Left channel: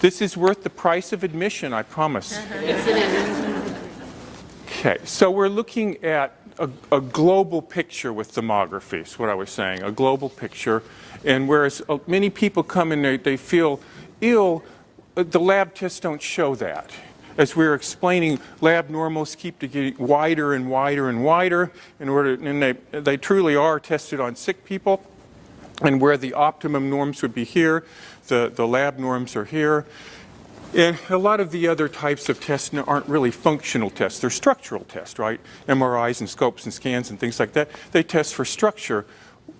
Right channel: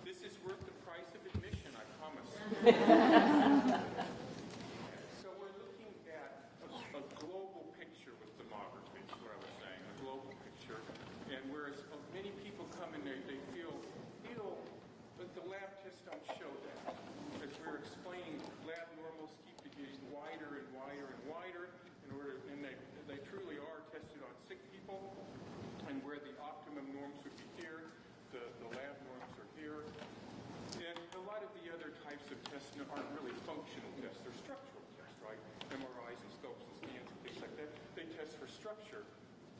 This is worth the price of admission, I promise. Yes, it is. Okay, so we're looking at a global picture with thermography, is what I was saying, a global picture. And whereas many people come in, they feel ill, the lab tests don't show that. As we were explaining, lab normals keep getting wider and wider and wider and they truly are tested on sick people. And where the optimum norms would be here, the lab norms are here. And a lot of the other types of tests aren't really functional tests. They're structural tests, right? MRIs and scopes and scans and things like that. They test for structure.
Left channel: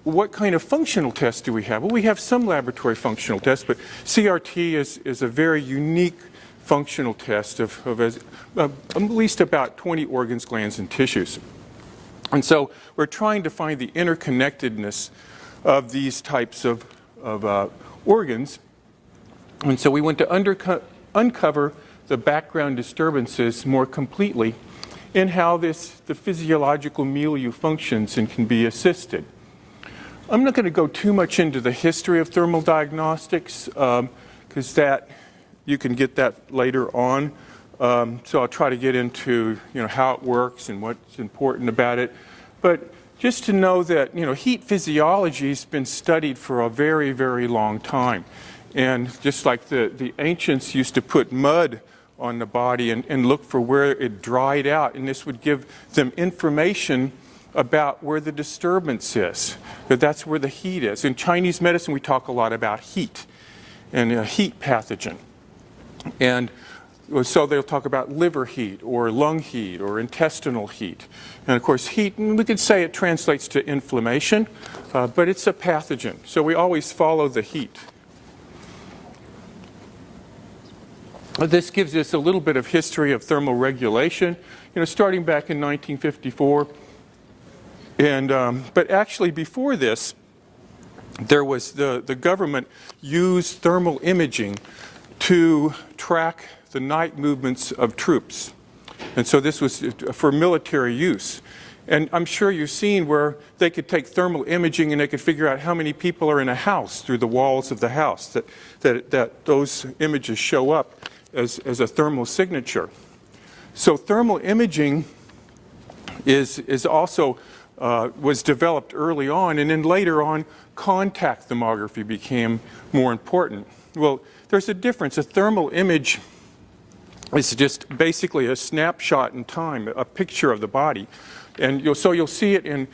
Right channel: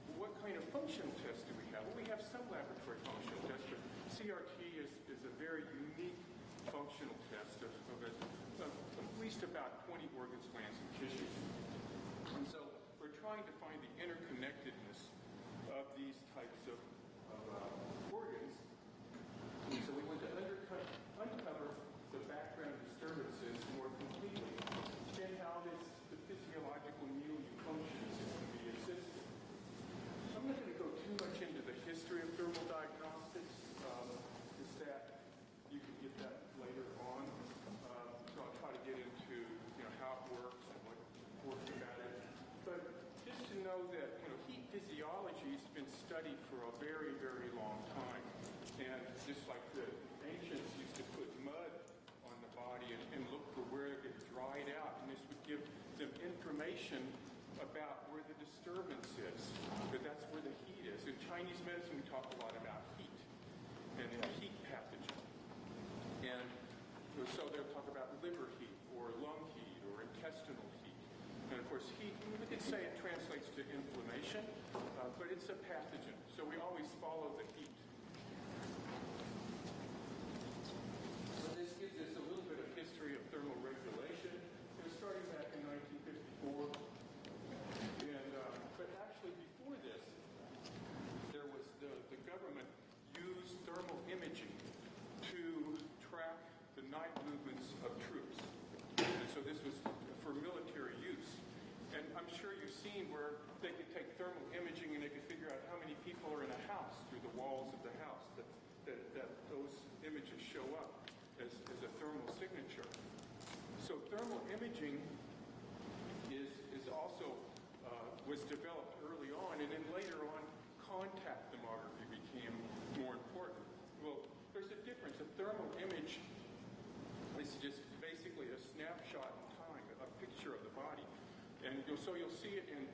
What kind of functional tests do we have? Well, we have some laboratory functional tests, but CRT is a very unique functional test of at least about 20 organs, glands, and tissues. And so we're trying to find the interconnectedness of these types of organs. And so we want to uncover the background disturbances more completely and how the physiological milieu functions and can be assisted. I'm not going to go too much into the history of thermal diagnostics because that you can get that later on. So I'll try to get into how it works and what's important about it. But just to know that heat physiology has been studied for a very, very long time. And just like the ancients used to put mud on the body and look for where it dried out, and this would give them information about where the disturbance is, that that's where the heat is. In Chinese medicine, we talk a lot about heat and a heat pathogen. And so they'll talk about liver heat or lung heat or intestinal heat. And of course, heat, we could say it translates to inflammation, but it's a pathogen. So we always follow the heat. This gives us a little bit of history of thermoregulation, starting back in 1954. And, but actually before this, there was the government used thermal imaging to track the night movements of troops. And so this was for military use. And I'm sure you've seen where they could take thermal imaging and they could figure out how many people are in a house through the walls of the house, that those images show up as a thermal signature. So thermal imaging is also was developed early on, and then later on contact thermography became more important. Well, there's a difference. A thermal image is just basically a snapshot in time, a picture of the body. And so you'll see it in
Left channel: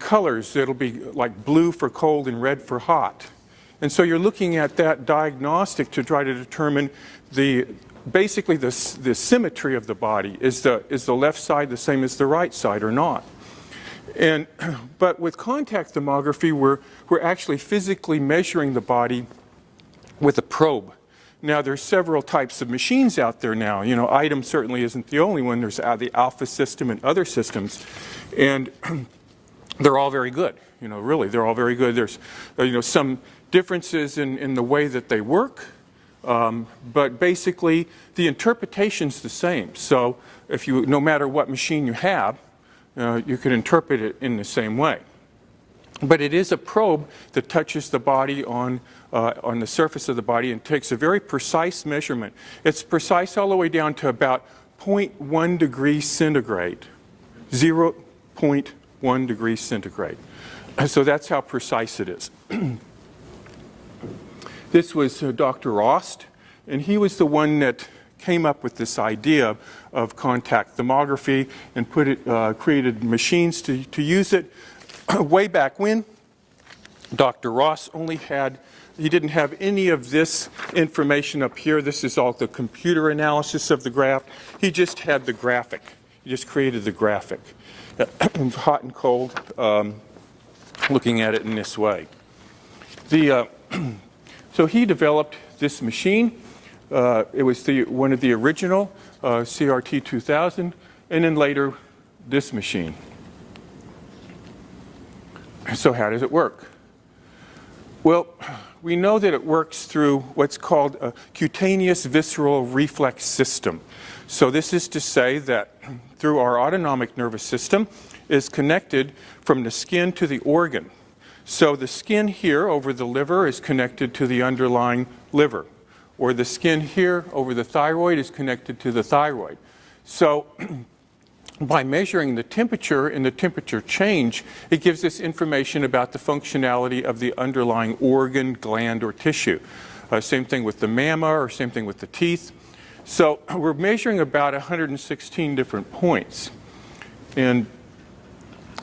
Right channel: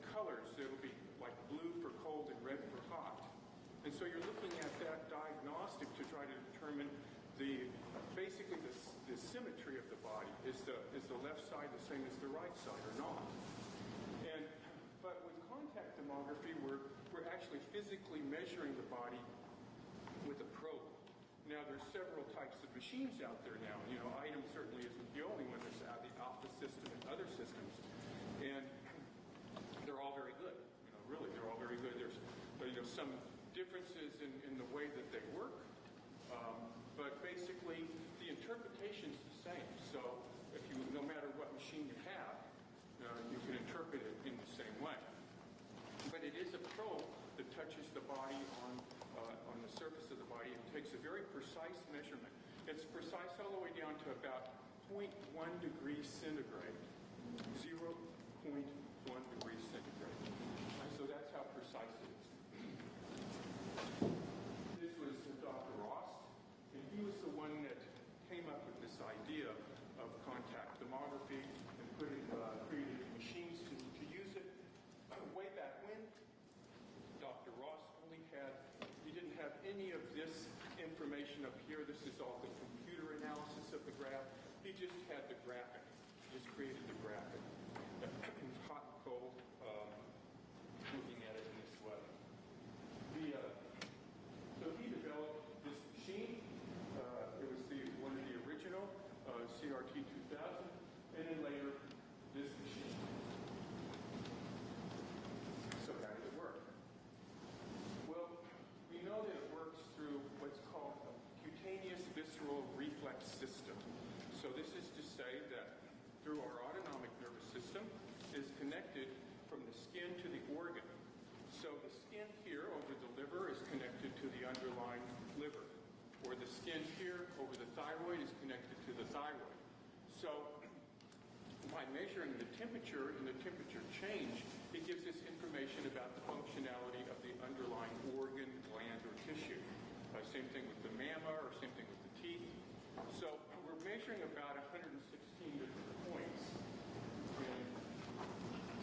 colors. It'll be like blue for cold and red for hot. And so you're looking at that diagnostic to try to determine basically the symmetry of the body. Is the left side the same as the right side or not? But with contact thermography, we're actually physically measuring the body with a probe. Now, there's several types of machines out there now. ITEM certainly isn't the only one. There's the Alpha system and other systems. And they're all very good. Really, they're all very good. There's, some differences in the way that they work. But basically, the interpretation's the same. So no matter what machine you have, you can interpret it in the same way. But it is a probe that touches the body on the surface of the body and takes a very precise measurement. It's precise all the way down to about 0.1 degrees centigrade, 0.1 degrees centigrade. So that's how precise it is. This was Dr. Rost, and he was the one that came up with this idea of contact thermography and created machines to use it. Way back when, Dr. Ross he didn't have any of this information up here. This is all the computer analysis of the graph. He just had the graphic. He just created the graphic. Hot and cold, looking at it in this way. So he developed this machine. It was one of the original CRT 2000, and then later this machine. So how does it work? Well, we know that it works through what's called a cutaneous visceral reflex system. So this is to say that through our autonomic nervous system is connected from the skin to the organ. So the skin here over the liver is connected to the underlying liver. or the skin here over the thyroid is connected to the thyroid. So by measuring the temperature and the temperature change, it gives us information about the functionality of the underlying organ, gland, or tissue. Same thing with the mamma, or same thing with the teeth. So we're measuring about 116 different points. And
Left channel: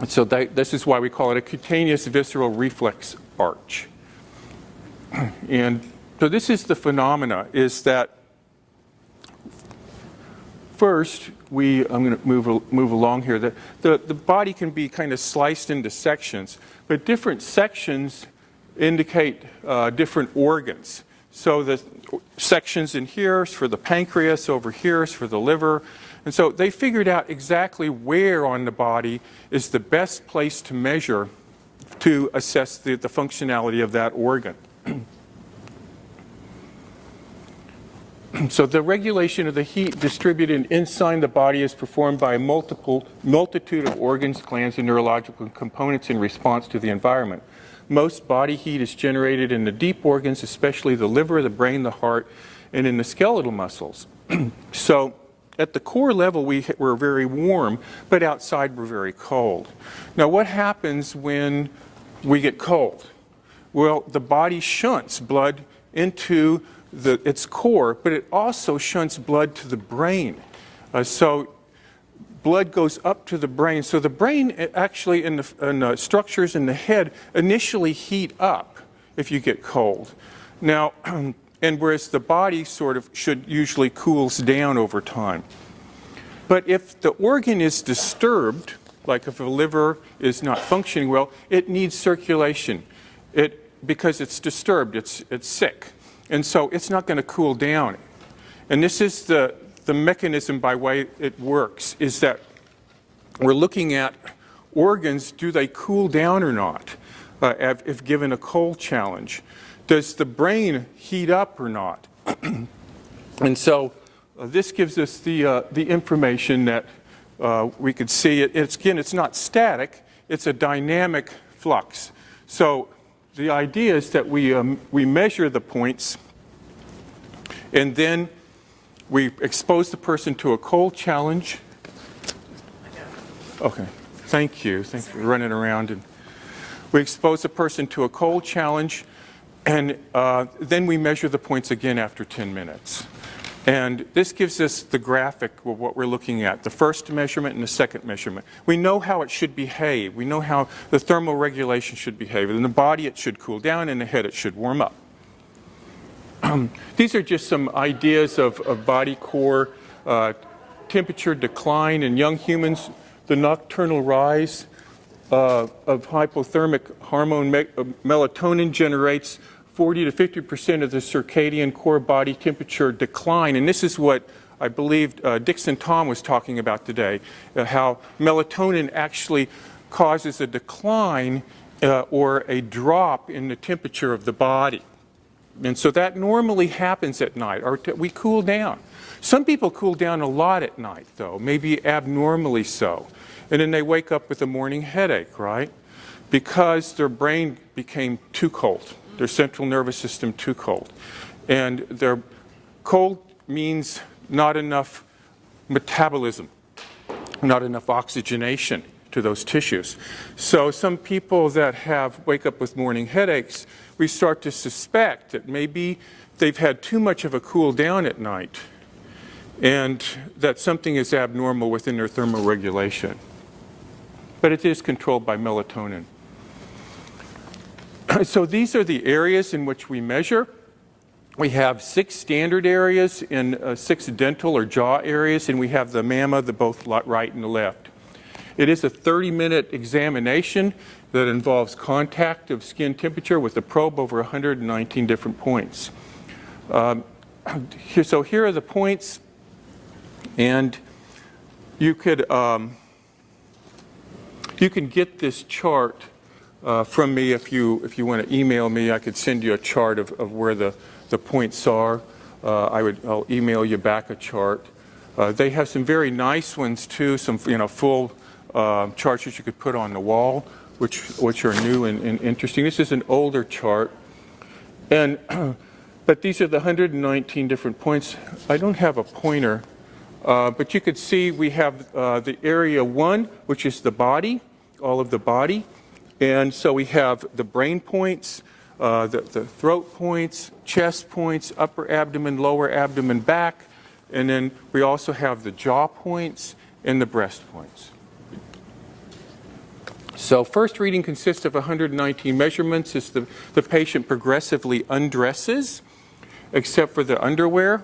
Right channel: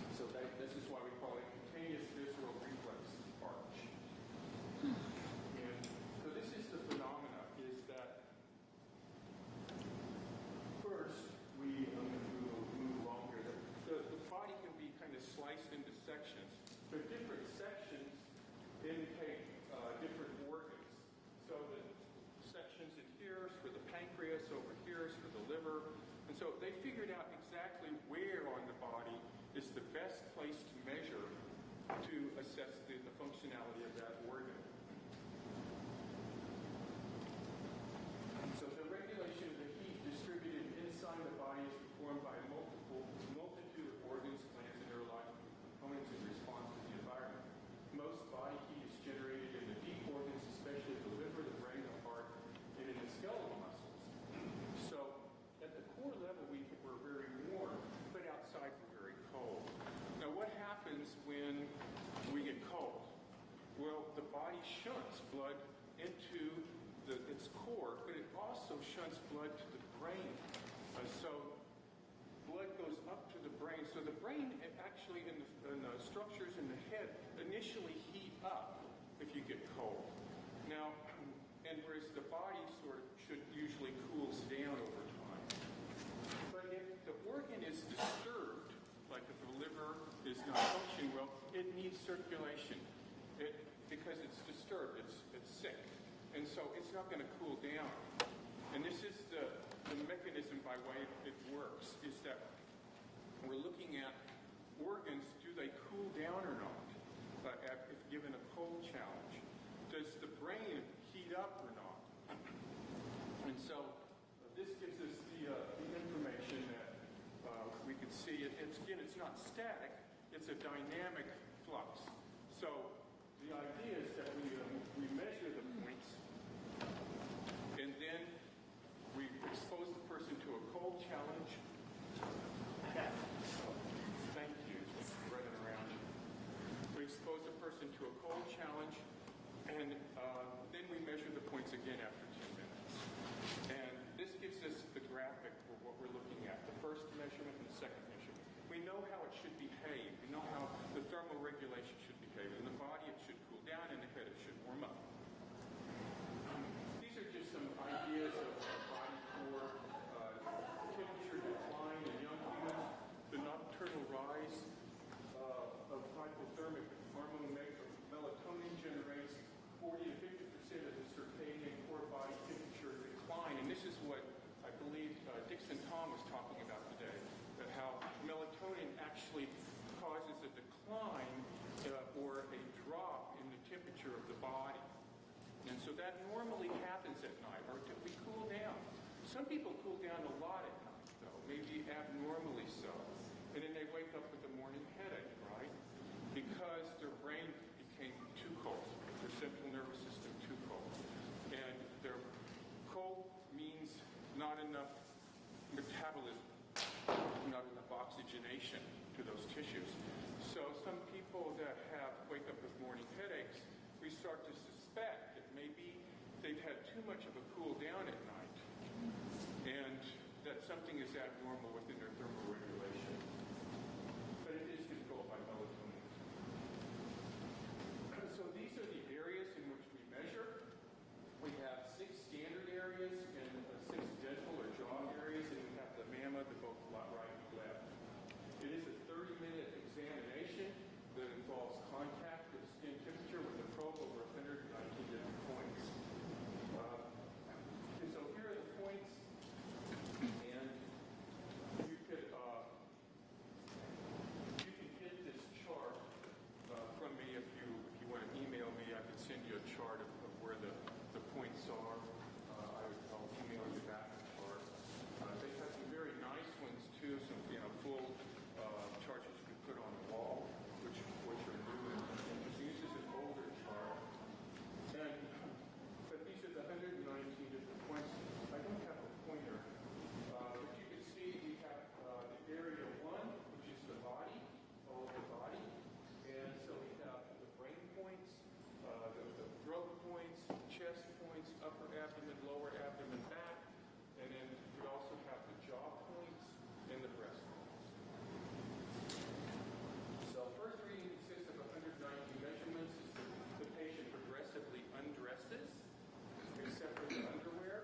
so this is why we call it a cutaneous visceral reflex arch. And so this is the phenomena, is that first, I'm going to move along here. The body can be kind of sliced into sections, but different sections indicate different organs. So the sections in here is for the pancreas, over here is for the liver. And so they figured out exactly where on the body is the best place to measure to assess the functionality of that organ. So the regulation of the heat distributed inside the body is performed by a multitude of organs, glands, and neurological components in response to the environment. Most body heat is generated in the deep organs, especially the liver, the brain, the heart, and in the skeletal muscles. So at the core level, we're very warm, but outside we're very cold. Now, what happens when we get cold? Well, the body shunts blood into its core, but it also shunts blood to the brain. So blood goes up to the brain. So the brain actually, and the structures in the head initially heat up if you get cold. Now, and whereas the body sort of usually cools down over time. But if the organ is disturbed, like if a liver is not functioning well, it needs circulation. Because it's disturbed, it's sick. And so it's not going to cool down. And this is the mechanism by way it works, is that we're looking at organs, do they cool down or not, if given a cold challenge? Does the brain heat up or not? And so this gives us the information that we could see. It's not static, it's a dynamic flux. So the idea is that we measure the points, and then we expose the person to a cold challenge. Okay, thank you. Thanks for running around. And we expose the person to a cold challenge, and then we measure the points again after 10 minutes. And this gives us the graphic of what we're looking at, the first measurement and the second measurement. We know how it should behave. We know how the thermoregulation should behave. In the body, it should cool down. In the head, it should warm up. These are just some ideas of body core temperature decline in young humans, the nocturnal rise of hypothermic hormone melatonin generates 40 to 50% of the circadian core body temperature decline. And this is what I believe Dixon Tom was talking about today, how melatonin actually causes a decline or a drop in the temperature of the body. And so that normally happens at night, or we cool down. Some people cool down a lot at night, though, maybe abnormally so. And then they wake up with a morning headache, right? Because their brain became too cold. Their central nervous system too cold. And their cold means not enough metabolism, not enough oxygenation to those tissues. So some people that wake up with morning headaches, we start to suspect that maybe they've had too much of a cool down at night and that something is abnormal within their thermoregulation. But it is controlled by melatonin. So these are the areas in which we measure. We have 6 standard areas and 6 dental or jaw areas, and we have the mamma, both right and the left. It is a 30-minute examination that involves contact of skin temperature with a probe over 119 different points. So here are the points, and you can get this chart from me if you want to email me. I could send you a chart of where the points are. I'll email you back a chart. They have some very nice ones too, some full charts that you could put on the wall, which are new and interesting. This is an older chart, and But these are the 119 different points. I don't have a pointer, but you could see we have the area 1, which is the body, all of the body. And so we have the brain points, the throat points, chest points, upper abdomen, lower abdomen, back. And then we also have the jaw points and the breast points. So first reading consists of 119 measurements as the patient progressively undresses, except for the underwear.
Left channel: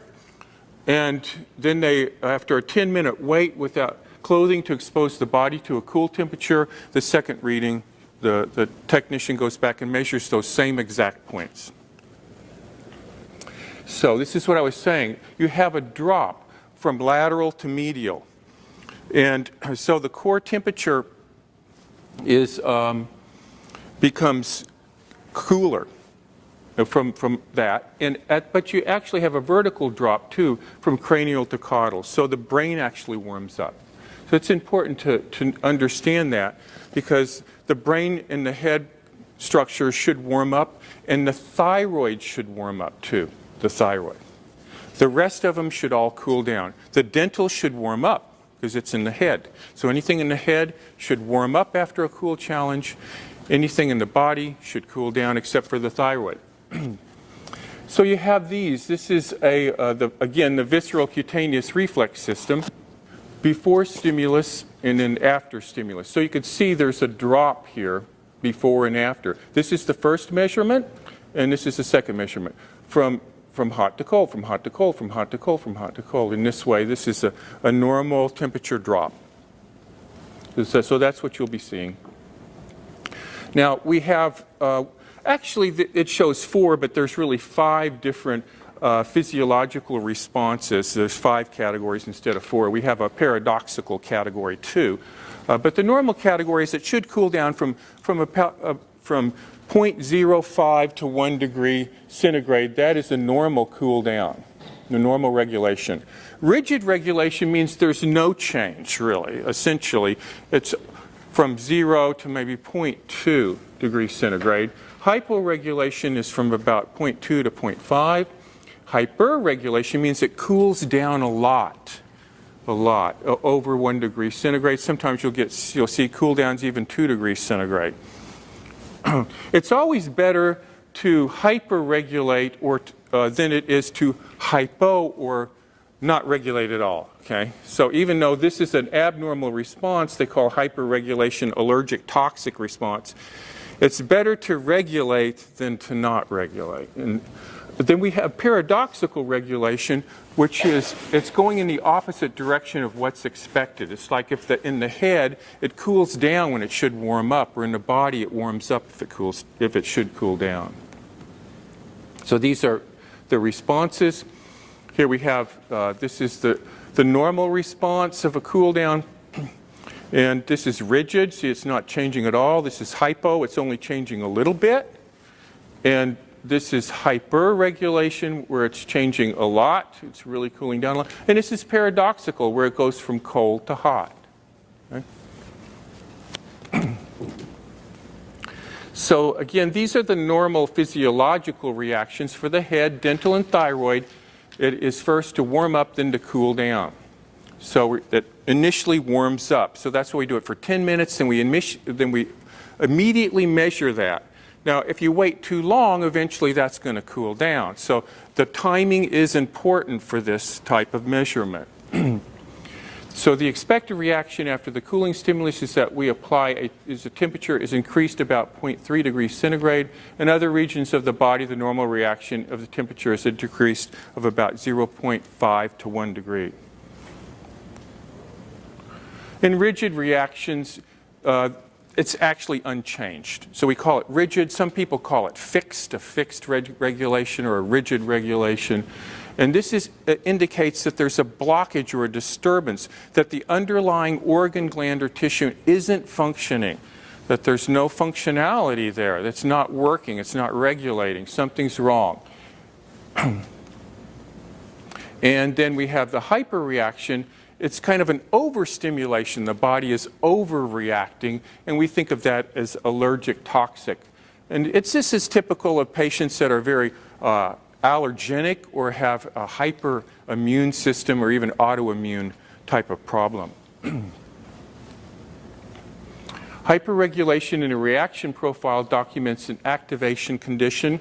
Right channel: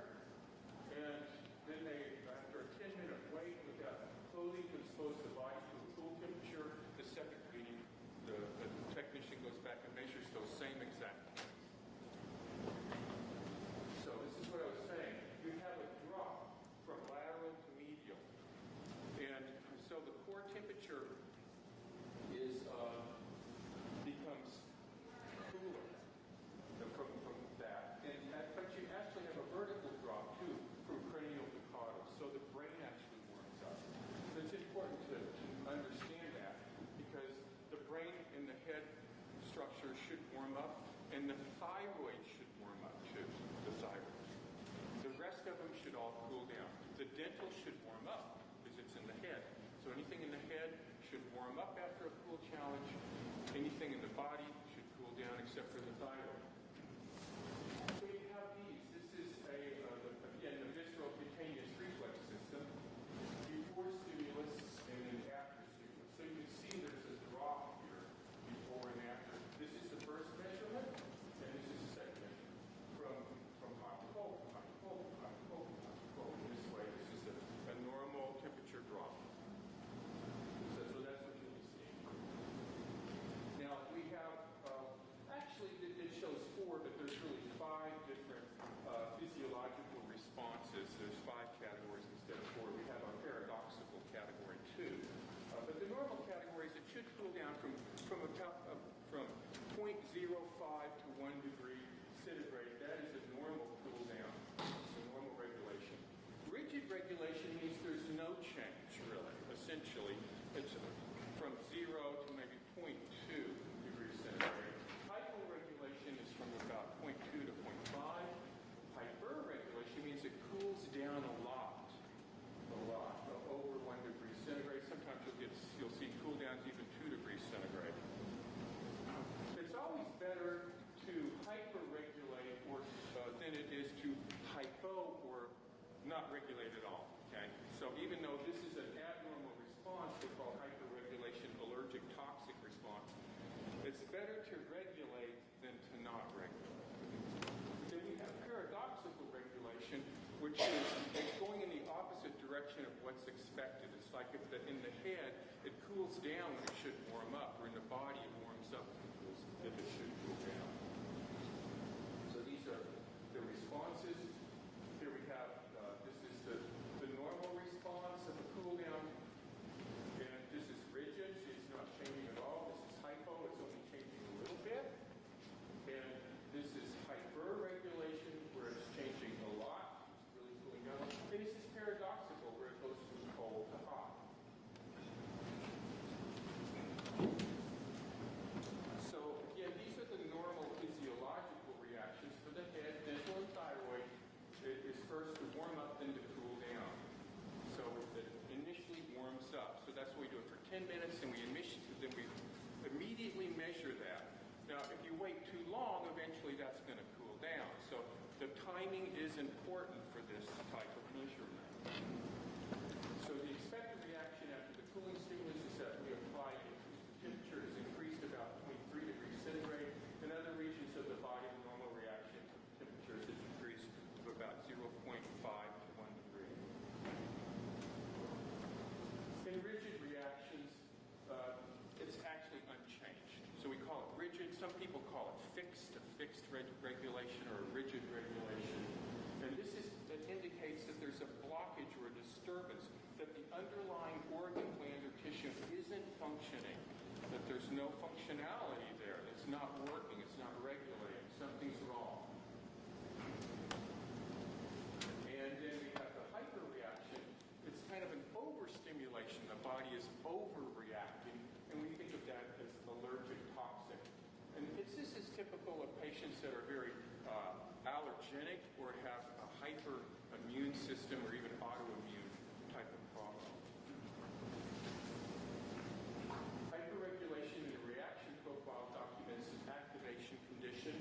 And then they, after a 10-minute wait without clothing to expose the body to a cool temperature, the second reading, the technician goes back and measures those same exact points. So this is what I was saying. You have a drop from lateral to medial. And so the core temperature is becomes cooler from that, but you actually have a vertical drop too from cranial to caudal, so the brain actually warms up. So it's important to understand that, because the brain and the head structure should warm up, and the thyroid should warm up too, the thyroid. The rest of them should all cool down. The dental should warm up because it's in the head. So anything in the head should warm up after a cool challenge. Anything in the body should cool down except for the thyroid. So you have these. This is again the visceral cutaneous reflex system, before stimulus and then after stimulus. So you can see there's a drop here before and after. This is the first measurement, and this is the second measurement. From hot to cold, from hot to cold, from hot to cold, from hot to cold. In this way, this is a normal temperature drop. So that's what you'll be seeing. Now we have, actually it shows 4, but there's really 5 different physiological responses. There's 5 categories instead of 4. We have a paradoxical category too. But the normal category is it should cool down from 0.05 to 1 degree centigrade. That is the normal cool down, the normal regulation. Rigid regulation means there's no change, really. Essentially, it's from 0 to maybe 0.2 degrees centigrade. Hyporegulation is from about 0.2 to 0.5. Hyperregulation means it cools down a lot, over 1 degree centigrade. Sometimes you'll see cool downs even 2 degrees centigrade. It's always better to hyperregulate than it is to hypo or not regulate at all. Okay? So even though this is an abnormal response, they call hyperregulation allergic toxic response. It's better to regulate than to not regulate. But then we have paradoxical regulation, which is it's going in the opposite direction of what's expected. It's like if in the head it cools down when it should warm up, or in the body it warms up if it should cool down. So these are the responses. Here we have this is the normal response of a cool down, and this is rigid. See, it's not changing at all. This is hypo. It's only changing a little bit, and this is hyperregulation, where it's changing a lot. It's really cooling down a lot. And this is paradoxical, where it goes from cold to hot. Okay? So again, these are the normal physiological reactions for the head, dental, and thyroid. It is first to warm up, then to cool down. So it initially warms up. So that's why we do it for 10 minutes, and then we immediately measure that. Now, if you wait too long, eventually that's going to cool down. So the timing is important for this type of measurement. So the expected reaction after the cooling stimulus is that we apply the temperature is increased about 0.3 degrees centigrade. In other regions of the body, the normal reaction of the temperature is decreased of about 0.5 to 1 degree. In rigid reactions, it's actually unchanged. So we call it rigid. Some people call it fixed, a fixed regulation or a rigid regulation. And this indicates that there's a blockage or a disturbance, that the underlying organ, gland, or tissue isn't functioning, that there's no functionality there, that's not working, it's not regulating, something's wrong. And then we have the hyperreaction. It's kind of an overstimulation. The body is overreacting, and we think of that as allergic toxic. And this is typical of patients that are very allergenic or have a hyperimmune system or even autoimmune type of problem. Hyperregulation in a reaction profile documents an activation condition,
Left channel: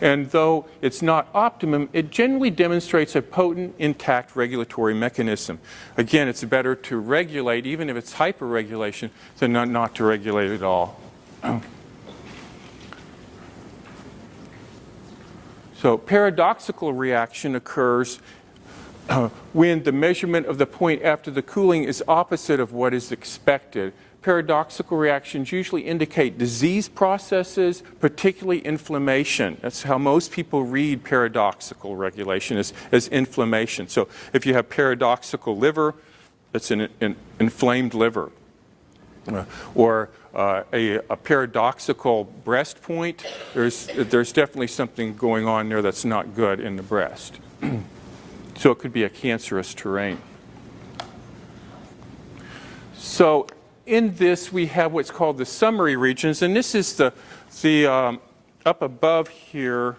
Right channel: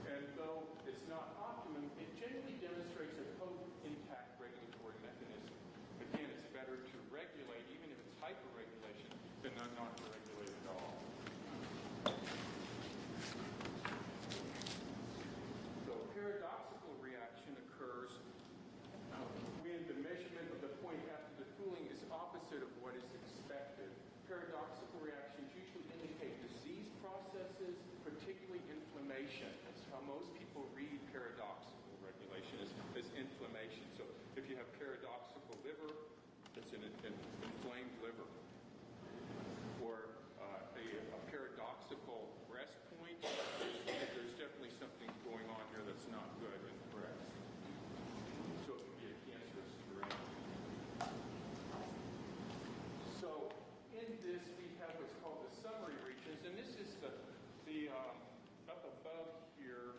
and though it's not optimum, it generally demonstrates a potent, intact regulatory mechanism. Again, it's better to regulate, even if it's hyperregulation, than not to regulate at all. So paradoxical reaction occurs when the measurement of the point after the cooling is opposite of what is expected. Paradoxical reactions usually indicate disease processes, particularly inflammation. That's how most people read paradoxical regulation, as inflammation. So if you have paradoxical liver, it's an inflamed liver. Or a paradoxical breast point, there's definitely something going on there that's not good in the breast. So it could be a cancerous terrain. So in this, we have what's called the summary regions, and this is the up above here,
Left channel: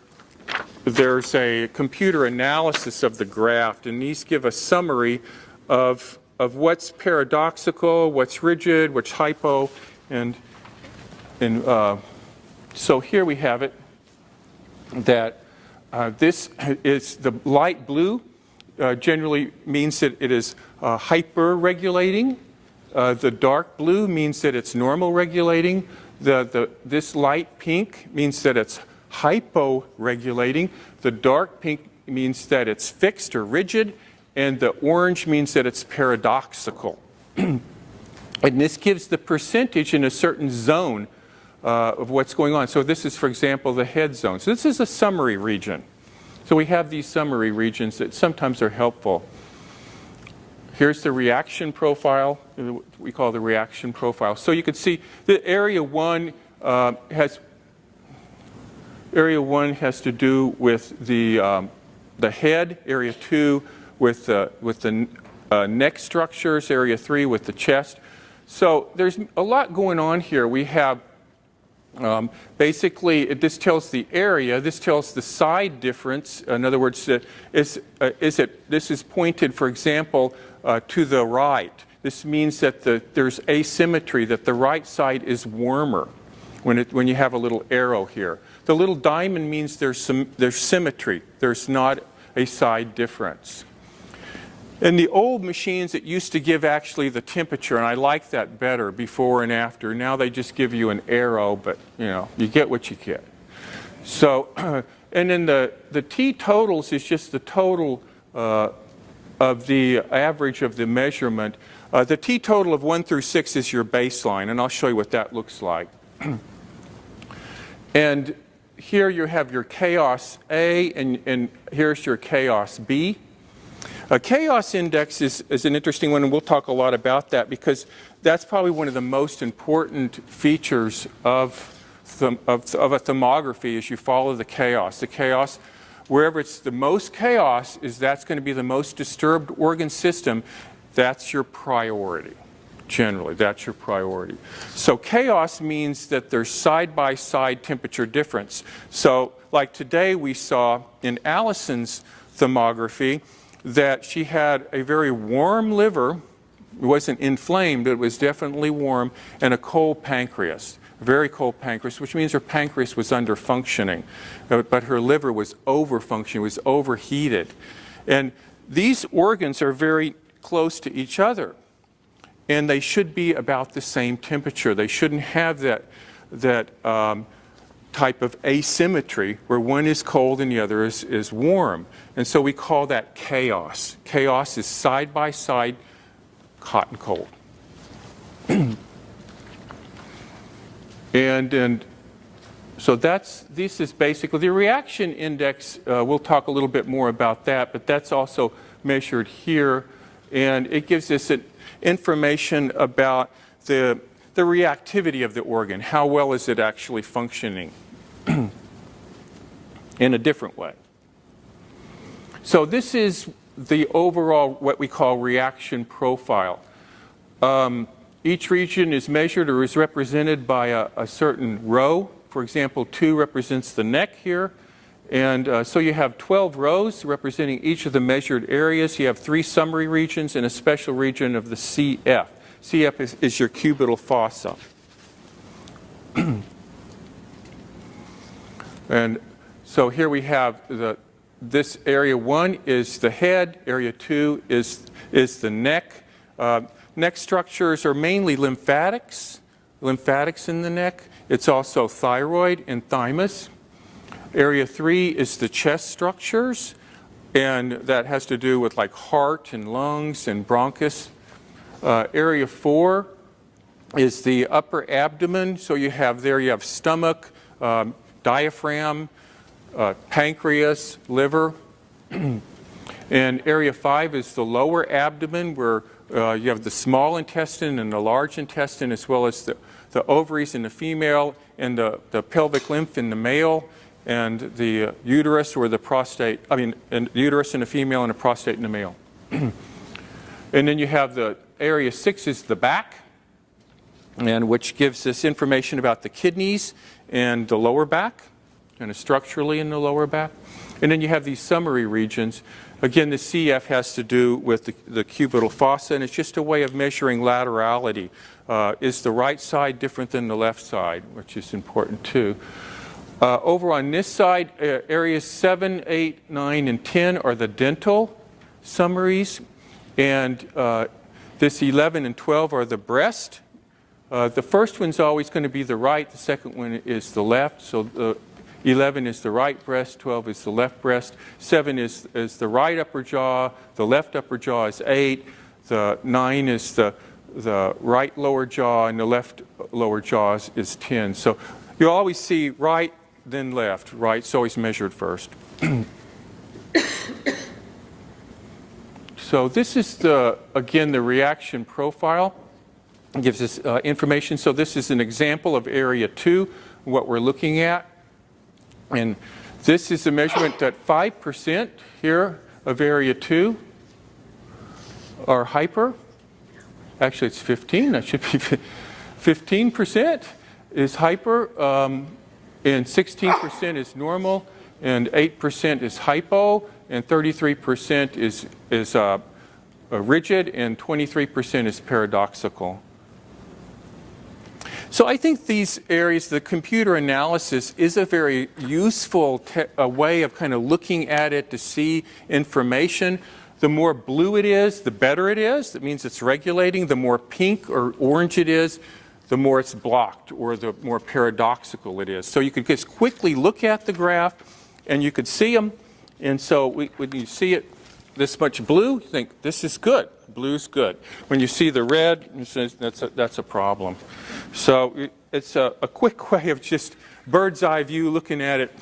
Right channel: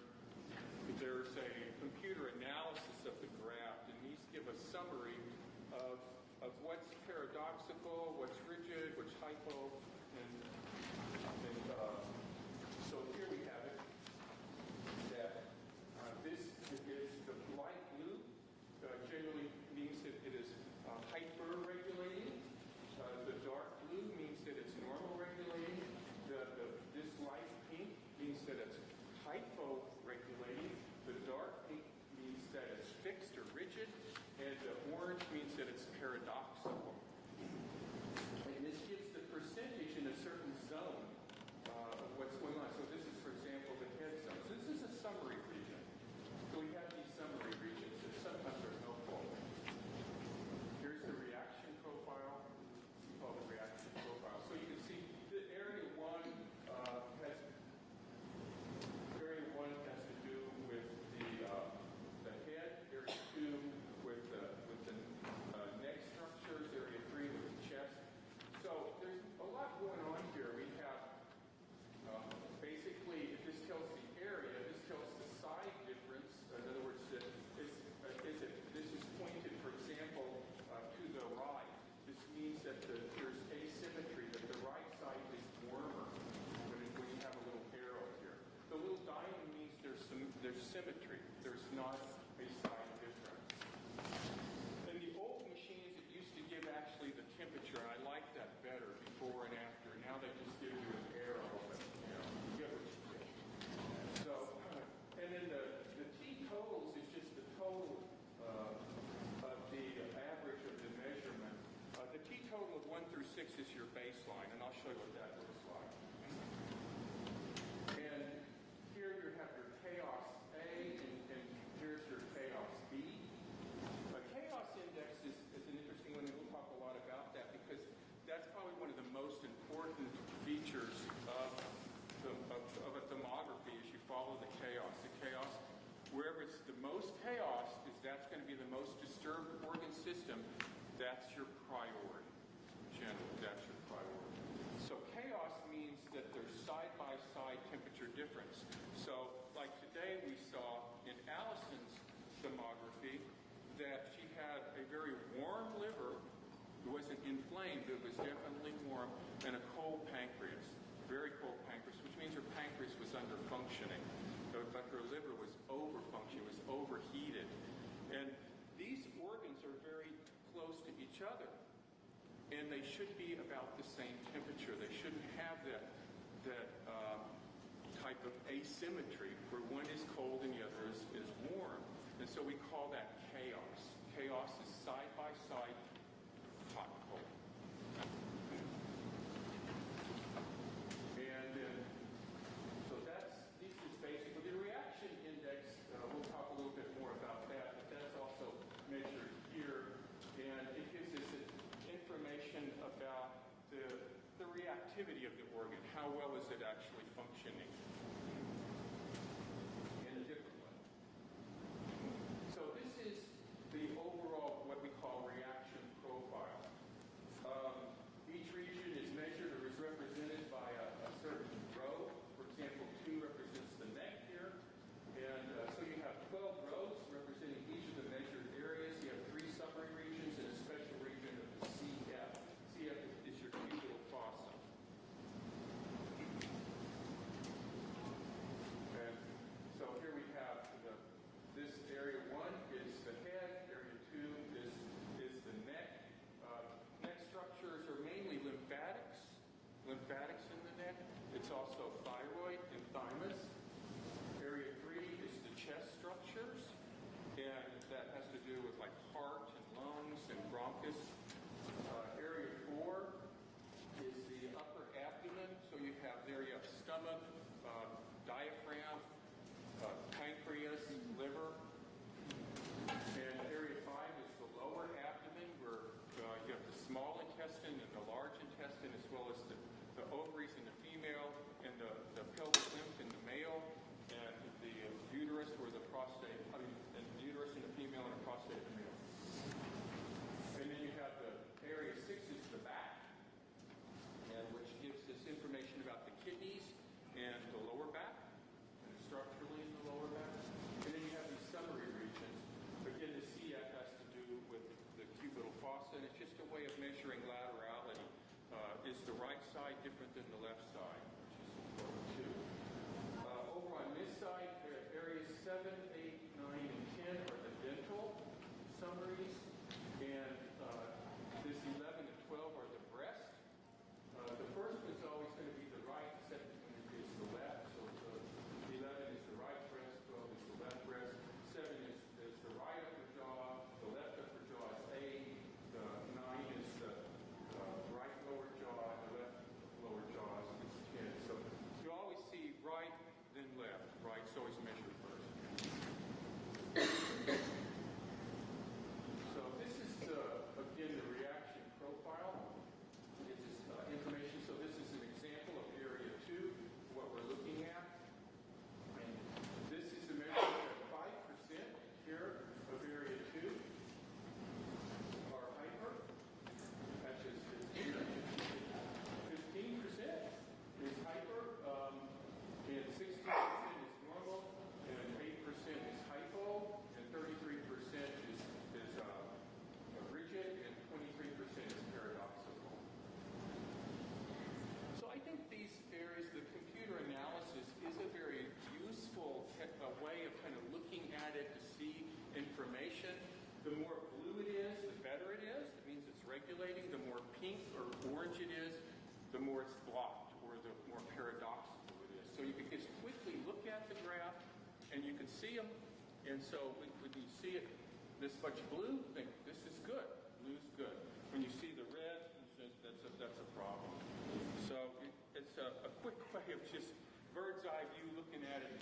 there's a computer analysis of the graph, and these give a summary of what's paradoxical, what's rigid, what's hypo, and so here we have it, that this is the light blue, generally means that it is hyper-regulating. The dark blue means that it's normal regulating. This light pink means that it's hypo-regulating. The dark pink means that it's fixed or rigid. And the orange means that it's paradoxical. And this gives the percentage in a certain zone of what's going on. So this is, for example, the head zone. So this is a summary region. So we have these summary regions that sometimes are helpful. Here's the reaction profile, we call the reaction profile. So you can see that area 1 has to do with the head, area 2 with the neck structures, area 3 with the chest. So there's a lot going on here. We have basically, this tells the area, this tells the side difference. In other words, this is pointed, for example, to the right. This means that there's asymmetry, that the right side is warmer when you have a little arrow here. The little diamond means there's symmetry. There's not a side difference. In the old machines, it used to give actually the temperature, and I like that better, before and after. Now they just give you an arrow, but you get what you get. So, and then the T totals is just the total of the average of the measurement. The T total of 1 through 6 is your baseline, and I'll show you what that looks like. And here you have your chaos A, and here's your chaos B. A chaos index is an interesting one, and we'll talk a lot about that because that's probably one of the most important features of a thermography is you follow the chaos. The chaos, wherever it's the most chaos, that's going to be the most disturbed organ system. That's your priority. Generally, that's your priority. So chaos means that there's side-by-side temperature difference. So like today we saw in Allison's thermography, that she had a very warm liver. It wasn't inflamed, but it was definitely warm, and a cold pancreas, a very cold pancreas, which means her pancreas was under functioning, but her liver was over-functioning, was overheated. And these organs are very close to each other, and they should be about the same temperature. They shouldn't have that type of asymmetry where one is cold and the other is warm. And so we call that chaos. Chaos is side-by-side, hot and cold. and so this is basically the reaction index. We'll talk a little bit more about that, but that's also measured here. And it gives us information about the reactivity of the organ. How well is it actually functioning in a different way? So this is the overall, what we call reaction profile. Each region is measured or is represented by a certain row. For example, 2 represents the neck here, And so you have 12 rows representing each of the measured areas. You have 3 summary regions and a special region of the CF. CF is your cubital fossa. And so here we have this area 1 is the head, area 2 is the neck. Neck structures are mainly lymphatics in the neck. It's also thyroid and thymus. Area 3 is the chest structures, and that has to do with like heart and lungs and bronchus. Area 4 is the upper abdomen. So you have stomach, diaphragm, pancreas, liver. And area 5 is the lower abdomen, where you have the small intestine and the large intestine, as well as the ovaries in the female and the pelvic lymph in the male, and the uterus or the prostate, and uterus in the female and the prostate in the male. And then you have the area 6 is the back, and which gives us information about the kidneys and the lower back, kind of structurally in the lower back. And then you have these summary regions. Again, the CF has to do with the cubital fossa, and it's just a way of measuring laterality. Is the right side different than the left side, which is important too. Over on this side, areas 7, 8, 9, and 10 are the dental summaries, and this 11 and 12 are the breast. The first one's always going to be the right, the second one is the left. So 11 is the right breast, 12 is the left breast, 7 is the right upper jaw, the left upper jaw is 8, the 9 is the right lower jaw, and the left lower jaw is 10. So you always see right, then left. Right's always measured first. So this is again the reaction profile. It gives us information. So this is an example of area 2, what we're looking at. And this is a measurement that 5% here of area 2 are hyper. Actually, it's 15. That should be 15% is hyper, and 16% is normal, and 8% is hypo, and 33% is rigid, and 23% is paradoxical. So I think these areas, the computer analysis is a very useful way of kind of looking at it to see information. The more blue it is, the better it is. That means it's regulating. The more pink or orange it is, the more it's blocked, or the more paradoxical it is. So you could just quickly look at the graph, and you could see them. And so when you see it this much blue, you think, this is good. Blue's good. When you see the red, that's a problem. So it's a quick way of just bird's eye view looking at it.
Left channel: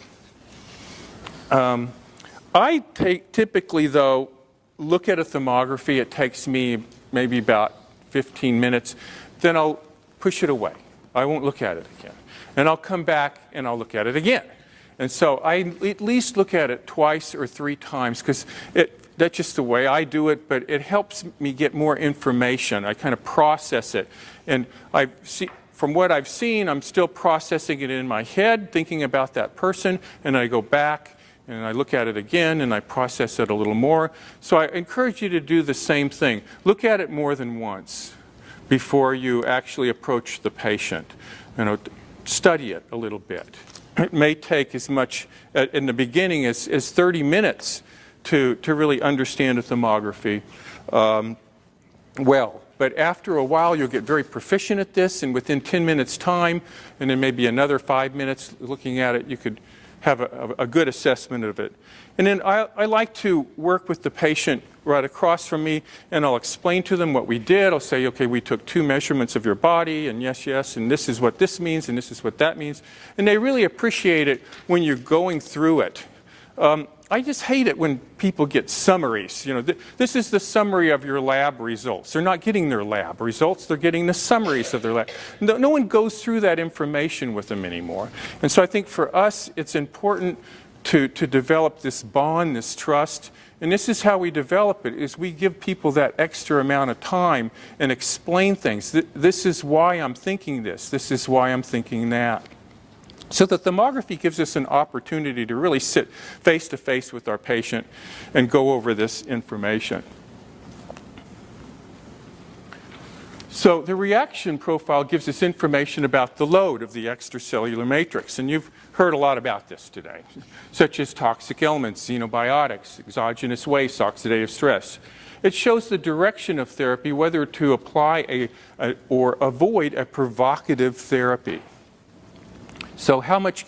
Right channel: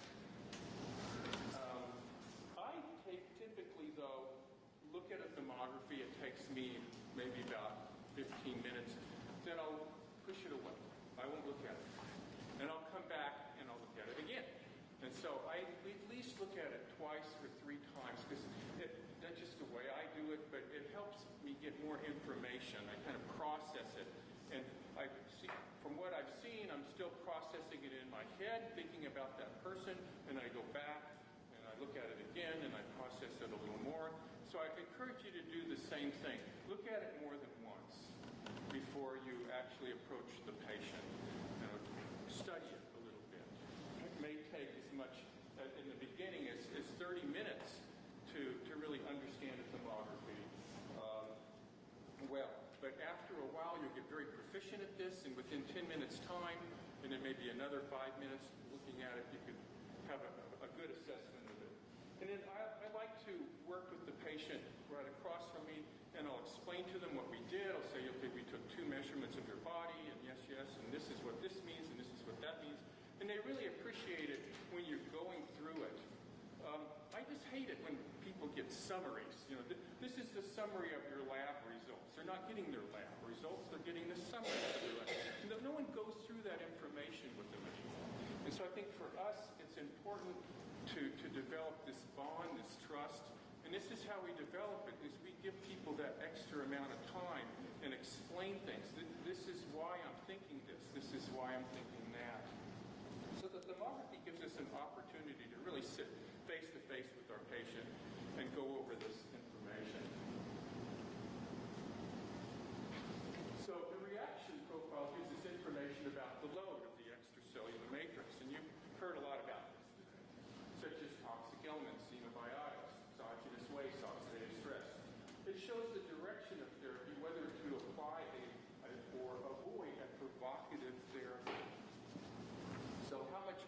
I typically, though, look at a thermography. It takes me maybe about 15 minutes. Then I'll push it away. I won't look at it again. And I'll come back and I'll look at it again. And so I at least look at it twice or 3 times, because that's just the way I do it, but it helps me get more information. I kind of process it. And from what I've seen, I'm still processing it in my head, thinking about that person, and I go back and I look at it again and I process it a little more. So I encourage you to do the same thing. Look at it more than once before you actually approach the patient. Study it a little bit. It may take as much in the beginning as 30 minutes to really understand a thermography well. But after a while, you'll get very proficient at this, and within 10 minutes time, and then maybe another 5 minutes looking at it, you could have a good assessment of it. And then I like to work with the patient right across from me, and I'll explain to them what we did. I'll say, okay, we took 2 measurements of your body, and yes, and this is what this means, and this is what that means. And they really appreciate it when you're going through it. I just hate it when people get summaries. This is the summary of your lab results. They're not getting their lab results. They're getting the summaries of their lab. No one goes through that information with them anymore. And so I think for us, it's important to develop this bond, this trust. And this is how we develop it, is we give people that extra amount of time and explain things. This is why I'm thinking this. This is why I'm thinking that. So the thermography gives us an opportunity to really sit face to face with our patient and go over this information. So the reaction profile gives us information about the load of the extracellular matrix, and you've heard a lot about this today, such as toxic elements, xenobiotics, exogenous waste, oxidative stress. It shows the direction of therapy, whether to apply or avoid a provocative therapy. So how much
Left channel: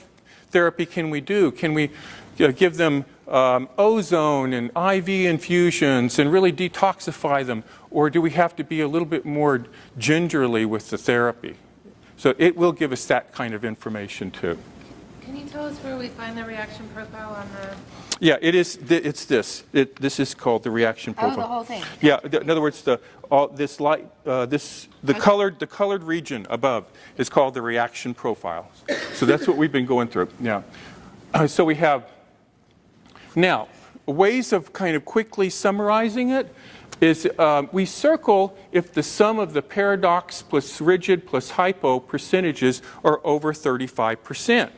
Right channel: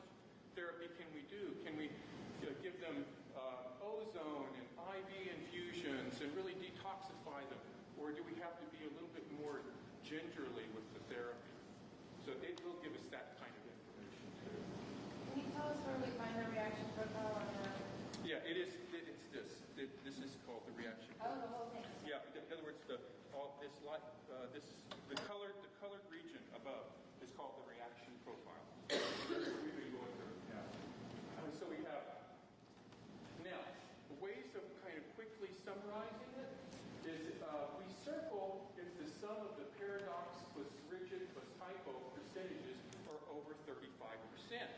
therapy can we do? Can we give them ozone and IV infusions and really detoxify them? Or do we have to be a little bit more gingerly with the therapy? So it will give us that kind of information too. Can you tell us where we find the reaction profile on the... Yeah, it's this. This is called the reaction profile. Oh, the whole thing. Yeah, in other words, the colored region above is called the reaction profile. So that's what we've been going through. Yeah. So we have now ways of kind of quickly summarizing it is we circle if the sum of the paradox plus rigid plus hypo percentages are over 35%.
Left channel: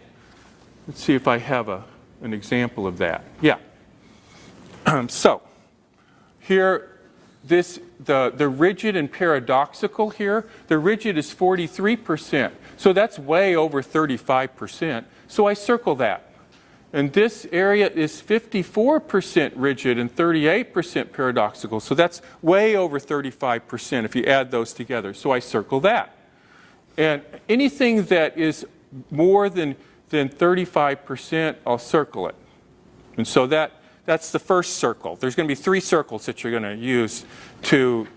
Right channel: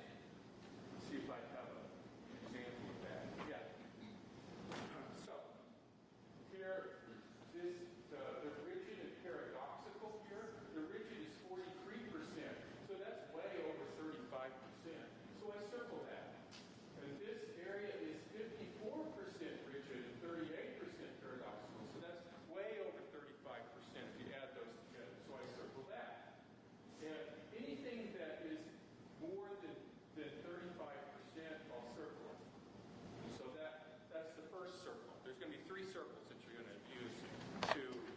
Let's see if I have an example of that. Yeah. So here, the rigid and paradoxical here, the rigid is 43%. So that's way over 35%. So I circle that. And this area is 54% rigid and 38% paradoxical. So that's way over 35% if you add those together. So I circle that. And anything that is more than 35%, I'll circle it. And so that's the first circle. There's going to be 3 circles that you're going to use to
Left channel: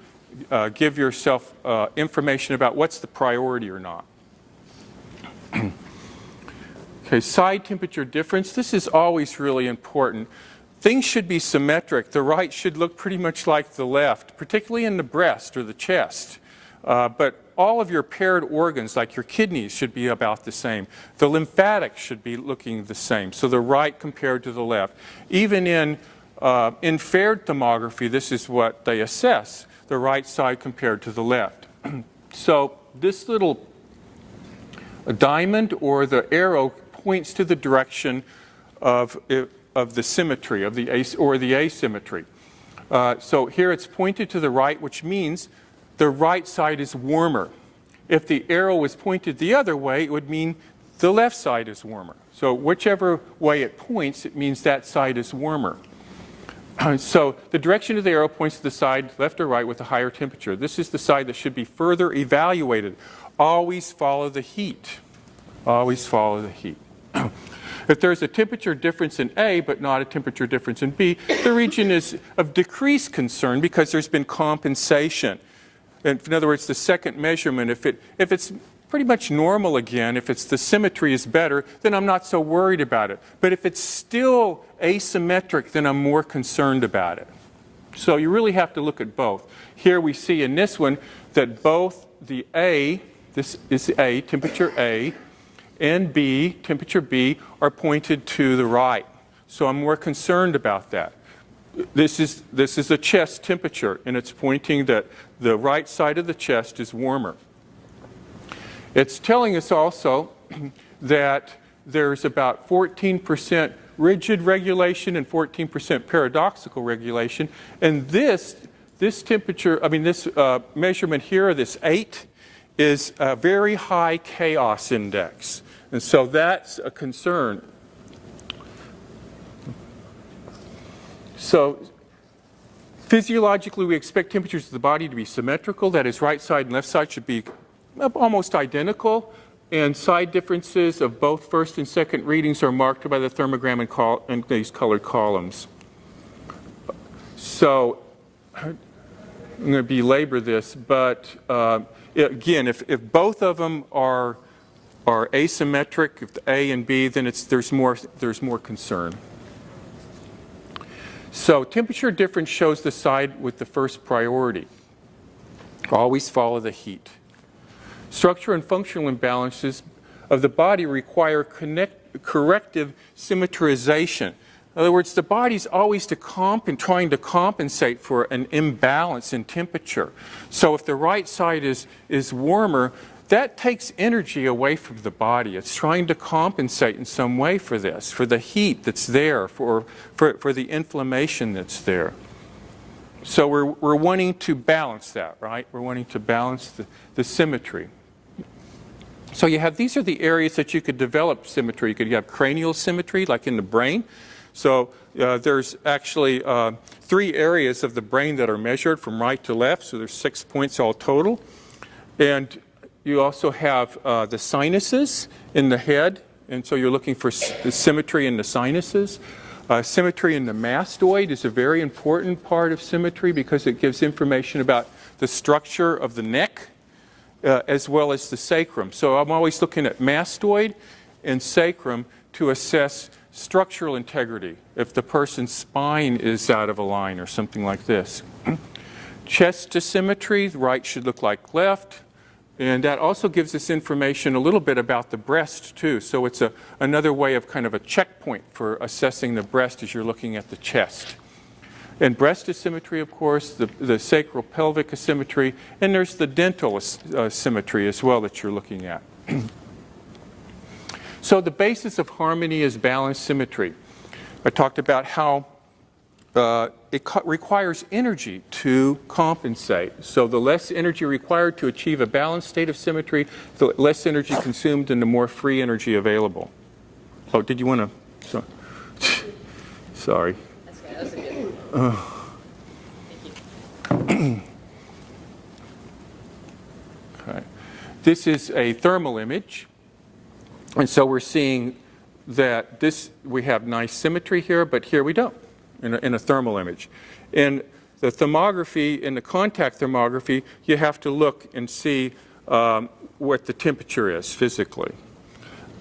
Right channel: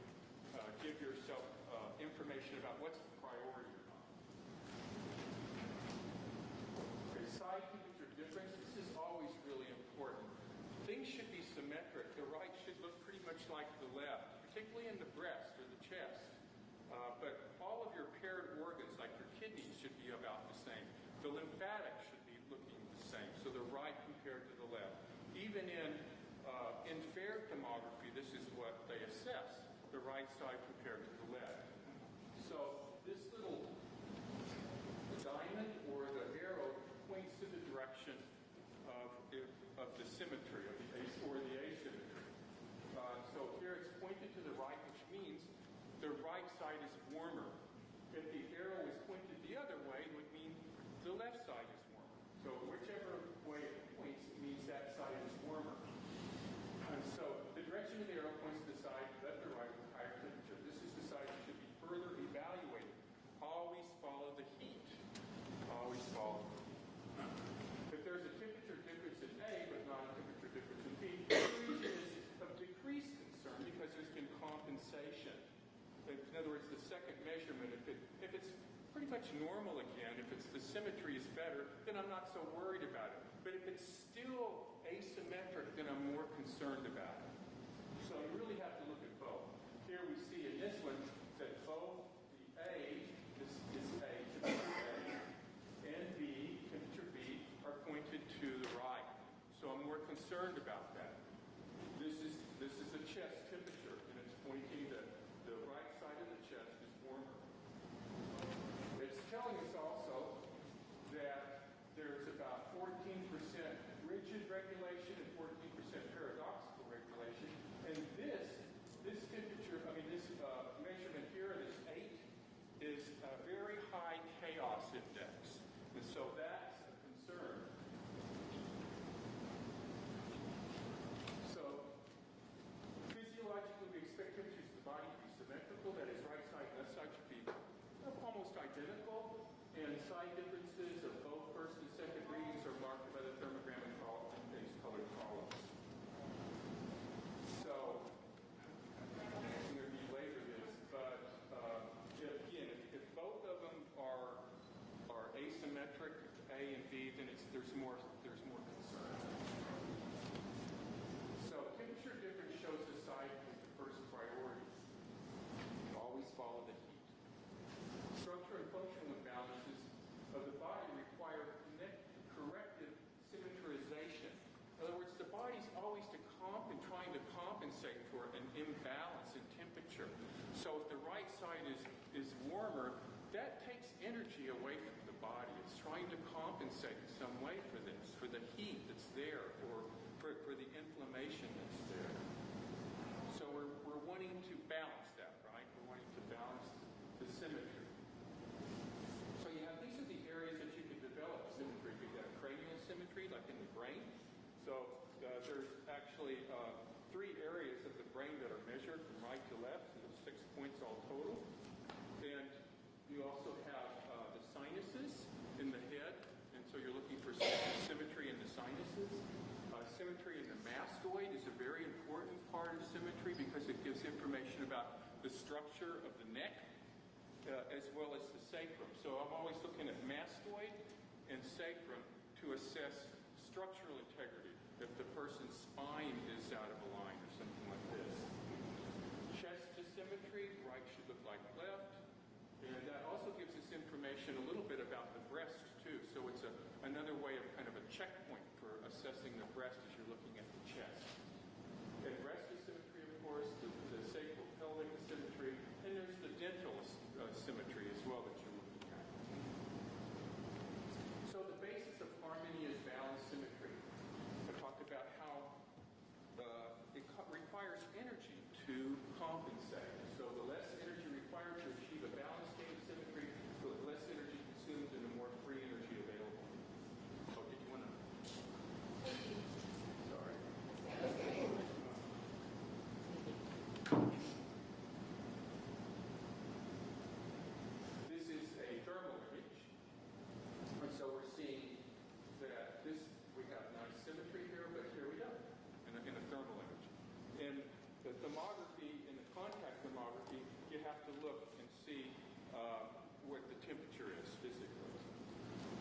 give yourself information about what's the priority or not. Okay, side temperature difference. This is always really important. Things should be symmetric. The right should look pretty much like the left, particularly in the breast or the chest. But all of your paired organs, like your kidneys, should be about the same. The lymphatics should be looking the same, so the right compared to the left. Even in infrared thermography, this is what they assess, the right side compared to the left. So this little diamond or the arrow points to the direction of the symmetry, of the asymmetry. So here it's pointed to the right, which means the right side is warmer. If the arrow was pointed the other way, it would mean the left side is warmer. So whichever way it points, it means that side is warmer. So the direction of the arrow points to the side, left or right, with a higher temperature. This is the side that should be further evaluated. Always follow the heat. Always follow the heat. If there's a temperature difference in A but not a temperature difference in B, the region is of decreased concern because there's been compensation. In other words, the second measurement, if it's pretty much normal again, if the symmetry is better, then I'm not so worried about it. But if it's still asymmetric, then I'm more concerned about it. So you really have to look at both. Here we see in this one that both the A, this is A, temperature A, and B, temperature B, are pointed to the right. So I'm more concerned about that. This is a chest temperature, and it's pointing that the right side of the chest is warmer. It's telling us also that there's about 14% rigid regulation and 14% paradoxical regulation. And this temperature, this measurement here, this 8, is a very high chaos index. And so that's a concern. So physiologically, we expect temperatures of the body to be symmetrical. That is, right side and left side should be almost identical. And side differences of both first and second readings are marked by the thermogram and these colored columns. So I'm going to belabor this, but again, if both of them are asymmetric, if the A and B, then there's more concern. So temperature difference shows the side with the first priority. Always follow the heat. Structure and functional imbalances of the body require corrective symmetrization. In other words, the body's always trying to compensate for an imbalance in temperature. So if the right side is warmer, that takes energy away from the body. It's trying to compensate in some way for this, for the heat that's there, for the inflammation that's there. So we're wanting to balance that, right? We're wanting to balance the symmetry. So you have, these are the areas that you could develop symmetry. You could have cranial symmetry, like in the brain. So there's actually 3 areas of the brain that are measured from right to left. So there's 6 points all total. And you also have the sinuses in the head. And so you're looking for symmetry in the sinuses. Symmetry in the mastoid is a very important part of symmetry because it gives information about the structure of the neck as well as the sacrum. So I'm always looking at mastoid and sacrum to assess structural integrity, if the person's spine is out of a line or something like this. Chest asymmetry, right should look like left. And that also gives us information a little bit about the breast, too. So it's another way of kind of a checkpoint for assessing the breast as you're looking at the chest. And breast asymmetry, of course, the sacral pelvic asymmetry, and there's the dental asymmetry as well that you're looking at. So the basis of harmony is balanced symmetry. I talked about how it requires energy to compensate. So the less energy required to achieve a balanced state of symmetry, the less energy consumed and the more free energy available. Oh, did you want to? Sorry. That was a good one. Thank you. Okay. This is a thermal image. And so we're seeing that we have nice symmetry here, but here we don't in a thermal image. In the thermography, in the contact thermography, you have to look and see what the temperature is physically.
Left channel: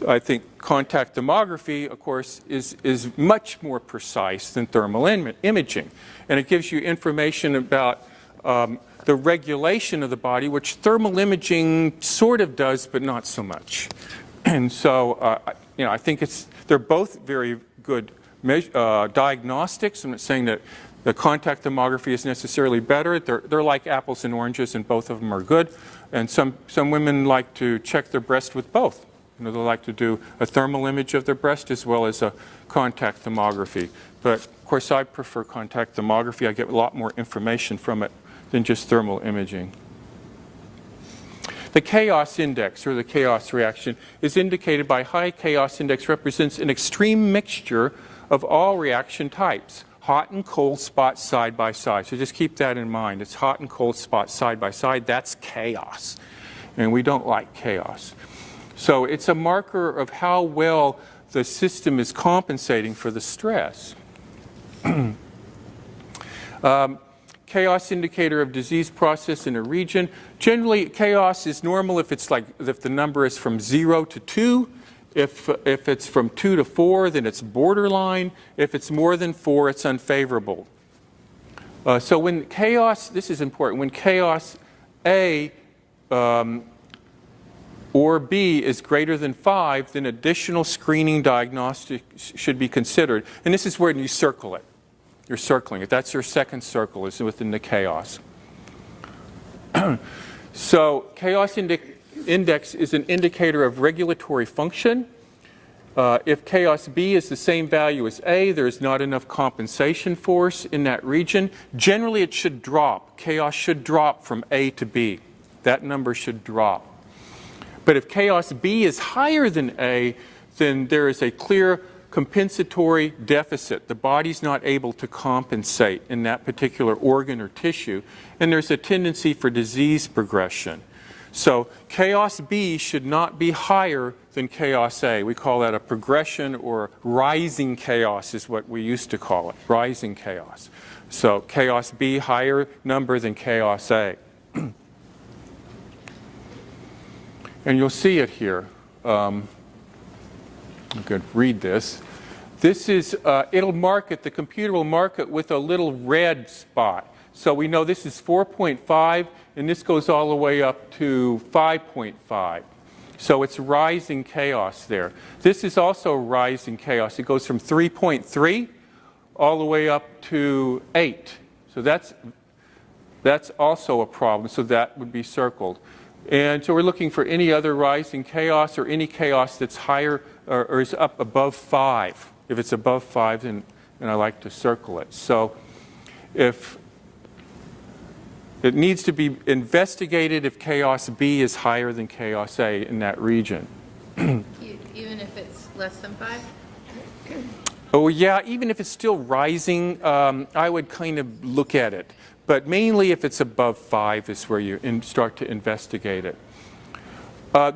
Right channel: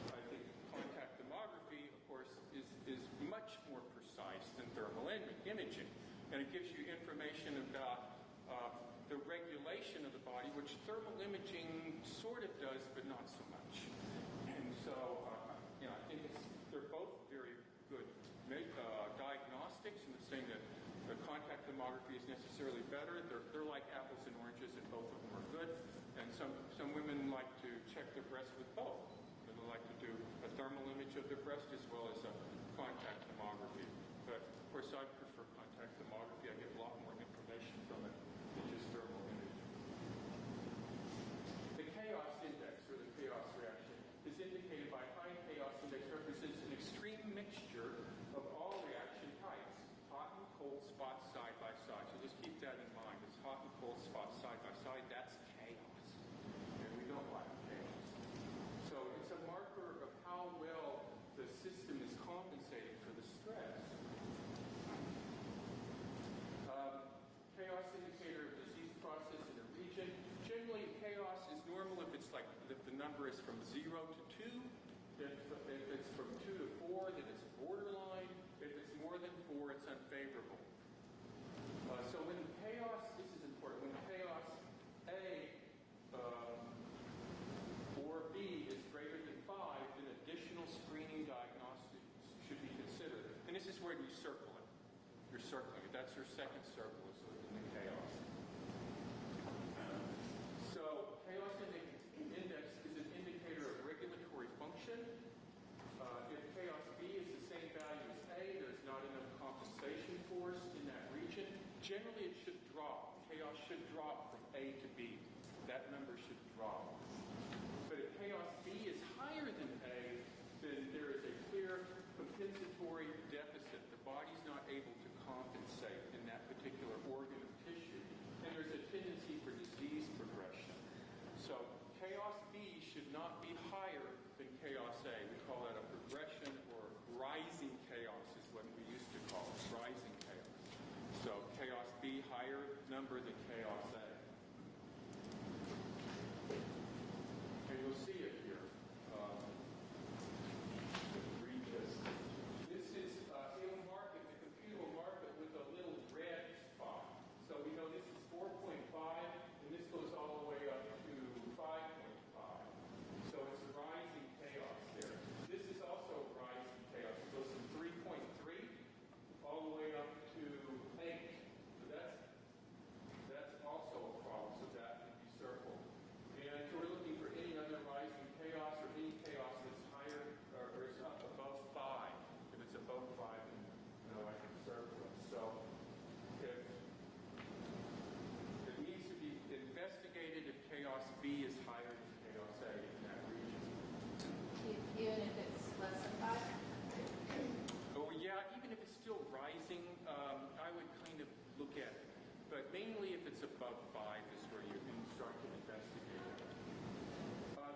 I think contact thermography, of course, is much more precise than thermal imaging. And it gives you information about the regulation of the body, which thermal imaging sort of does, but not so much. And so, I think they're both very good diagnostics. I'm not saying that the contact thermography is necessarily better. They're like apples and oranges, and both of them are good. And some women like to check their breast with both. They like to do a thermal image of their breast as well as a contact thermography. But of course, I prefer contact thermography. I get a lot more information from it than just thermal imaging. The chaos index, or the chaos reaction, is indicated by high chaos index represents an extreme mixture of all reaction types, hot and cold spots side by side. So just keep that in mind. It's hot and cold spots side by side. That's chaos. And we don't like chaos. So it's a marker of how well the system is compensating for the stress. Chaos indicator of disease process in a region. Generally, chaos is normal if the number is from 0 to 2. If it's from 2 to 4, then it's borderline. If it's more than 4, it's unfavorable. So when chaos, this is important, when chaos A or B is greater than 5, then additional screening diagnostics should be considered. And this is where you circle it. You're circling it. That's your second circle, is within the chaos. So chaos index is an indicator of regulatory function. If chaos B is the same value as A, there's not enough compensation force in that region. Generally, it should drop. Chaos should drop from A to B. That number should drop. But if chaos B is higher than A, then there is a clear compensatory deficit. The body's not able to compensate in that particular organ or tissue, and there's a tendency for disease progression. So chaos B should not be higher than chaos A. We call that a progression, or rising chaos is what we used to call it, rising chaos. So chaos B, higher number than chaos A. And you'll see it here. I'm going to read this. This is, it'll mark it, the computer will mark it with a little red spot. So we know this is 4.5, and this goes all the way up to 5.5. So it's rising chaos there. This is also rising chaos. It goes from 3.3 all the way up to 8. So that's also a problem. So that would be circled. And so we're looking for any other rising chaos or any chaos that's higher or is up above 5. If it's above 5, then I like to circle it. So if it needs to be investigated if chaos B is higher than chaos A in that region. Even if it's less than 5? Oh yeah, even if it's still rising, I would kind of look at it. But mainly if it's above 5 is where you start to investigate it.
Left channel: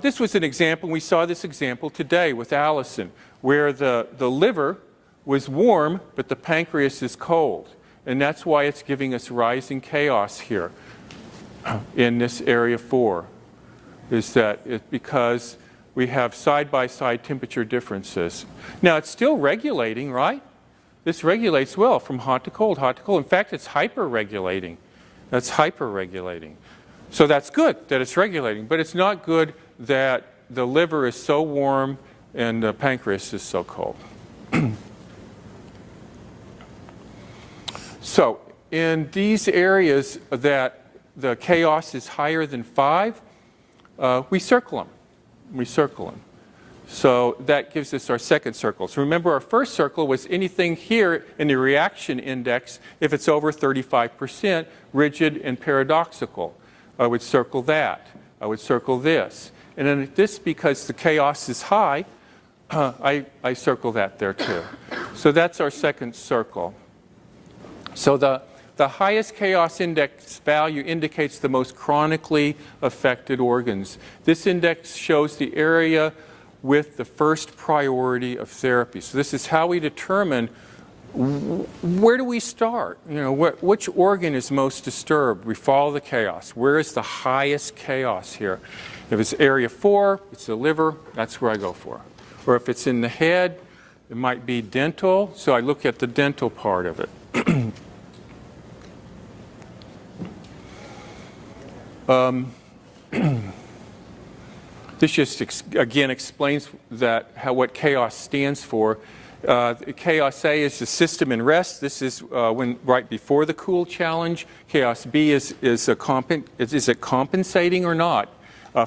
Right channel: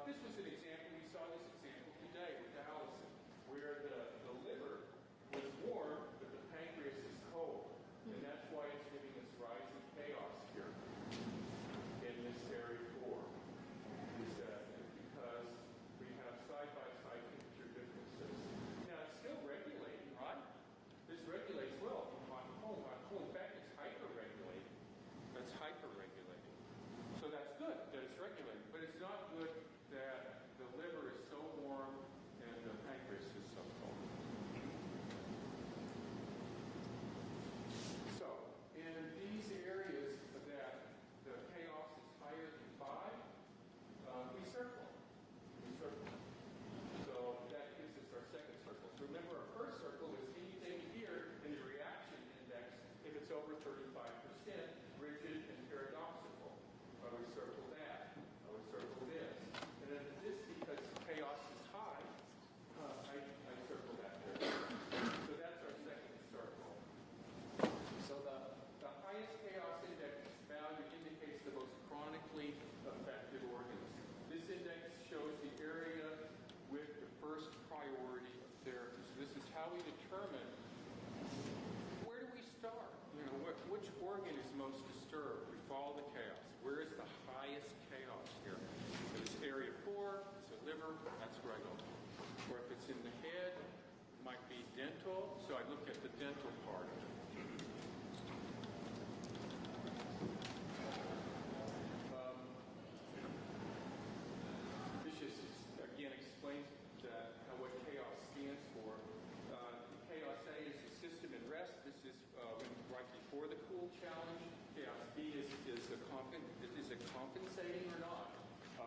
This was an example, we saw this example today with Allison, where the liver was warm, but the pancreas is cold. And that's why it's giving us rising chaos here in this area 4, is that because we have side-by-side temperature differences. Now, it's still regulating, right? This regulates well from hot to cold, hot to cold. In fact, it's hyper-regulating. That's hyper-regulating. So that's good that it's regulating, but it's not good that the liver is so warm and the pancreas is so cold. So in these areas that the chaos is higher than 5, we circle them. We circle them. So that gives us our second circle. So remember, our first circle was anything here in the reaction index if it's over 35%, rigid and paradoxical. I would circle that. I would circle this. And then this, because the chaos is high, I circle that there too. So that's our second circle. So the highest chaos index value indicates the most chronically affected organs. This index shows the area with the first priority of therapy. So this is how we determine where do we start? You know, which organ is most disturbed? We follow the chaos. Where is the highest chaos here? If it's area 4, it's the liver, that's where I go for. Or if it's in the head, it might be dental, so I look at the dental part of it. This just again explains what chaos stands for. Chaos A is the system in rest. This is right before the cool challenge. Chaos B is it compensating or not?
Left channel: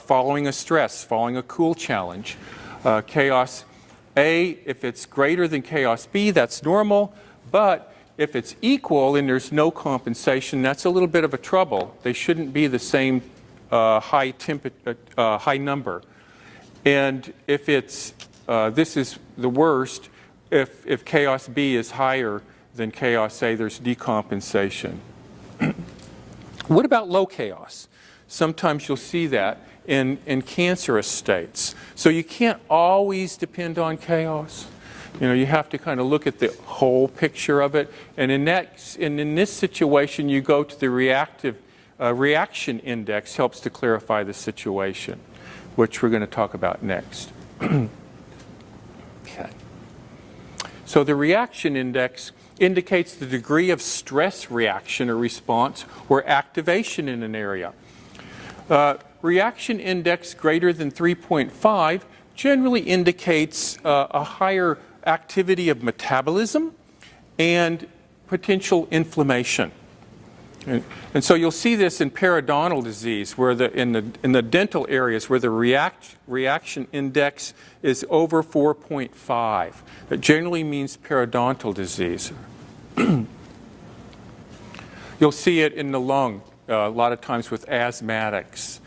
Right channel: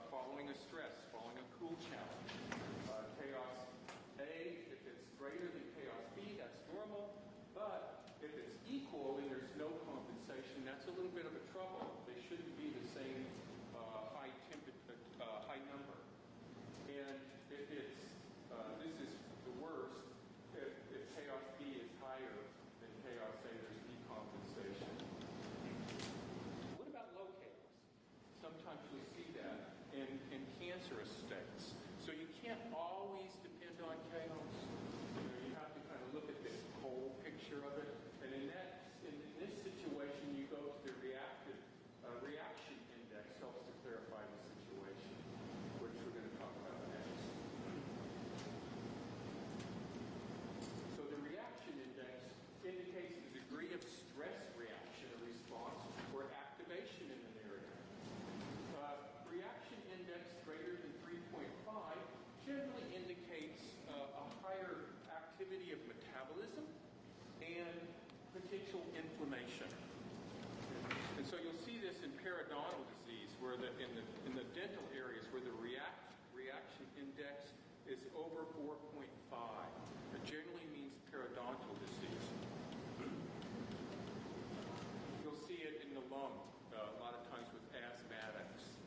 Following a stress, following a cool challenge. Chaos A, if it's greater than chaos B, that's normal. But if it's equal and there's no compensation, that's a little bit of a trouble. They shouldn't be the same high number. And if it's, this is the worst, if chaos B is higher than chaos A, there's decompensation. What about low chaos? Sometimes you'll see that in cancerous states. So you can't always depend on chaos. You know, you have to kind of look at the whole picture of it. And in this situation, you go to the reactive reaction index, helps to clarify the situation, which we're going to talk about next. Okay. So the reaction index indicates the degree of stress reaction or response or activation in an area. Reaction index greater than 3.5 generally indicates a higher activity of metabolism and potential inflammation. And so you'll see this in periodontal disease, where in the dental areas where the reaction index is over 4.5. That generally means periodontal disease. You'll see it in the lung a lot of times with asthmatics.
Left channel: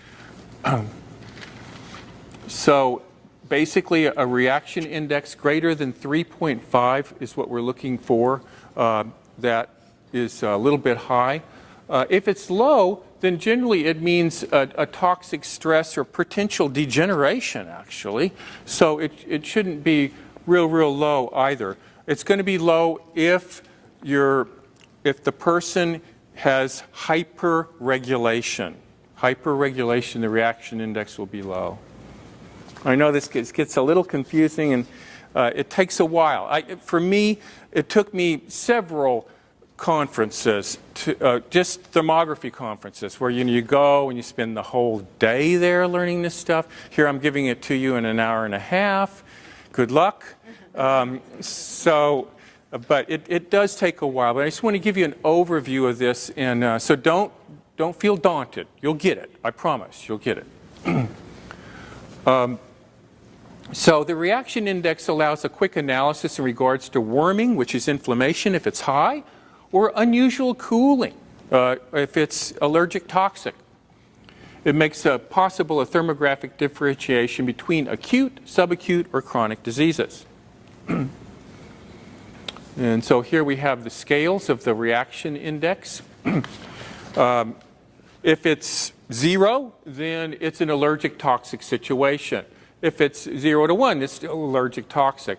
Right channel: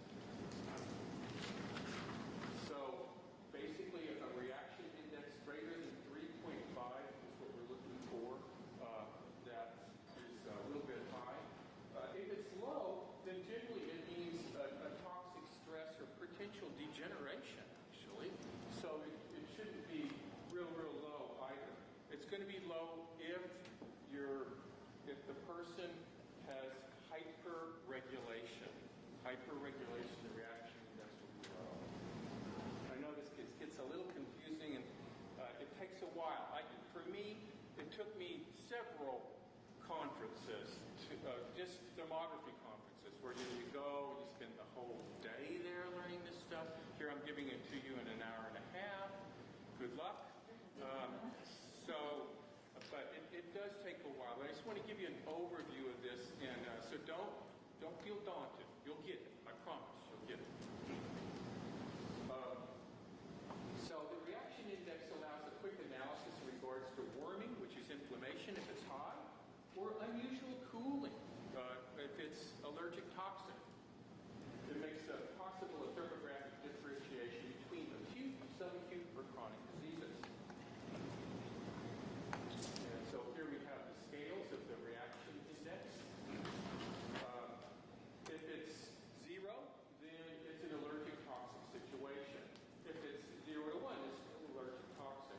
So basically, a reaction index greater than 3.5 is what we're looking for. That is a little bit high. If it's low, then generally it means a toxic stress or potential degeneration, actually. So it shouldn't be real low either. It's going to be low if the person has hyperregulation. Hyperregulation, the reaction index will be low. I know this gets a little confusing, and it takes a while. For me, it took me several conferences, just thermography conferences, where you go and you spend the whole day there learning this stuff. Here I'm giving it to you in an hour and a half. Good luck. But it does take a while. But I just want to give you an overview of this, and so don't feel daunted. You'll get it. I promise. You'll get it. So the reaction index allows a quick analysis in regards to warming, which is inflammation if it's high, or unusual cooling if it's allergic toxic. It makes possible a thermographic differentiation between acute, subacute, or chronic diseases. And so here we have the scales of the reaction index. If it's 0, then it's an allergic toxic situation. If it's 0 to 1, it's still allergic toxic.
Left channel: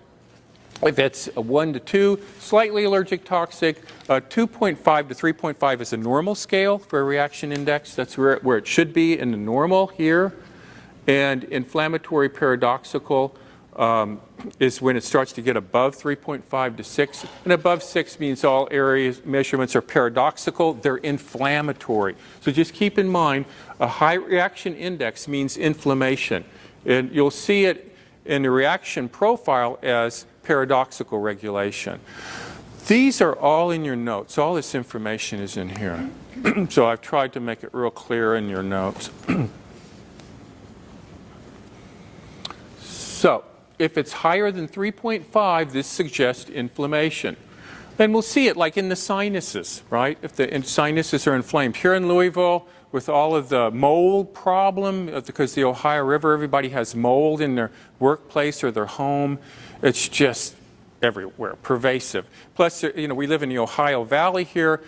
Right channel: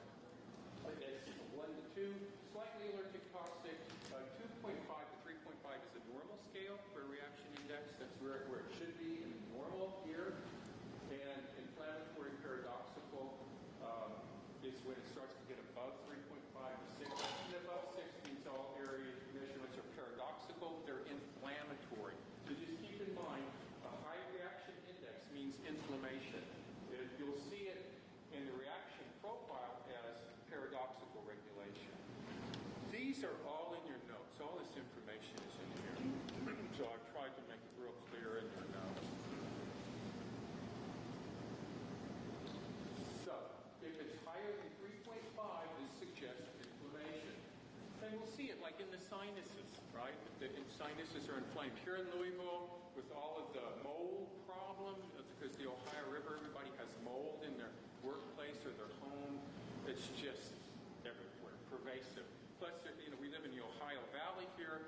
If it's a 1 to 2, slightly allergic toxic. 2.5 to 3.5 is a normal scale for a reaction index. That's where it should be in the normal here. And inflammatory paradoxical is when it starts to get above 3.5 to 6. And above 6 means all areas measurements are paradoxical. They're inflammatory. So just keep in mind, a high reaction index means inflammation. And you'll see it in the reaction profile as paradoxical regulation. These are all in your notes. All this information is in here. So I've tried to make it real clear in your notes. So if it's higher than 3.5, this suggests inflammation. Then we'll see it like in the sinuses, right? If the sinuses are inflamed. Here in Louisville, with all of the mold problem, because the Ohio River, everybody has mold in their workplace or their home. It's just everywhere, pervasive. Plus, you know, we live in the Ohio Valley here,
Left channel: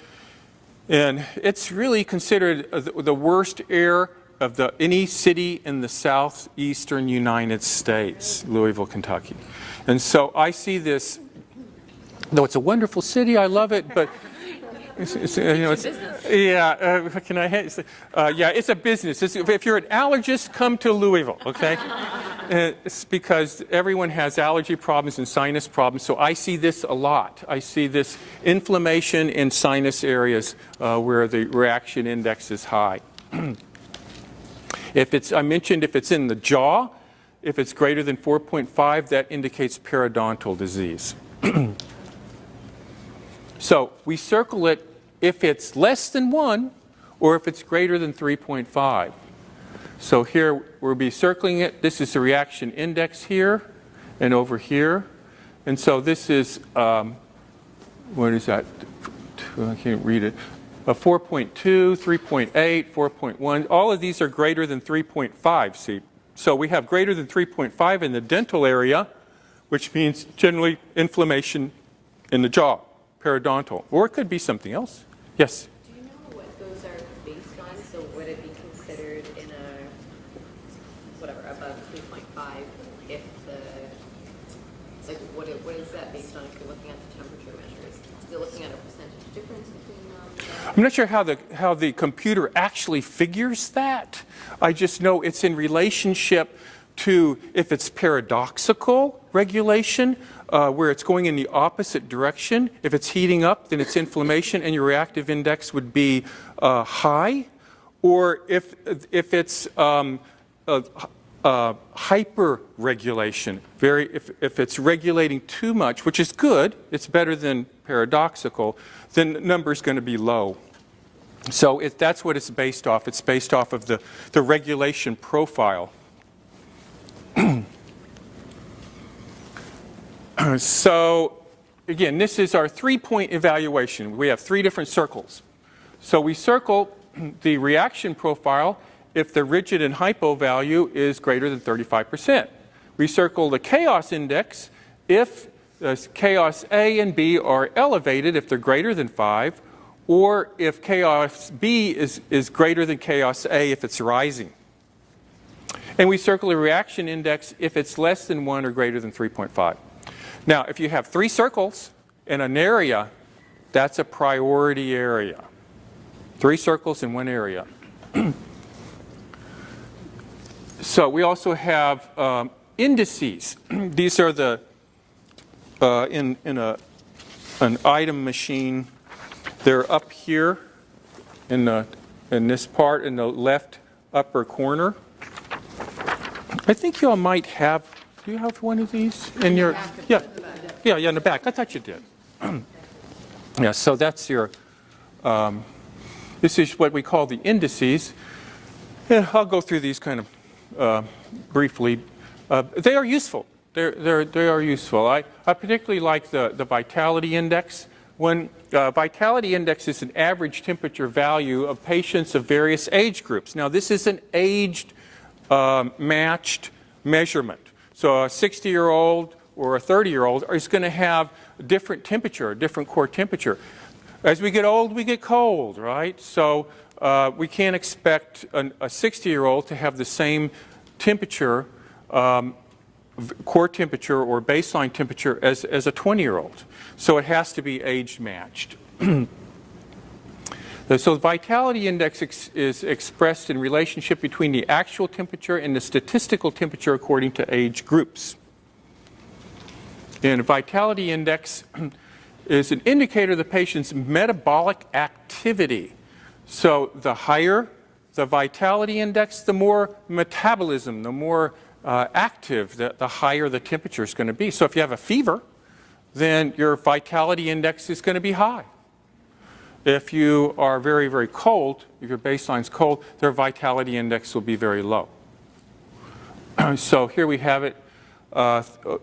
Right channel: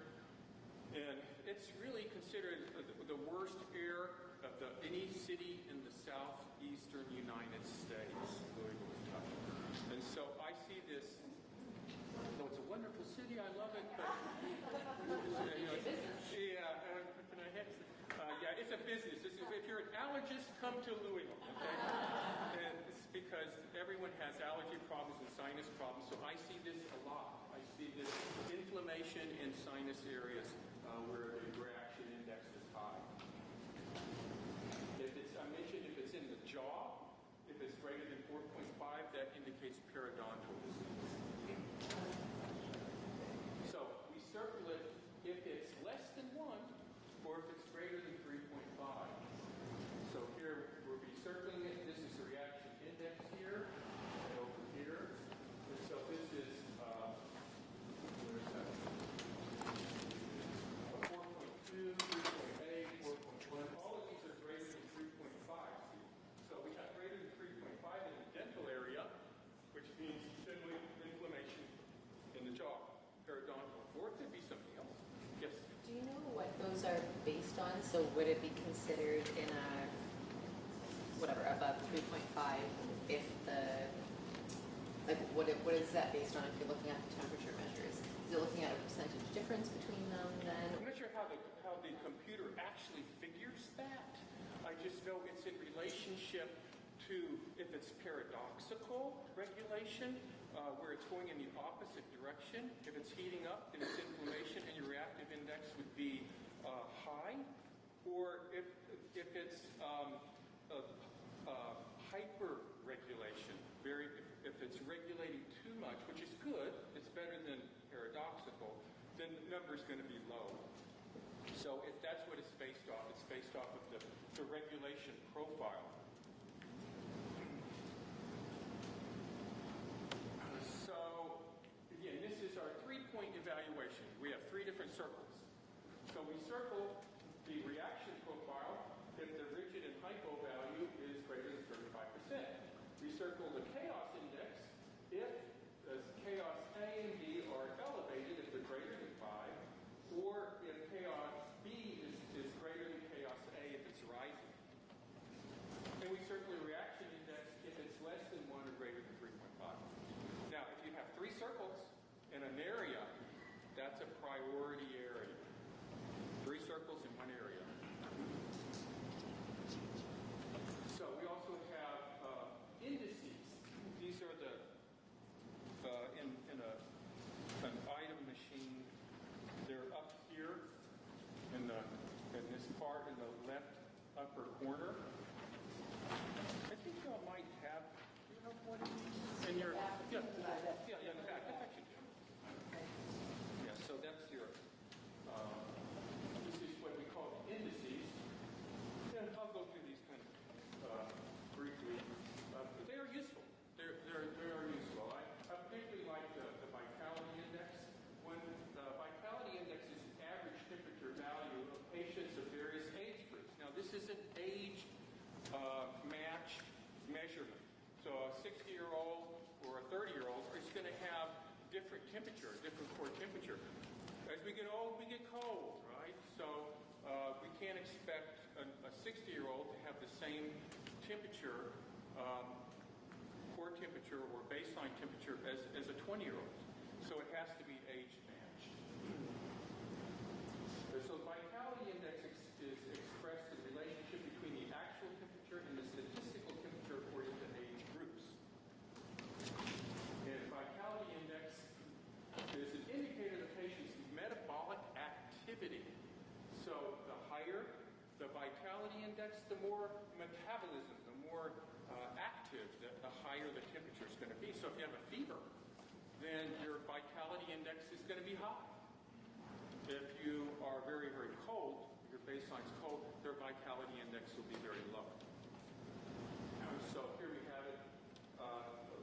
and it's really considered the worst air of any city in the southeastern United States, Louisville, Kentucky. And so I see this, though it's a wonderful city, I love it, but yeah, can I? Yeah, it's a business. If you're an allergist, come to Louisville, okay? It's because everyone has allergy problems and sinus problems, so I see this a lot. I see this inflammation in sinus areas where the reaction index is high. I mentioned if it's in the jaw, if it's greater than 4.5, that indicates periodontal disease. So we circle it if it's less than 1 or if it's greater than 3.5. So here we'll be circling it. This is the reaction index here and over here. And so this is, what is that? I can't read it. 4.2, 3.8, 4.1. All of these are greater than 3.5, see? So we have greater than 3.5 in the dental area, which means generally inflammation in the jaw. Periodontal, or it could be something else. Yes? Do you know what those are based on? So would it be considered in a, whatever, above 3.5 if like what is that based on if you're looking at the temperature measures? Is it looking at a percentage difference between them? I'm not sure how the computer actually figures that. I just know it's in relationship to if it's paradoxical regulation, where it's going in the opposite direction. If it's heating up, then it's inflammation, and your reactive index would be high. Or if it's hyperregulation, if it's regulating too much, which is good, it's better than paradoxical, then the number is going to be low. So that's what it's based off. It's based off of the regulation profile. So again, this is our 3-point evaluation. We have 3 different circles. So we circle the reaction profile if the rigid and hypo value is greater than 35%. We circle the chaos index if chaos A and B are elevated, if they're greater than 5, or if chaos B is greater than chaos A if it's rising. And we circle the reaction index if it's less than 1 or greater than 3.5. Now, if you have 3 circles in an area, that's a priority area. 3 circles in 1 area. So we also have indices. These are the in an item machine. They're up here in this part in the left upper corner. I think you all might have. Do you have one of these in your? Yeah, in the back. I thought you did. Yeah. So that's your. This is what we call the indices. Yeah, I'll go through these kind of briefly. They are useful. They are useful. I particularly like the vitality index. When vitality index is an average temperature value of patients of various age groups. Now, this is an aged matched measurement. So a 60-year-old or a 30-year-old is going to have a different temperature, a different core temperature. As we get old, we get cold, right? So we can't expect a 60-year-old to have the same temperature, core temperature or baseline temperature as a 20-year-old. So it has to be age matched. So the vitality index is expressed in relationship between the actual temperature and the statistical temperature according to age groups. And a vitality index is an indicator of the patient's metabolic activity. So the higher the vitality index, the more metabolism, the more active, the higher the temperature is going to be. So if you have a fever, then your vitality index is going to be high. If you are very, very cold, if your baseline is cold, their vitality index will be very low. So here we have it.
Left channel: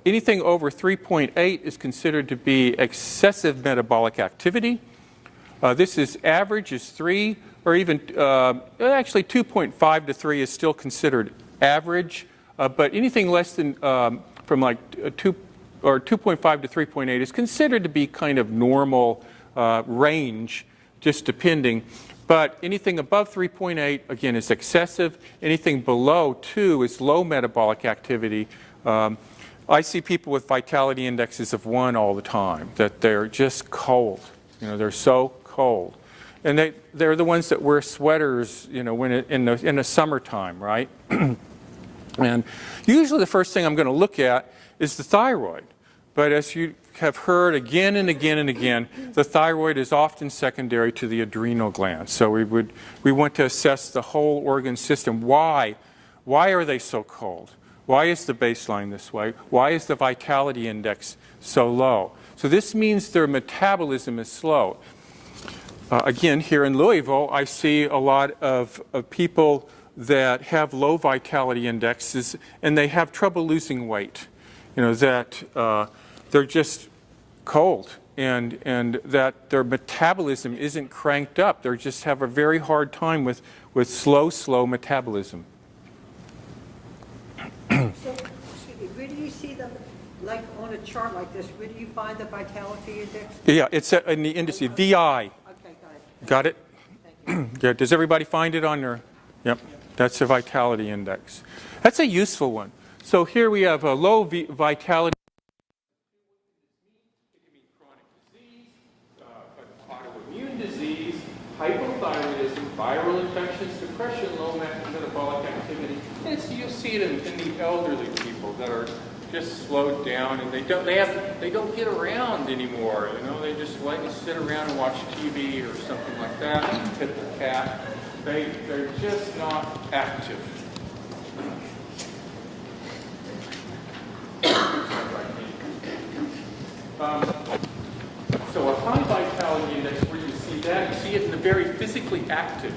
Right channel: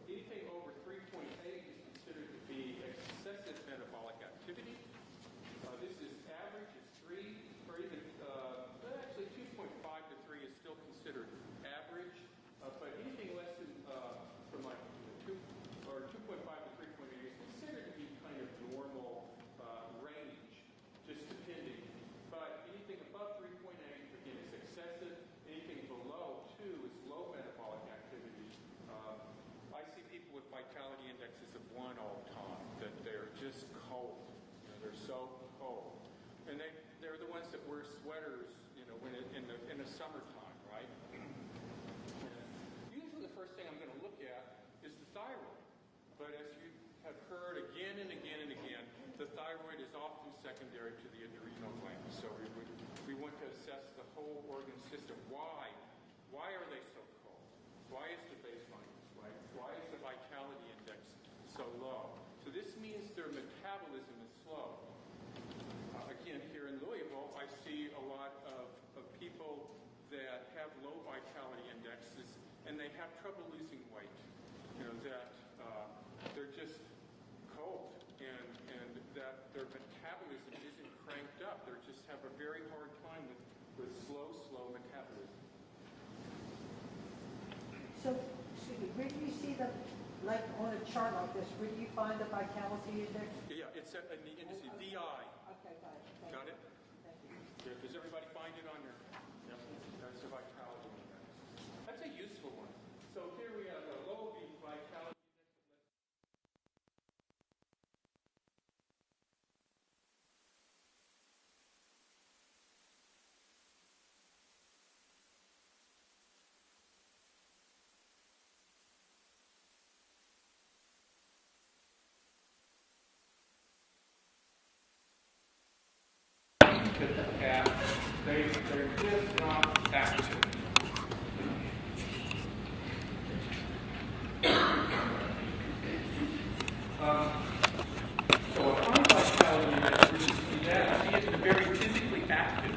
Anything over 3.8 is considered to be excessive metabolic activity. This is average is 3, or even actually 2.5 to 3 is still considered average. But anything less than from like 2 or 2.5 to 3.8 is considered to be kind of normal range, just depending. But anything above 3.8, again, is excessive. Anything below 2 is low metabolic activity. I see people with vitality indexes of 1 all the time, that they're just cold. You know, they're so cold. And they're the ones that wear sweaters, you know, when in the summertime, right? And usually the first thing I'm going to look at is the thyroid. But as you have heard again and again and again, the thyroid is often secondary to the adrenal glands. So we want to assess the whole organ system. Why? Why are they so cold? Why is the baseline this way? Why is the vitality index so low? So this means their metabolism is slow. Again, here in Louisville, I see a lot of people that have low vitality indexes and they have trouble losing weight. You know, that they're just cold and that their metabolism isn't cranked up. They just have a very hard time with slow metabolism. So, where do you see them, like on a chart like this, where do you find the vitality index? Yeah, it's in the indices, VI. Okay, Got it? Thank you. Yeah, does everybody find it on their, yep, that's the vitality index. That's a useful one. So here we have a low vitality. Autoimmune disease, hypothyroidism, viral infections, depression, low metabolic activity. You'll see it in the elderly people that are just slowed down and they don't get around anymore. You know, they just like to sit around and watch TV or something like that, pet the cat. They're just not active. So a high vitality index, where you see that, you see it in the very physically active.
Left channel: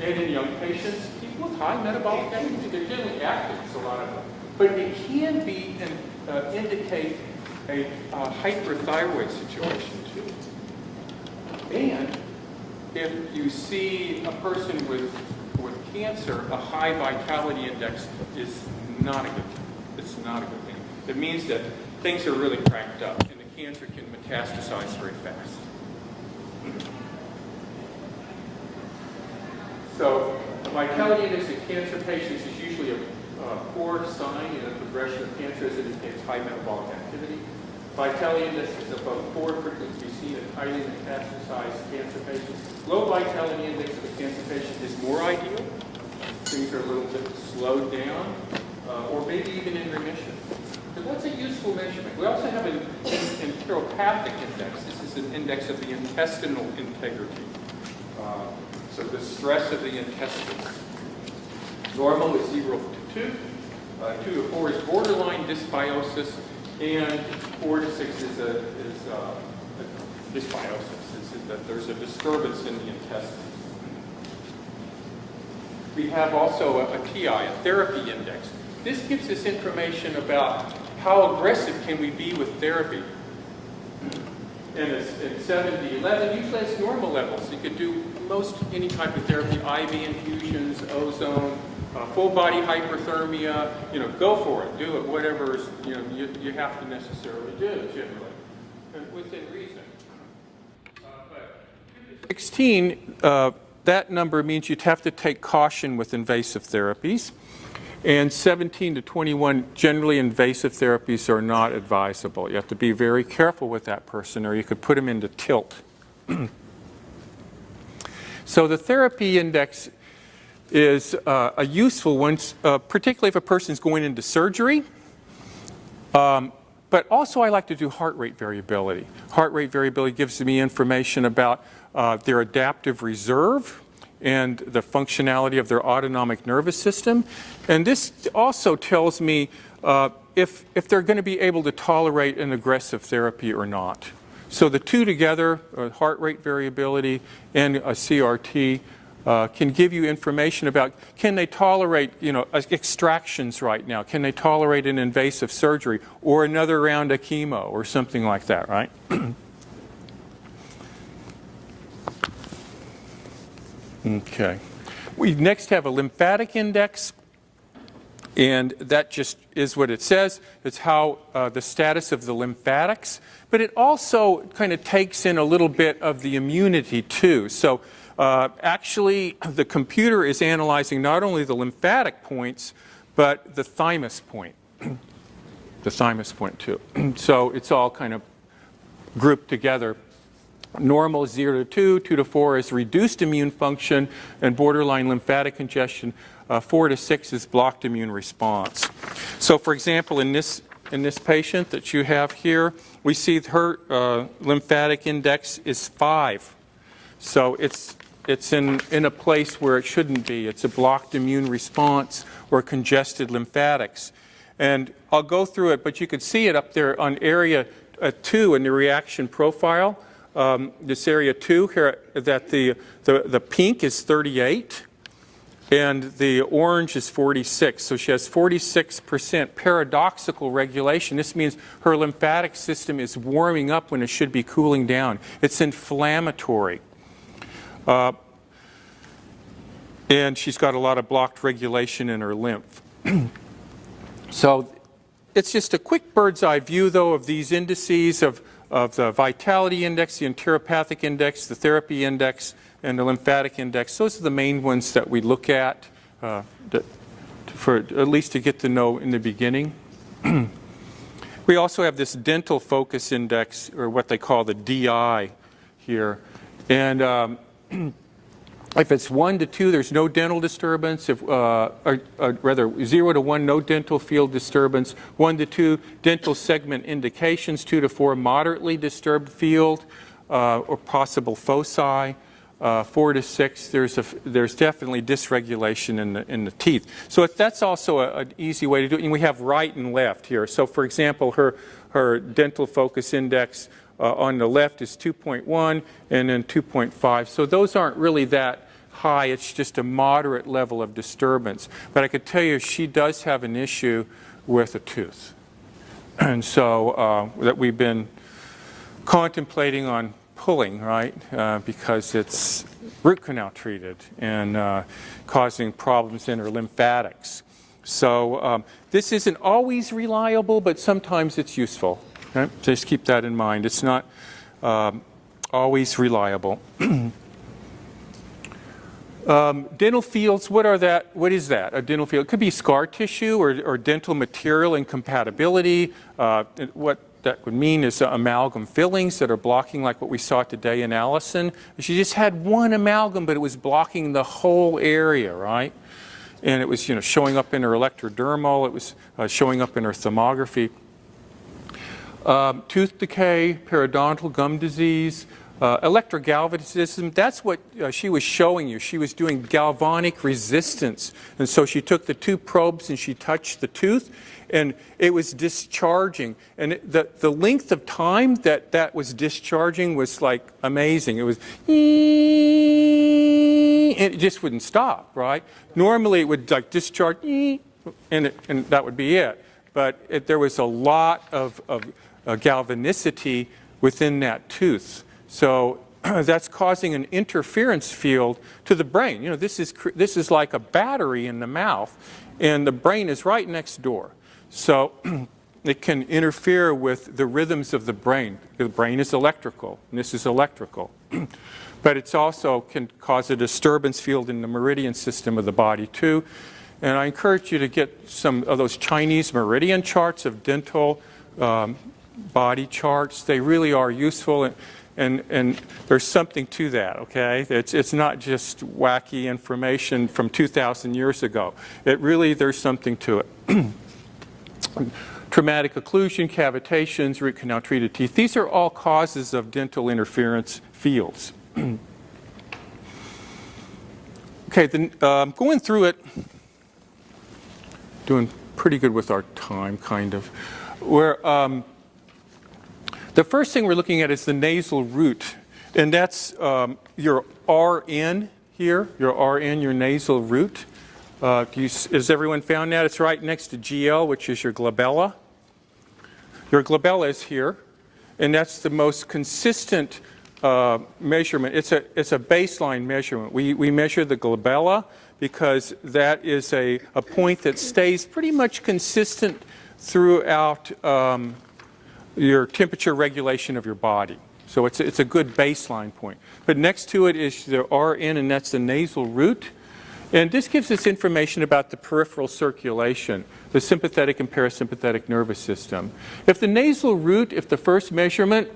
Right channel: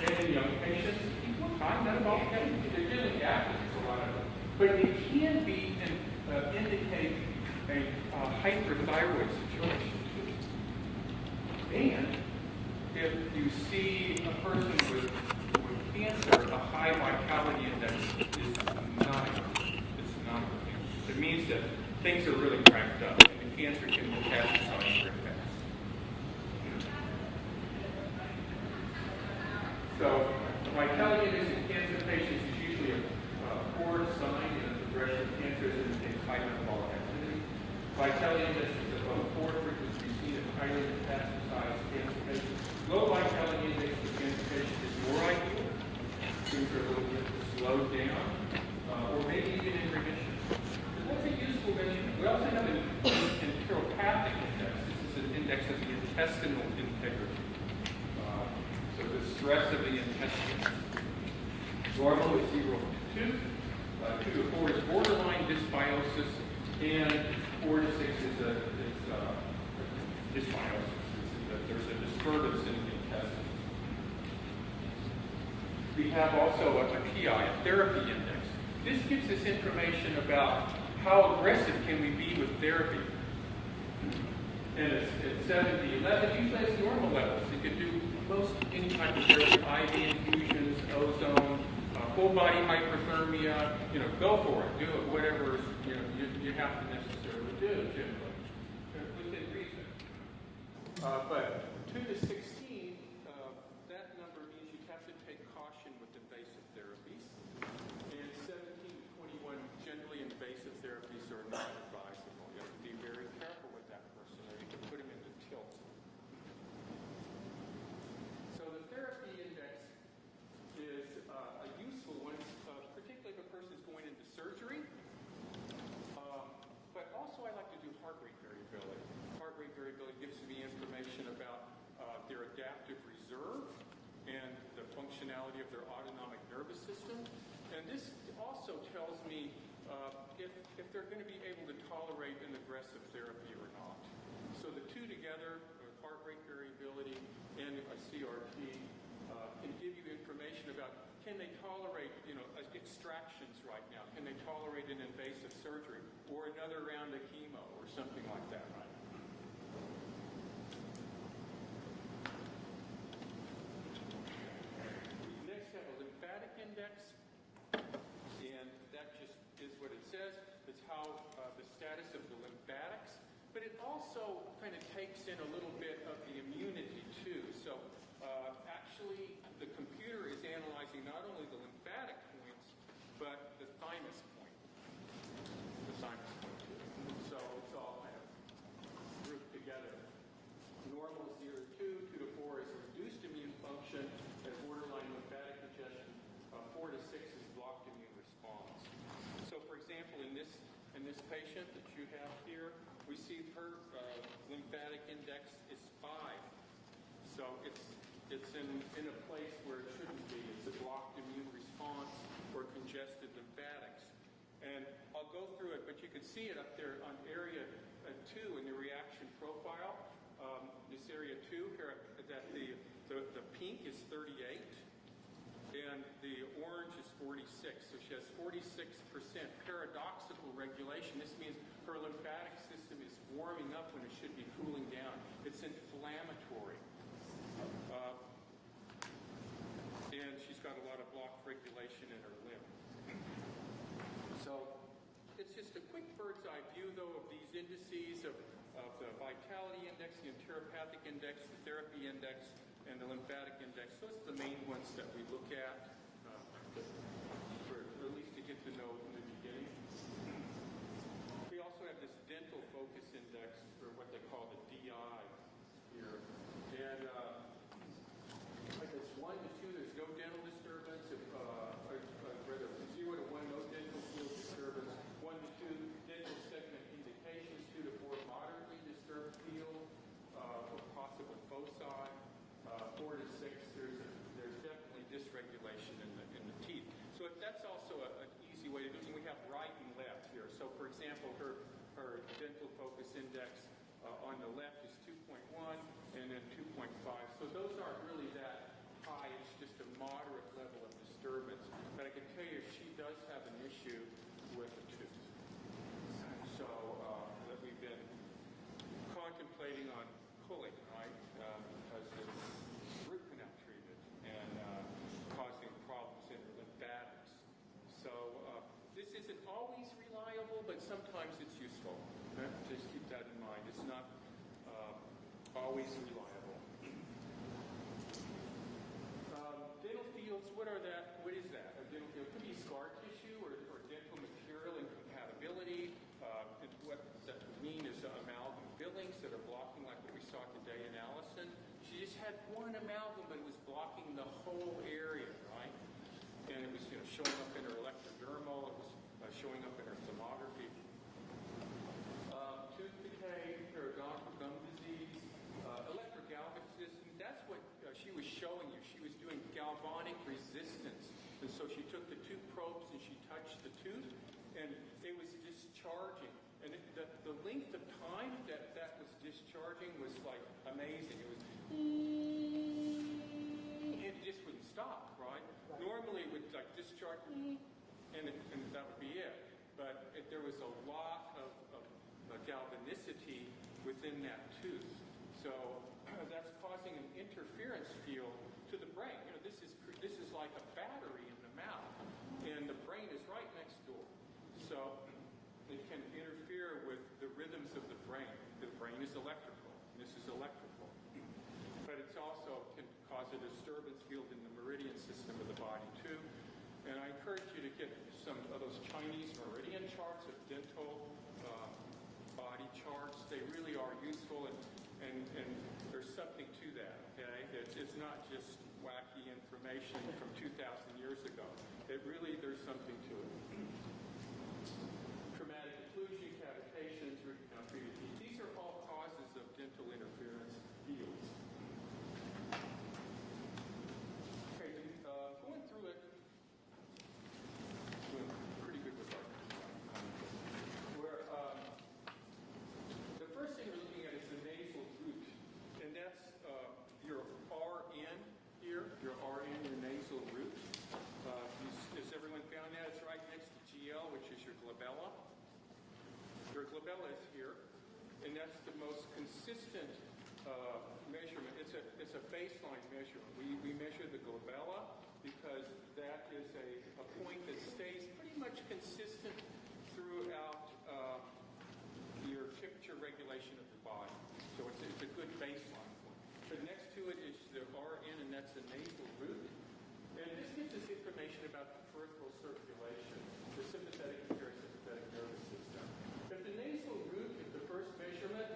And in young patients, people with high metabolic activity, they're generally active, it's a lot of them. But it can be indicate a hyperthyroid situation too. And if you see a person with cancer, a high vitality index is not a good thing. It's not a good thing. It means that things are really cranked up and the cancer can metastasize very fast. So a vitality index in cancer patients is usually a poor sign in a progression of cancer as it indicates high metabolic activity. Vitality index is above 4 frequency seen in highly metastasized cancer patients. Low vitality index of a cancer patient is more ideal. Things are a little bit slowed down, or maybe even in remission. But that's a useful measurement. We also have an enteropathic index. This is an index of the intestinal integrity. So the stress of the intestines. Normal is 0 to 2. 2 to 4 is borderline dysbiosis, and 4 to 6 is dysbiosis. It's that there's a disturbance in the intestines. we have also a TI, a therapy index. This gives us information about how aggressive can we be with therapy. And it's 70, 11, usually it's normal levels. You could do most any type of therapy, IV infusions, ozone, full body hyperthermia, go for it, do it, whatever you have to necessarily do generally, within reason. But 2 to 16, that number means you'd have to take caution with invasive therapies. And 17 to 21, generally invasive therapies are not advisable. You have to be very careful with that person or you could put them into tilt. So the therapy index is a useful one, particularly if a person's going into surgery. But also I like to do heart rate variability. Heart rate variability gives me information about their adaptive reserve and the functionality of their autonomic nervous system. And this also tells me if they're going to be able to tolerate an aggressive therapy or not. So the two together, heart rate variability and a CRT, can give you information about can they tolerate extractions right now? Can they tolerate an invasive surgery or another round of chemo or something like that, right? Okay. We next have a lymphatic index, and that just is what it says. It's how the status of the lymphatics, but it also kind of takes in a little bit of the immunity too. So actually, the computer is analyzing not only the lymphatic points, but the thymus point. The thymus point too. So it's all kind of grouped together. Normal is 0 to 2, 2 to 4 is reduced immune function and borderline lymphatic congestion. 4 to 6 is blocked immune response. So for example, in this patient that you have here, we see her lymphatic index is 5. So it's in a place where it shouldn't be. It's a blocked immune response or congested lymphatics. And I'll go through it, but you could see it up there on area 2 in the reaction profile. This area 2 here, that the pink is 38 and the orange is 46. So she has 46% paradoxical regulation. This means her lymphatic system is warming up when it should be cooling down. It's inflammatory. And she's got a lot of blocked regulation in her lymph. So it's just a quick bird's eye view, though, of these indices of the vitality index, the enteropathic index, the therapy index, and the lymphatic index. Those are the main ones that we look at, for at least to get to know in the beginning. We also have this dental focus index, or what they call the DI here. And if it's 1 to 2, there's no dental disturbance. If, rather, 0 to 1, no dental field disturbance. 1 to 2, dental segment indications. 2 to 4, moderately disturbed field or possible foci. 4 to 6, there's definitely dysregulation in the teeth. So that's also an easy way to do it. And we have right and left here. So for example, her dental focus index on the left is 2.1 and then 2.5. So those aren't really that high. It's just a moderate level of disturbance. But I could tell you she does have an issue with a tooth. And so that we've been contemplating on pulling, right, because it's root canal treated and causing problems in her lymphatics. So this isn't always reliable, but sometimes it's useful. Right? Just keep that in mind. It's not always reliable. Dental fields, what is that? A dental field? It could be scar tissue or dental material incompatibility. What that would mean is amalgam fillings that are blocking, like what we saw today in Allison. She just had one amalgam, but it was blocking the whole area, right? And it was, showing up in her electrodermal. It was showing up in her thermography. Tooth decay, periodontal gum disease, electrogalvanism. That's what she was showing you. She was doing galvanic resistance. And so she took the 2 probes and she touched the tooth, and it was discharging. And the length of time that was discharging was like amazing. It was, it just wouldn't stop, right? Normally it would like discharge, and that would be it. But there was a lot of galvanicity within that tooth. So that's causing an interference field to the brain. You know, this is like a battery in the mouth, and the brain is right next door. So it can interfere with the rhythms of the brain. The brain is electrical, and this is electrical. But it's also can cause a disturbance field in the meridian system of the body too. And I encourage you to get some of those Chinese meridian charts of dental body charts. They really are useful, and there's something to that, okay? It's not just wacky information from 2,000 years ago. There's something to it. Traumatic occlusion, cavitations, root canal treated teeth. These are all causes of dental interference fields. Okay, then going through it, doing pretty good with our time, kind of. The first thing we're looking at is the nasal root, and that's your RN here, your RN, your nasal root. Has everyone found that? It's right next to GL, which is your glabella. Your glabella is here, and that's the most consistent measurement. It's a baseline measurement. We measure the glabella because that is a point that stays pretty much consistent throughout your temperature regulation of your body. So it's a good baseline point. But next to it is the RN, and that's the nasal root. And this gives us information about the peripheral circulation, the sympathetic and parasympathetic nervous system. If the nasal root, if the first measurement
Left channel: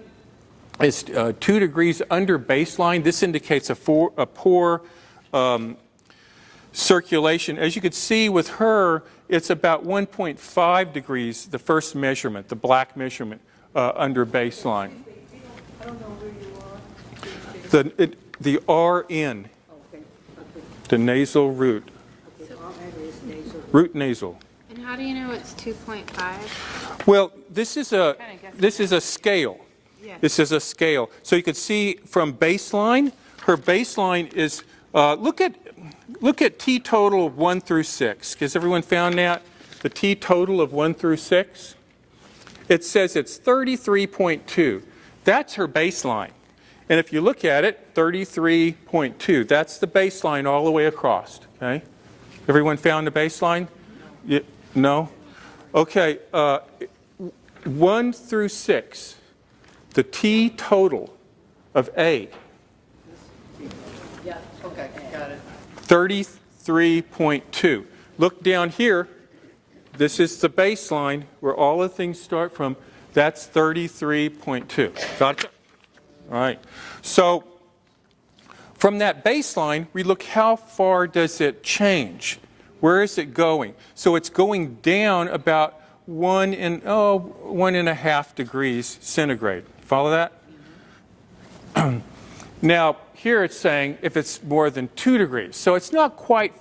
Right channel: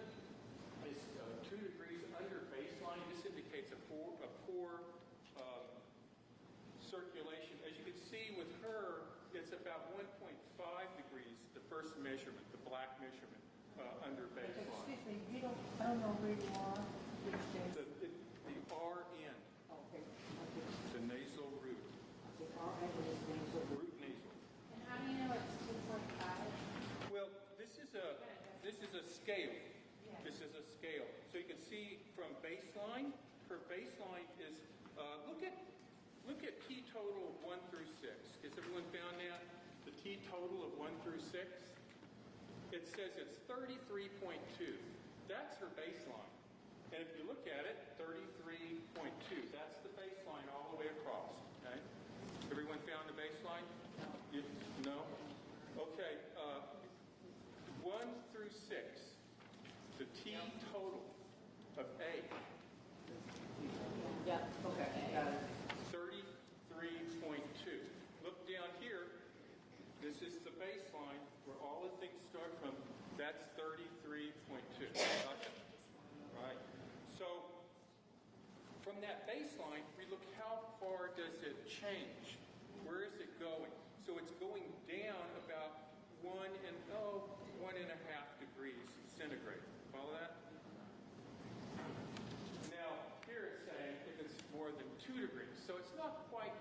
is 2 degrees under baseline, this indicates a poor circulation. As you could see with her, it's about 1.5 degrees, the first measurement, the black measurement, under baseline. I don't know where you are. The RN, the nasal root. Root nasal. And how do you know it's 2.5? Well, this is a scale. Yeah. This is a scale. So you can see from baseline, her baseline is, look at T total of 1 through 6. Has everyone found that? The T total of 1 through 6? It says it's 33.2. That's her baseline. And if you look at it, 33.2. That's the baseline all the way across. Okay? Everyone found the baseline? No? Okay. 1 through 6. The T total of A. Yeah, okay, got it. 33.2. Look down here. This is the baseline where all the things start from. That's 33.2. Got it? All right. So from that baseline, we look how far does it change? Where is it going? So it's going down about 1.5 degrees centigrade. Follow that? Now, here it's saying if it's more than 2 degrees. So it's not quite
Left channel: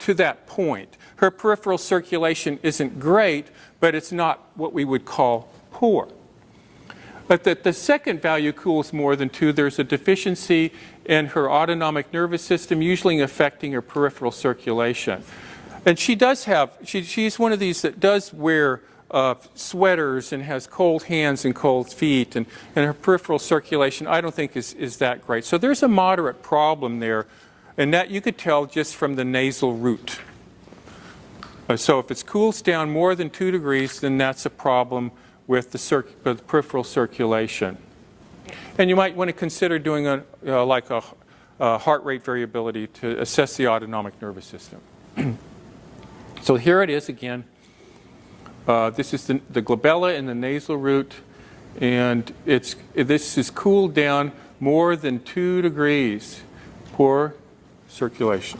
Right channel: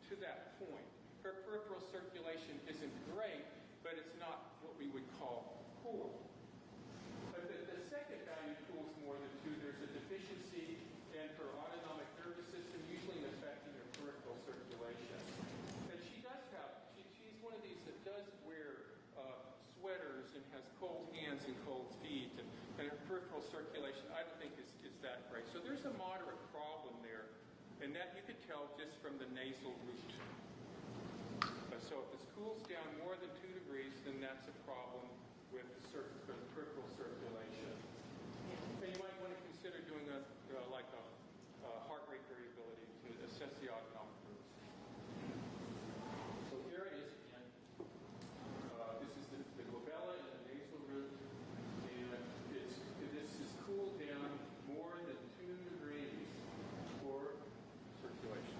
to that point. Her peripheral circulation isn't great, but it's not what we would call poor. But the second value cools more than 2. There's a deficiency in her autonomic nervous system, usually affecting her peripheral circulation. And she does have, she's one of these that does wear sweaters and has cold hands and cold feet, and her peripheral circulation I don't think is that great. So there's a moderate problem there, and that you could tell just from the nasal root. So if it cools down more than 2 degrees, then that's a problem with the peripheral circulation. And you might want to consider doing a heart rate variability to assess the autonomic nervous system. So here it is again. This is the glabella and the nasal root, and this is cooled down more than 2 degrees. Poor circulation.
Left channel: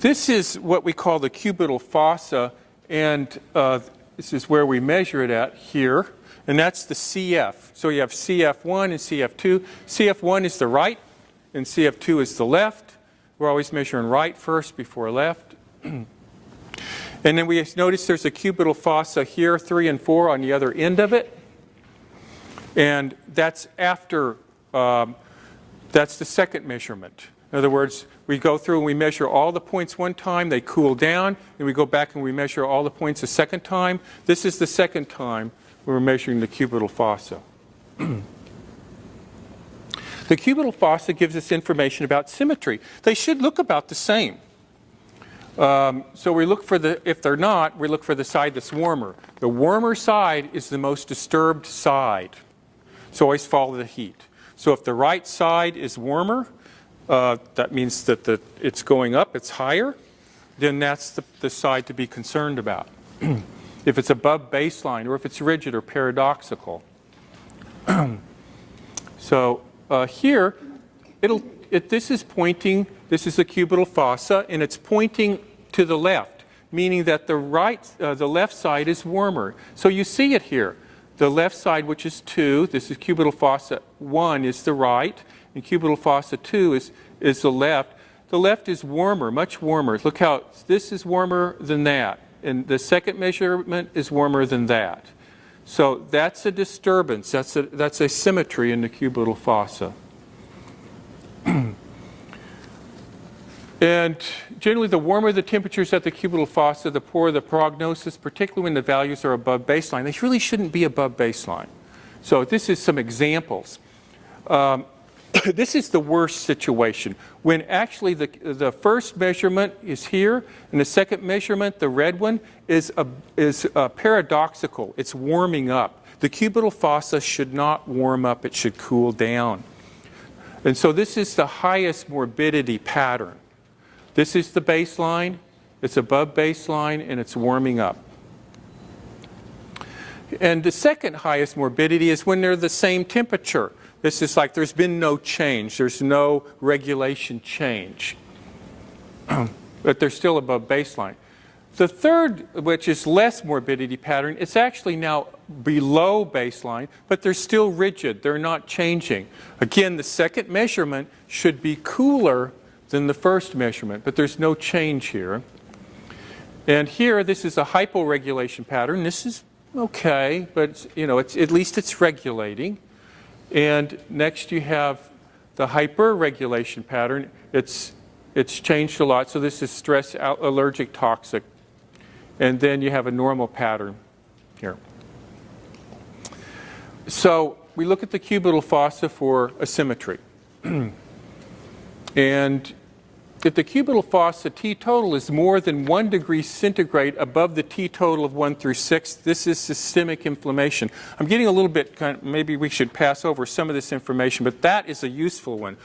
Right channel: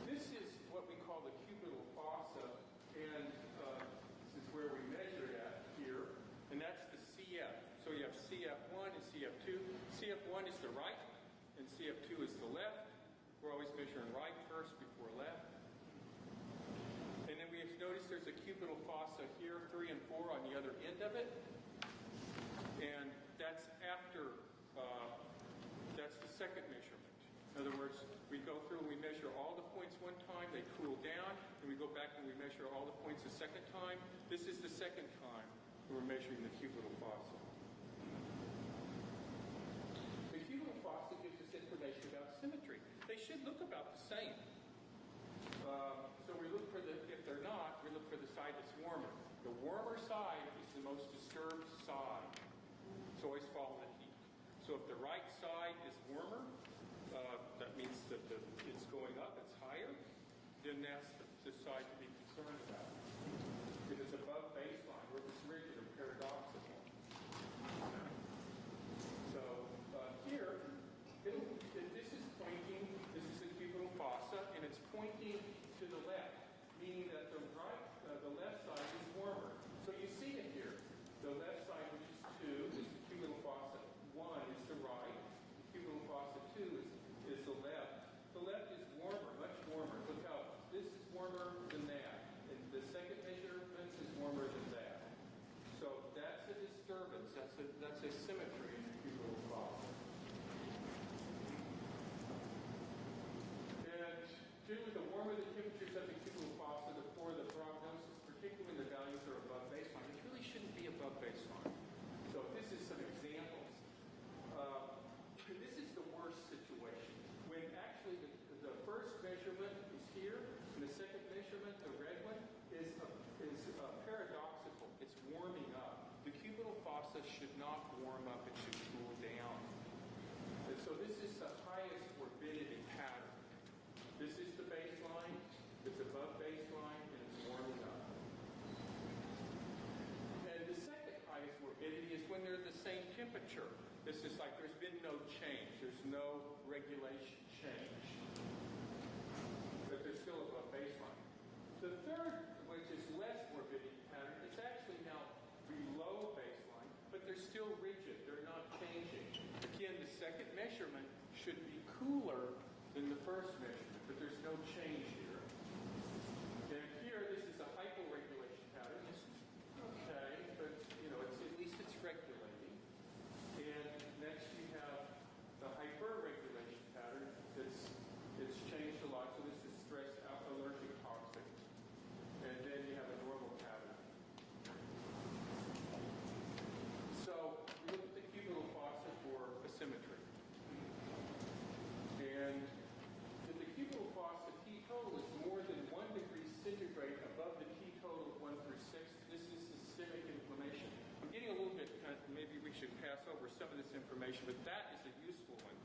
This is what we call the cubital fossa, and this is where we measure it at here, and that's the CF. So you have CF1 and CF2. CF1 is the right, and CF2 is the left. We're always measuring right first before left. And then we notice there's a cubital fossa here, 3 and 4 on the other end of it. And that's after That's the second measurement. In other words, we go through and we measure all the points one time, they cool down, and we go back and we measure all the points a second time. This is the second time we're measuring the cubital fossa. The cubital fossa gives us information about symmetry. They should look about the same. So we look for if they're not, we look for the side that's warmer. The warmer side is the most disturbed side. So always follow the heat. So if the right side is warmer, that means that it's going up, it's higher, then that's the side to be concerned about. If it's above baseline or if it's rigid or paradoxical. So here, this is the cubital fossa, and it's pointing to the left, meaning that the left side is warmer. So you see it here. The left side, which is 2, this is cubital fossa 1 is the right, and cubital fossa 2 is the left. The left is warmer, much warmer. Look how this is warmer than that, and the second measurement is warmer than that. So that's a disturbance. That's a symmetry in the cubital fossa. And generally, the warmer the temperatures at the cubital fossa, the poorer the prognosis, particularly when the values are above baseline. They really shouldn't be above baseline. So this is some examples. This is the worst situation, when actually the first measurement is here, and the second measurement, the red one, is paradoxical. It's warming up. The cubital fossa should not warm up. It should cool down. And so this is the highest morbidity pattern. This is the baseline. It's above baseline, and it's warming up. And the second highest morbidity is when they're the same temperature. This is like there's been no change. There's no regulation change. But they're still above baseline. The third, which is less morbidity pattern, it's actually now below baseline, but they're still rigid. They're not changing. Again, the second measurement should be cooler than the first measurement, but there's no change here. And here, this is a hyporegulation pattern. This is okay, but at least it's regulating. And next you have the hyperregulation pattern. It's changed a lot. So this is stress, allergic, toxic. And then you have a normal pattern here. So we look at the cubital fossa for asymmetry. And if the cubital fossa T total is more than 1 degree centigrade above the T total of 1 through 6, this is systemic inflammation. I'm getting a little bit, maybe we should pass over some of this information, but that is a useful one.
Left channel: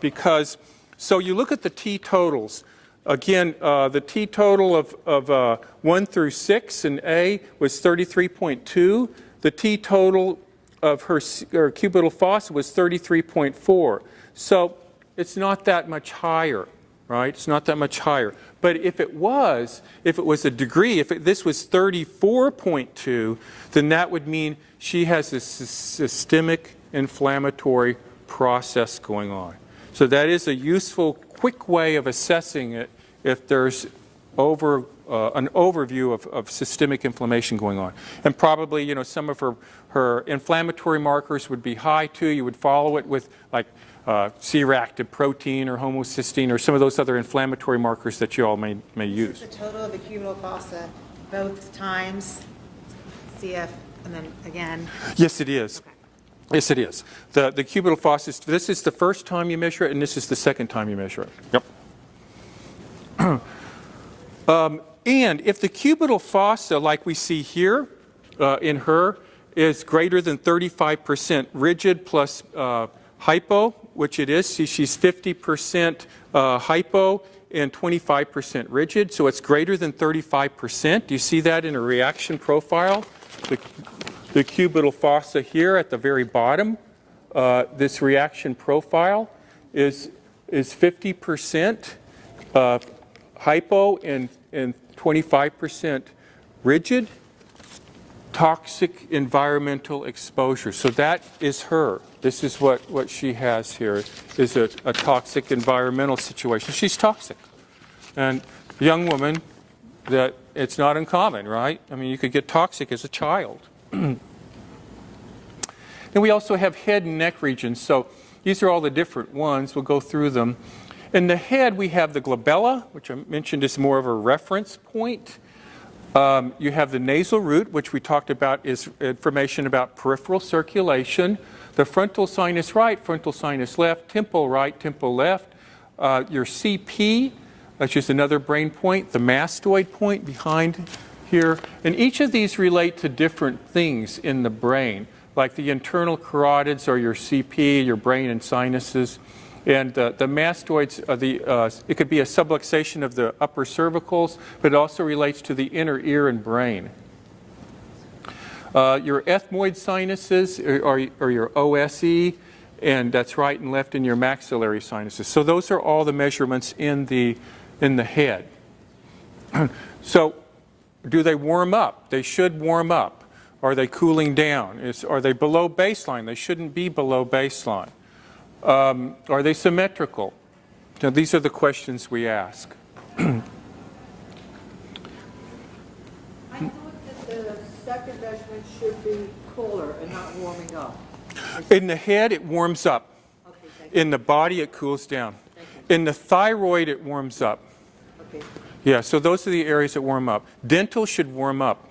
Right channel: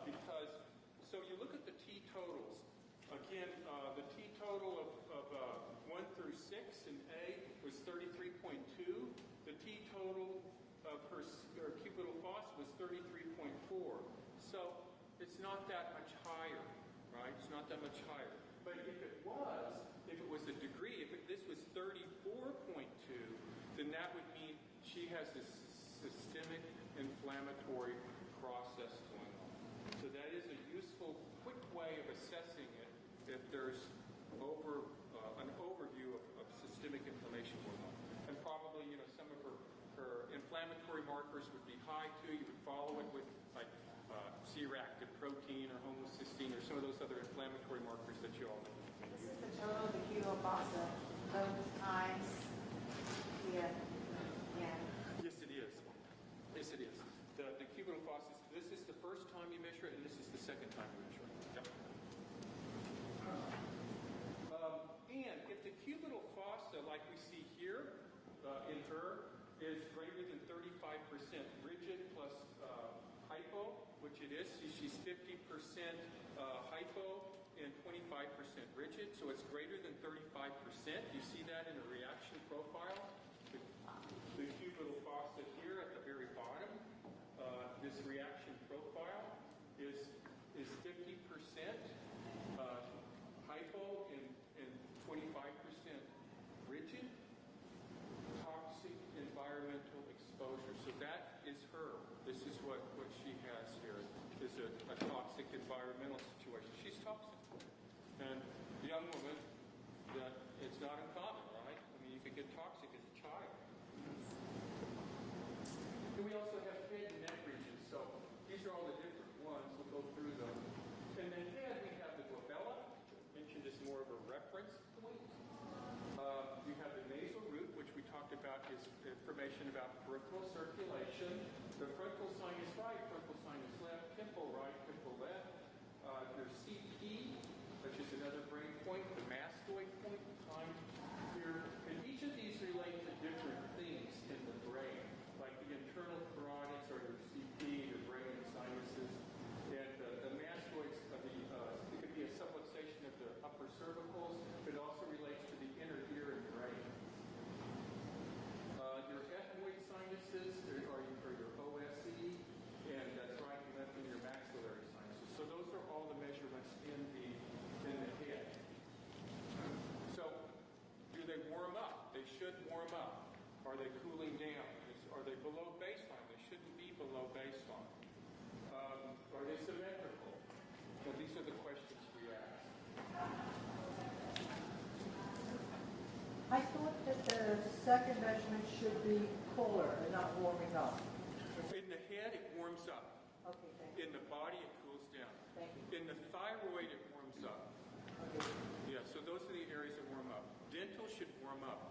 Because, so you look at the T totals. Again, the T total of 1 through 6 in A was 33.2. The T total of her cubital fossa was 33.4. So it's not that much higher, right? It's not that much higher. But if it was a degree, this was 34.2, then that would mean she has a systemic inflammatory process going on. So that is a useful, quick way of assessing it if there's an overview of systemic inflammation going on. And probably, some of her inflammatory markers would be high too. You would follow it with like C-reactive protein or homocysteine or some of those other inflammatory markers that you all may use. This is the total of the cubital fossa, both times, CF, and then again? Yes, it is. Okay. Yes, it is. The cubital fossa, this is the first time you measure it, and this is the second time you measure it. Yep. And if the cubital fossa, like we see here in her, is greater than 35% rigid plus hypo, which it is. See, she's 50% hypo and 25% rigid, so it's greater than 35%. Do you see that in a reaction profile? The cubital fossa here at the very bottom, this reaction profile is 50% hypo and 25% rigid. Toxic environmental exposure. So that is her. This is what she has here, is a toxic environmental situation. She's toxic. And a young woman, that it's not uncommon, right? I mean, you could get toxic as a child. And we also have head and neck regions. So These are all the different ones. We'll go through them. In the head, we have the glabella, which I mentioned is more of a reference point. You have the nasal root, which we talked about is information about peripheral circulation. The frontal sinus right, frontal sinus left, temple right, temple left. Your CP, which is another brain point, the mastoid point behind here. And each of these relate to different things in the brain, like the internal carotids or your CP, your brain and sinuses. And the mastoids, it could be a subluxation of the upper cervicals, but it also relates to the inner ear and brain. Your ethmoid sinuses or your L.C, and that's right and left in your maxillary sinuses. So those are all the measurements in the head. So do they warm up? They should warm up. Are they cooling down? Are they below baseline? They shouldn't be below baseline. Are they symmetrical? Now, these are the questions we ask. I thought that the second measurement should be cooler and not warming up. In the head, it warms up. Okay, thank you. In the body, it cools down. Thank you. In the thyroid, it warms up. Okay. Yeah, so those are the areas that warm up. Dental should warm up.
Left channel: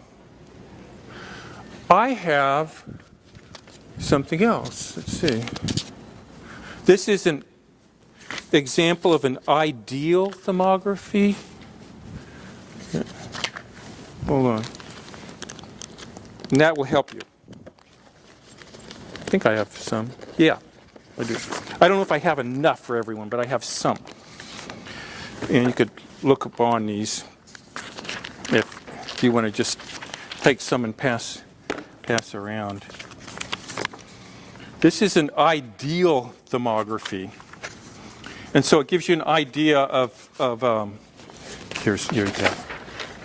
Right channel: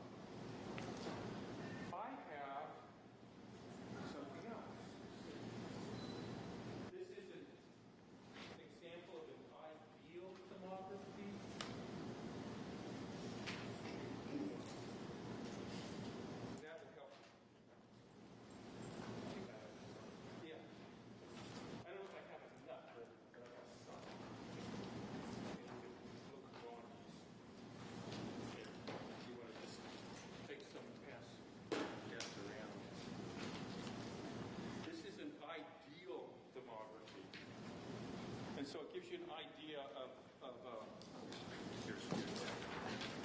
I have something else. Let's see. This is an example of an ideal thermography. Hold on. And that will help you. I think I have some. Yeah, I do. I don't know if I have enough for everyone, but I have some. And you could look upon these if you want to just take some and pass around. This is an ideal thermography. And so it gives you an idea of here's that.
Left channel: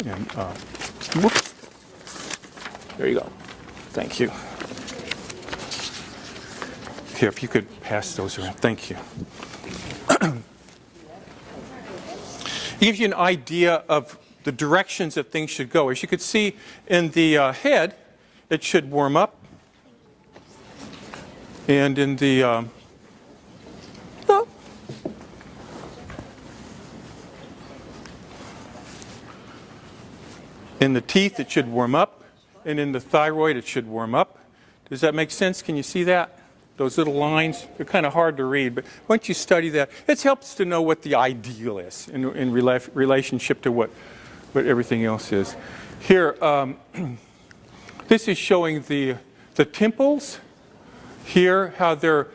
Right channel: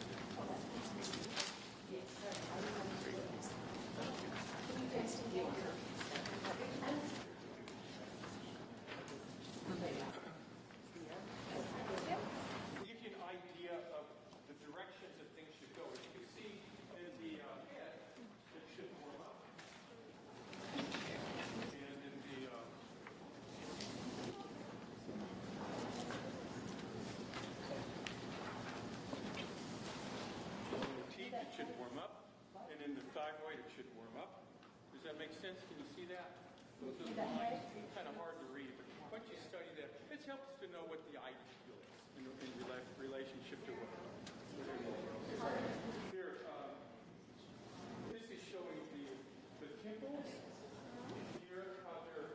And, whoops. There you go. Thank you. Here, if you could pass those around. Thank you. It gives you an idea of the directions that things should go. As you could see in the head, it should warm up. And in the teeth, it should warm up. And in the thyroid, it should warm up. Does that make sense? Can you see that? Those little lines, they're kind of hard to read, but once you study that, it helps to know what the ideal is in relationship to what everything else is. Here, this is showing the temples. Here, how they're,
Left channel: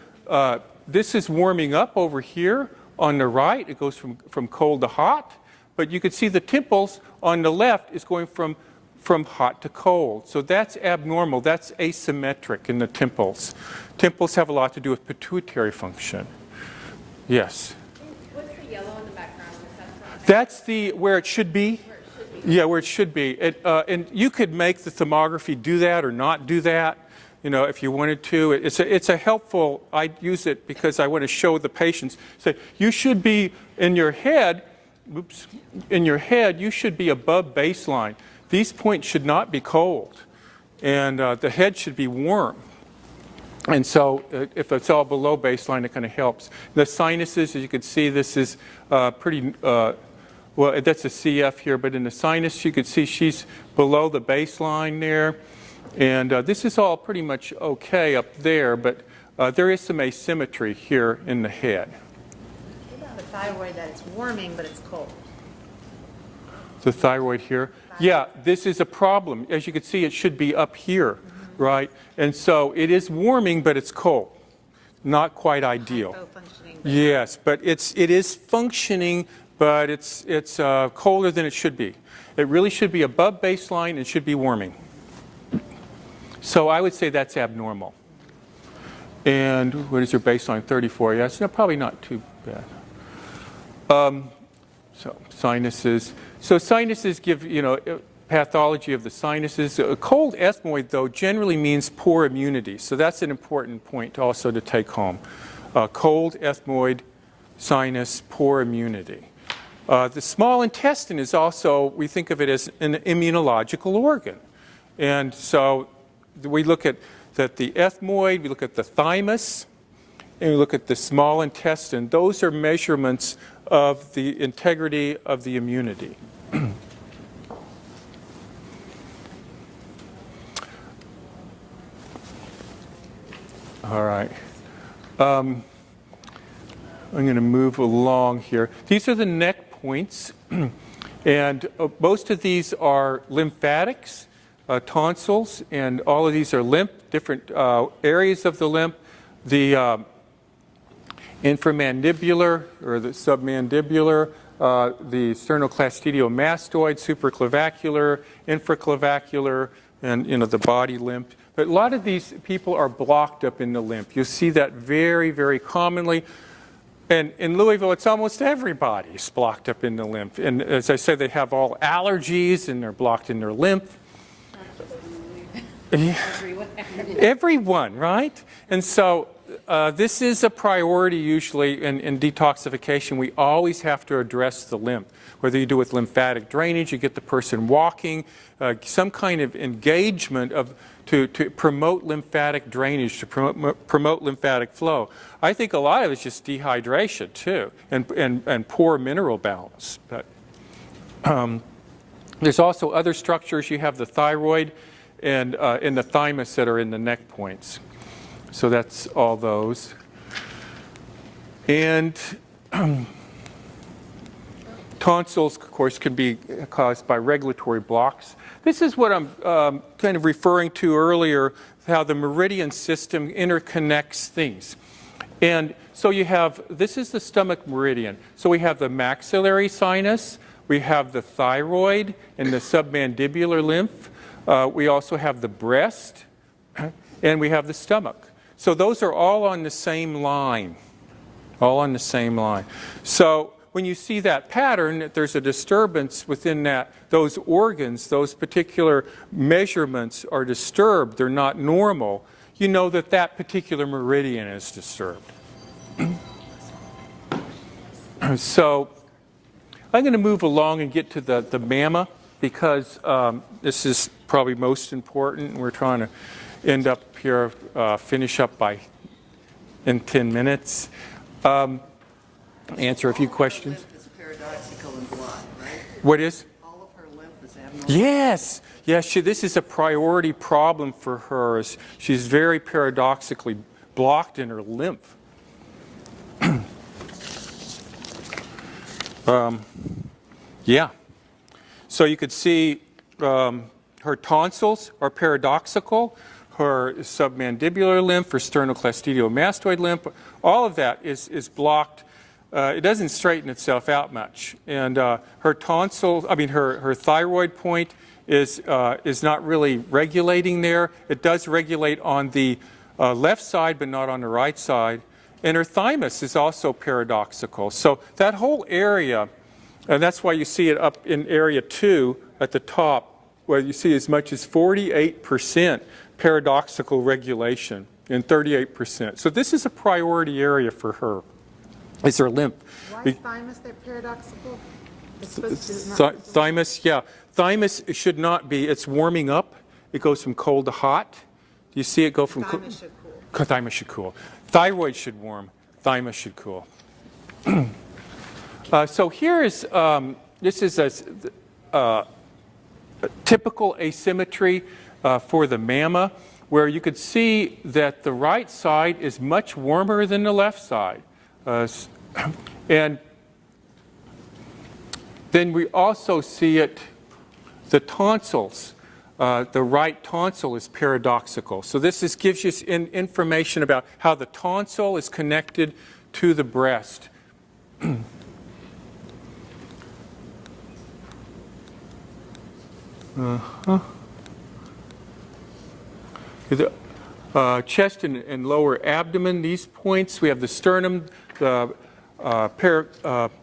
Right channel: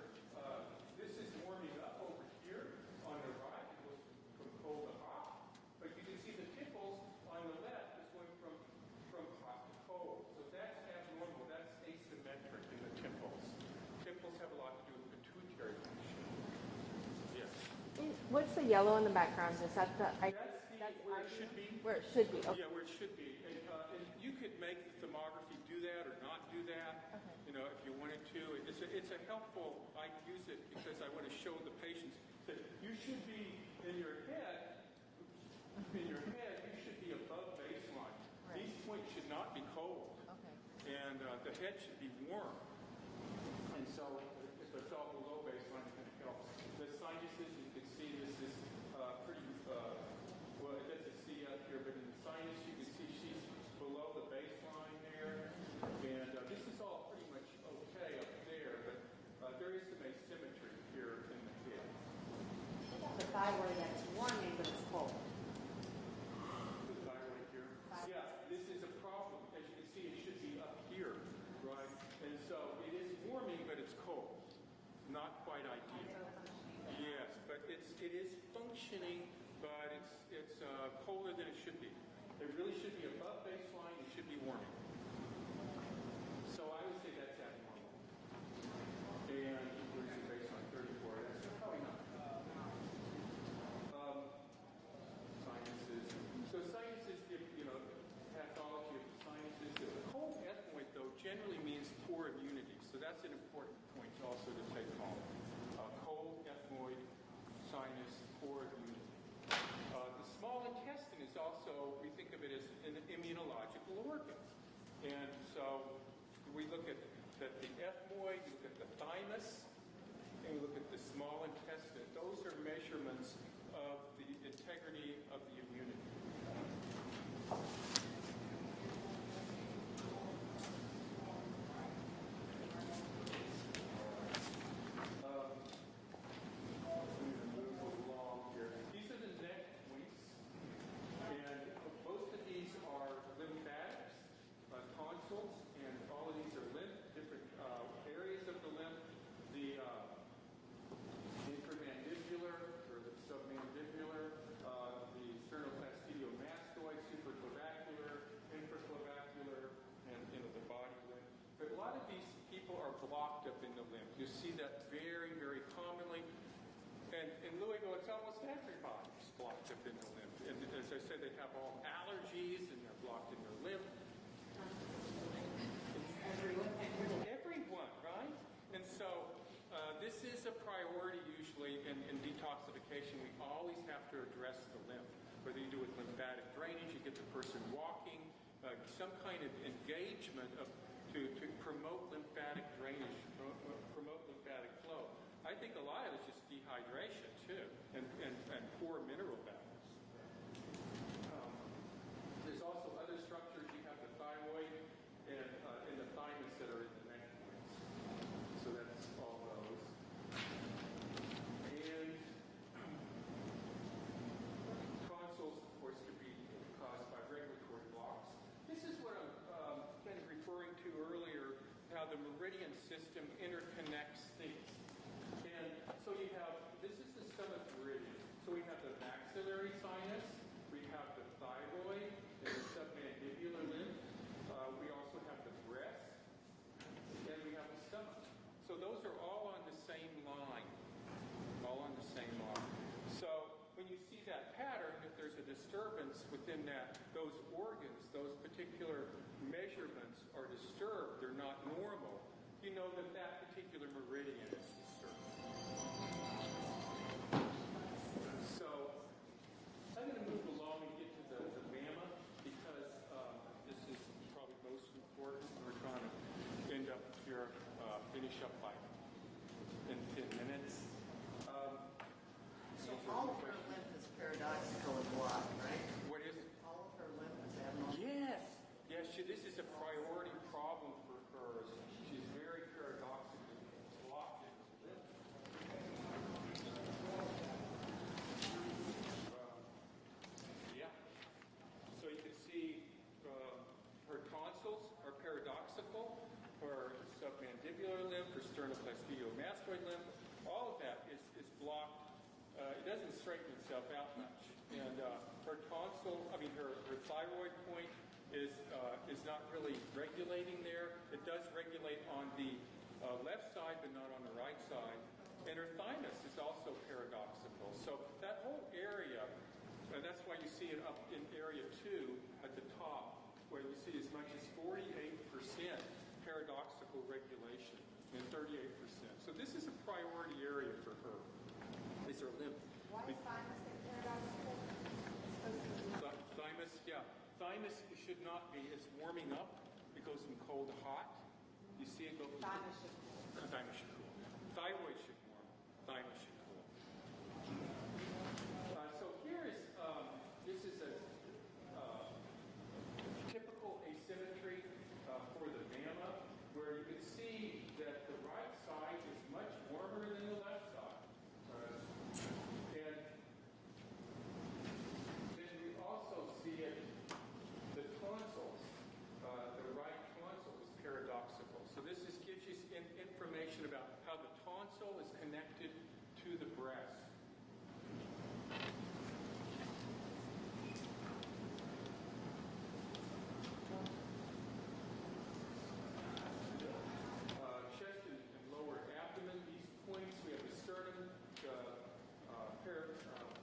this is warming up over here on the right. It goes from cold to hot. But you can see the temples on the left is going from hot to cold. So that's abnormal. That's asymmetric in the temples. Temples have a lot to do with pituitary function. Yes? What's the yellow in the background? Is that That's where it should be. where it should be? Yeah, where it should be. And you could make the thermography do that or not do that, if you wanted to. It's a helpful, I use it because I want to show the patients. Say, you should be in your head, you should be above baseline. These points should not be cold. And the head should be warm. And so if it's all below baseline, it kind of helps. The sinuses, as you can see, this is pretty, well, that's a CF here, but in the sinus, you can see she's below the baseline there. And this is all pretty much okay up there, but there is some asymmetry here in the head. What about the thyroid that it's warming, but it's cold? The thyroid here. Yeah, this is a problem. As you can see, it should be up here, right? And so it is warming, but it's cold. Not quite ideal. Hypo-functioning. Yes, but it is functioning, but it's colder than it should be. It really should be above baseline and should be warming. So I would say that's abnormal. And what is your baseline? 34. Yeah, it's probably not too bad. So sinuses. So sinuses give, pathology of the sinuses. A cold ethmoid, though, generally means poor immunity. So that's an important point also to take home. Cold ethmoid, sinus, poor immunity. The small intestine is also, we think of it as an immunological organ. And so we look at the ethmoid, we look at the thymus, and you look at the small intestine, those are measurements of the integrity of the immunity. All right. I'm going to move along here. These are the neck points, and most of these are lymphatics, tonsils, and all of these are lymph, different areas of the lymph. The inframandibular or the submandibular, the sternocleidomastoid, supraclavicular, infraclavicular, and the body lymph. But a lot of these people are blocked up in the lymph. You see that very, very commonly. And in Louisville, it's almost everybody's blocked up in the lymph. And as I said, they have all allergies and they're blocked in their lymph. Everyone, right? And so this is a priority usually in detoxification. We always have to address the lymph. Whether you do with lymphatic drainage, you get the person walking, some kind of engagement to promote lymphatic drainage, to promote lymphatic flow. I think a lot of it's just dehydration too, and poor mineral balance. But there's also other structures. You have the thyroid and in the thymus that are in the neck points. So that's all those. And tonsils, of course, can be caused by regulatory blocks. This is what I'm kind of referring to earlier, how the meridian system interconnects things. And so you have, this is the stomach meridian. So we have the maxillary sinus, we have the thyroid and the submandibular lymph. We also have the breast, and we have the stomach. So those are all on the same line, all on the same line. So when you see that pattern, there's a disturbance within those organs, those particular measurements are disturbed, they're not normal, you know that particular meridian is disturbed. So I'm going to move along and get to the mamma because this is probably most important. We're trying to end up here, finish up in 10 minutes. Answer a few questions. All of her lymph is paradoxical and blocked, right? What is? All of her lymph is abnormal. Yes. Yes, this is a priority problem for her. She's very paradoxically blocked in her lymph. Yeah. So you could see her tonsils are paradoxical. Her submandibular lymph, her sternocleidomastoid lymph, all of that is blocked. It doesn't straighten itself out much. And her tonsil, her thyroid point is not really regulating there. It does regulate on the left side, but not on the right side. And her thymus is also paradoxical. So that whole area, and that's why you see it up in area 2 at the top, where you see as much as 48% paradoxical regulation and 38%. So this is a priority area for her. Is her lymph. Why is thymus that paradoxical? It's supposed to not Thymus, yeah. Thymus should not be. It's warming up. It goes from cold to hot. Do you see it go from thymus should cool. Thymus should cool. Thyroid should warm. Thymus should cool. So here is, this is a typical asymmetry for the mamma, where you could see that the right side is much warmer than the left side. And then we also see it, the tonsils, the right tonsil is paradoxical. So this gives you information about how the tonsil is connected to the breast. The chest and lower abdomen, these points, we have the sternum, the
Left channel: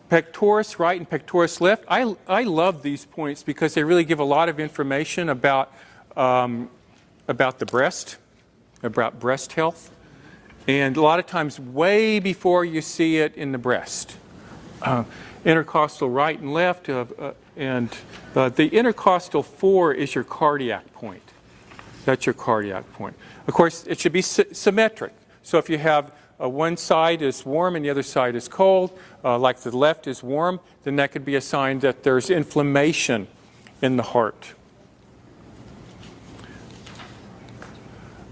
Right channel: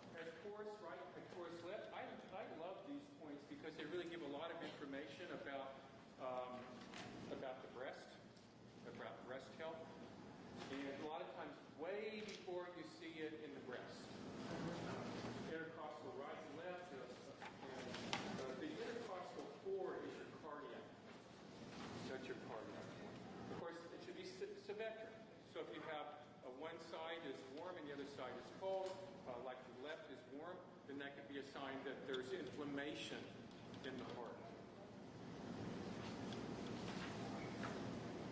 pectoris right and pectoris left. I love these points because they really give a lot of information about the breast, about breast health, and a lot of times way before you see it in the breast. Intercostal right and left, and the intercostal 4 is your cardiac point. That's your cardiac point. Of course, it should be symmetric. So if you have one side is warm and the other side is cold, like the left is warm, then that could be a sign that there's inflammation in the heart.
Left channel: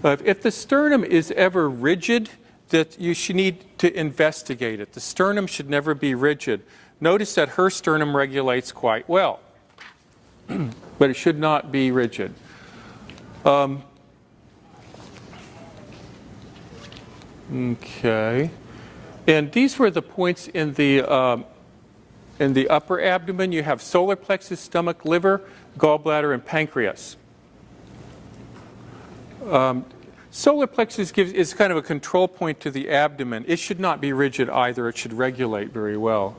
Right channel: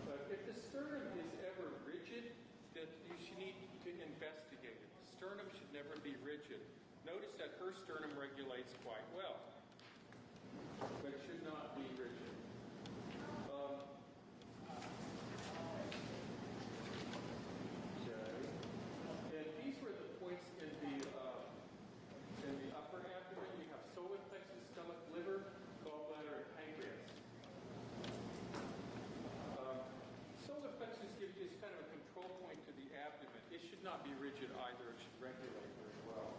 If the sternum is ever rigid, that you should need to investigate it. The sternum should never be rigid. Notice that her sternum regulates quite well, but it should not be rigid. Okay, and these were the points in the upper abdomen. You have solar plexus, stomach, liver, gallbladder, and pancreas. Solar plexus is kind of a control point to the abdomen. It should not be rigid either. It should regulate very well.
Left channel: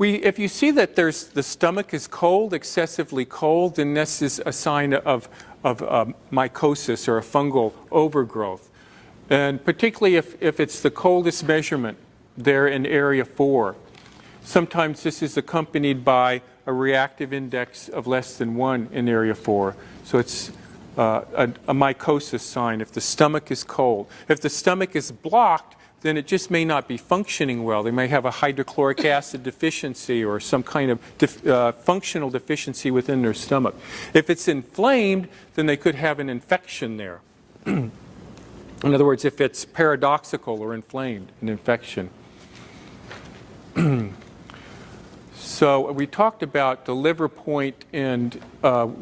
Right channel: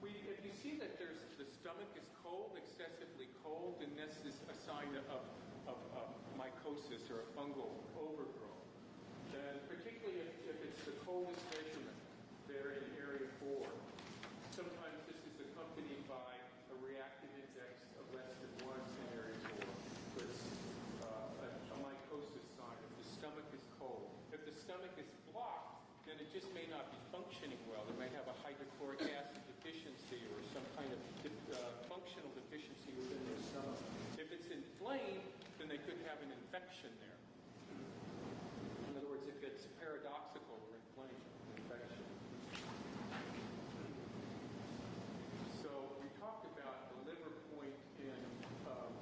If you see that the stomach is cold, excessively cold, then this is a sign of mycosis or a fungal overgrowth. And particularly if it's the coldest measurement there in area 4. Sometimes this is accompanied by a reactive index of less than 1 in area 4. So it's a mycosis sign if the stomach is cold. If the stomach is blocked, then it just may not be functioning well. They may have a hydrochloric acid deficiency or some kind of functional deficiency within their stomach. If it's inflamed, then they could have an infection there. In other words, if it's paradoxical or inflamed, an infection. So we talked about the liver point, and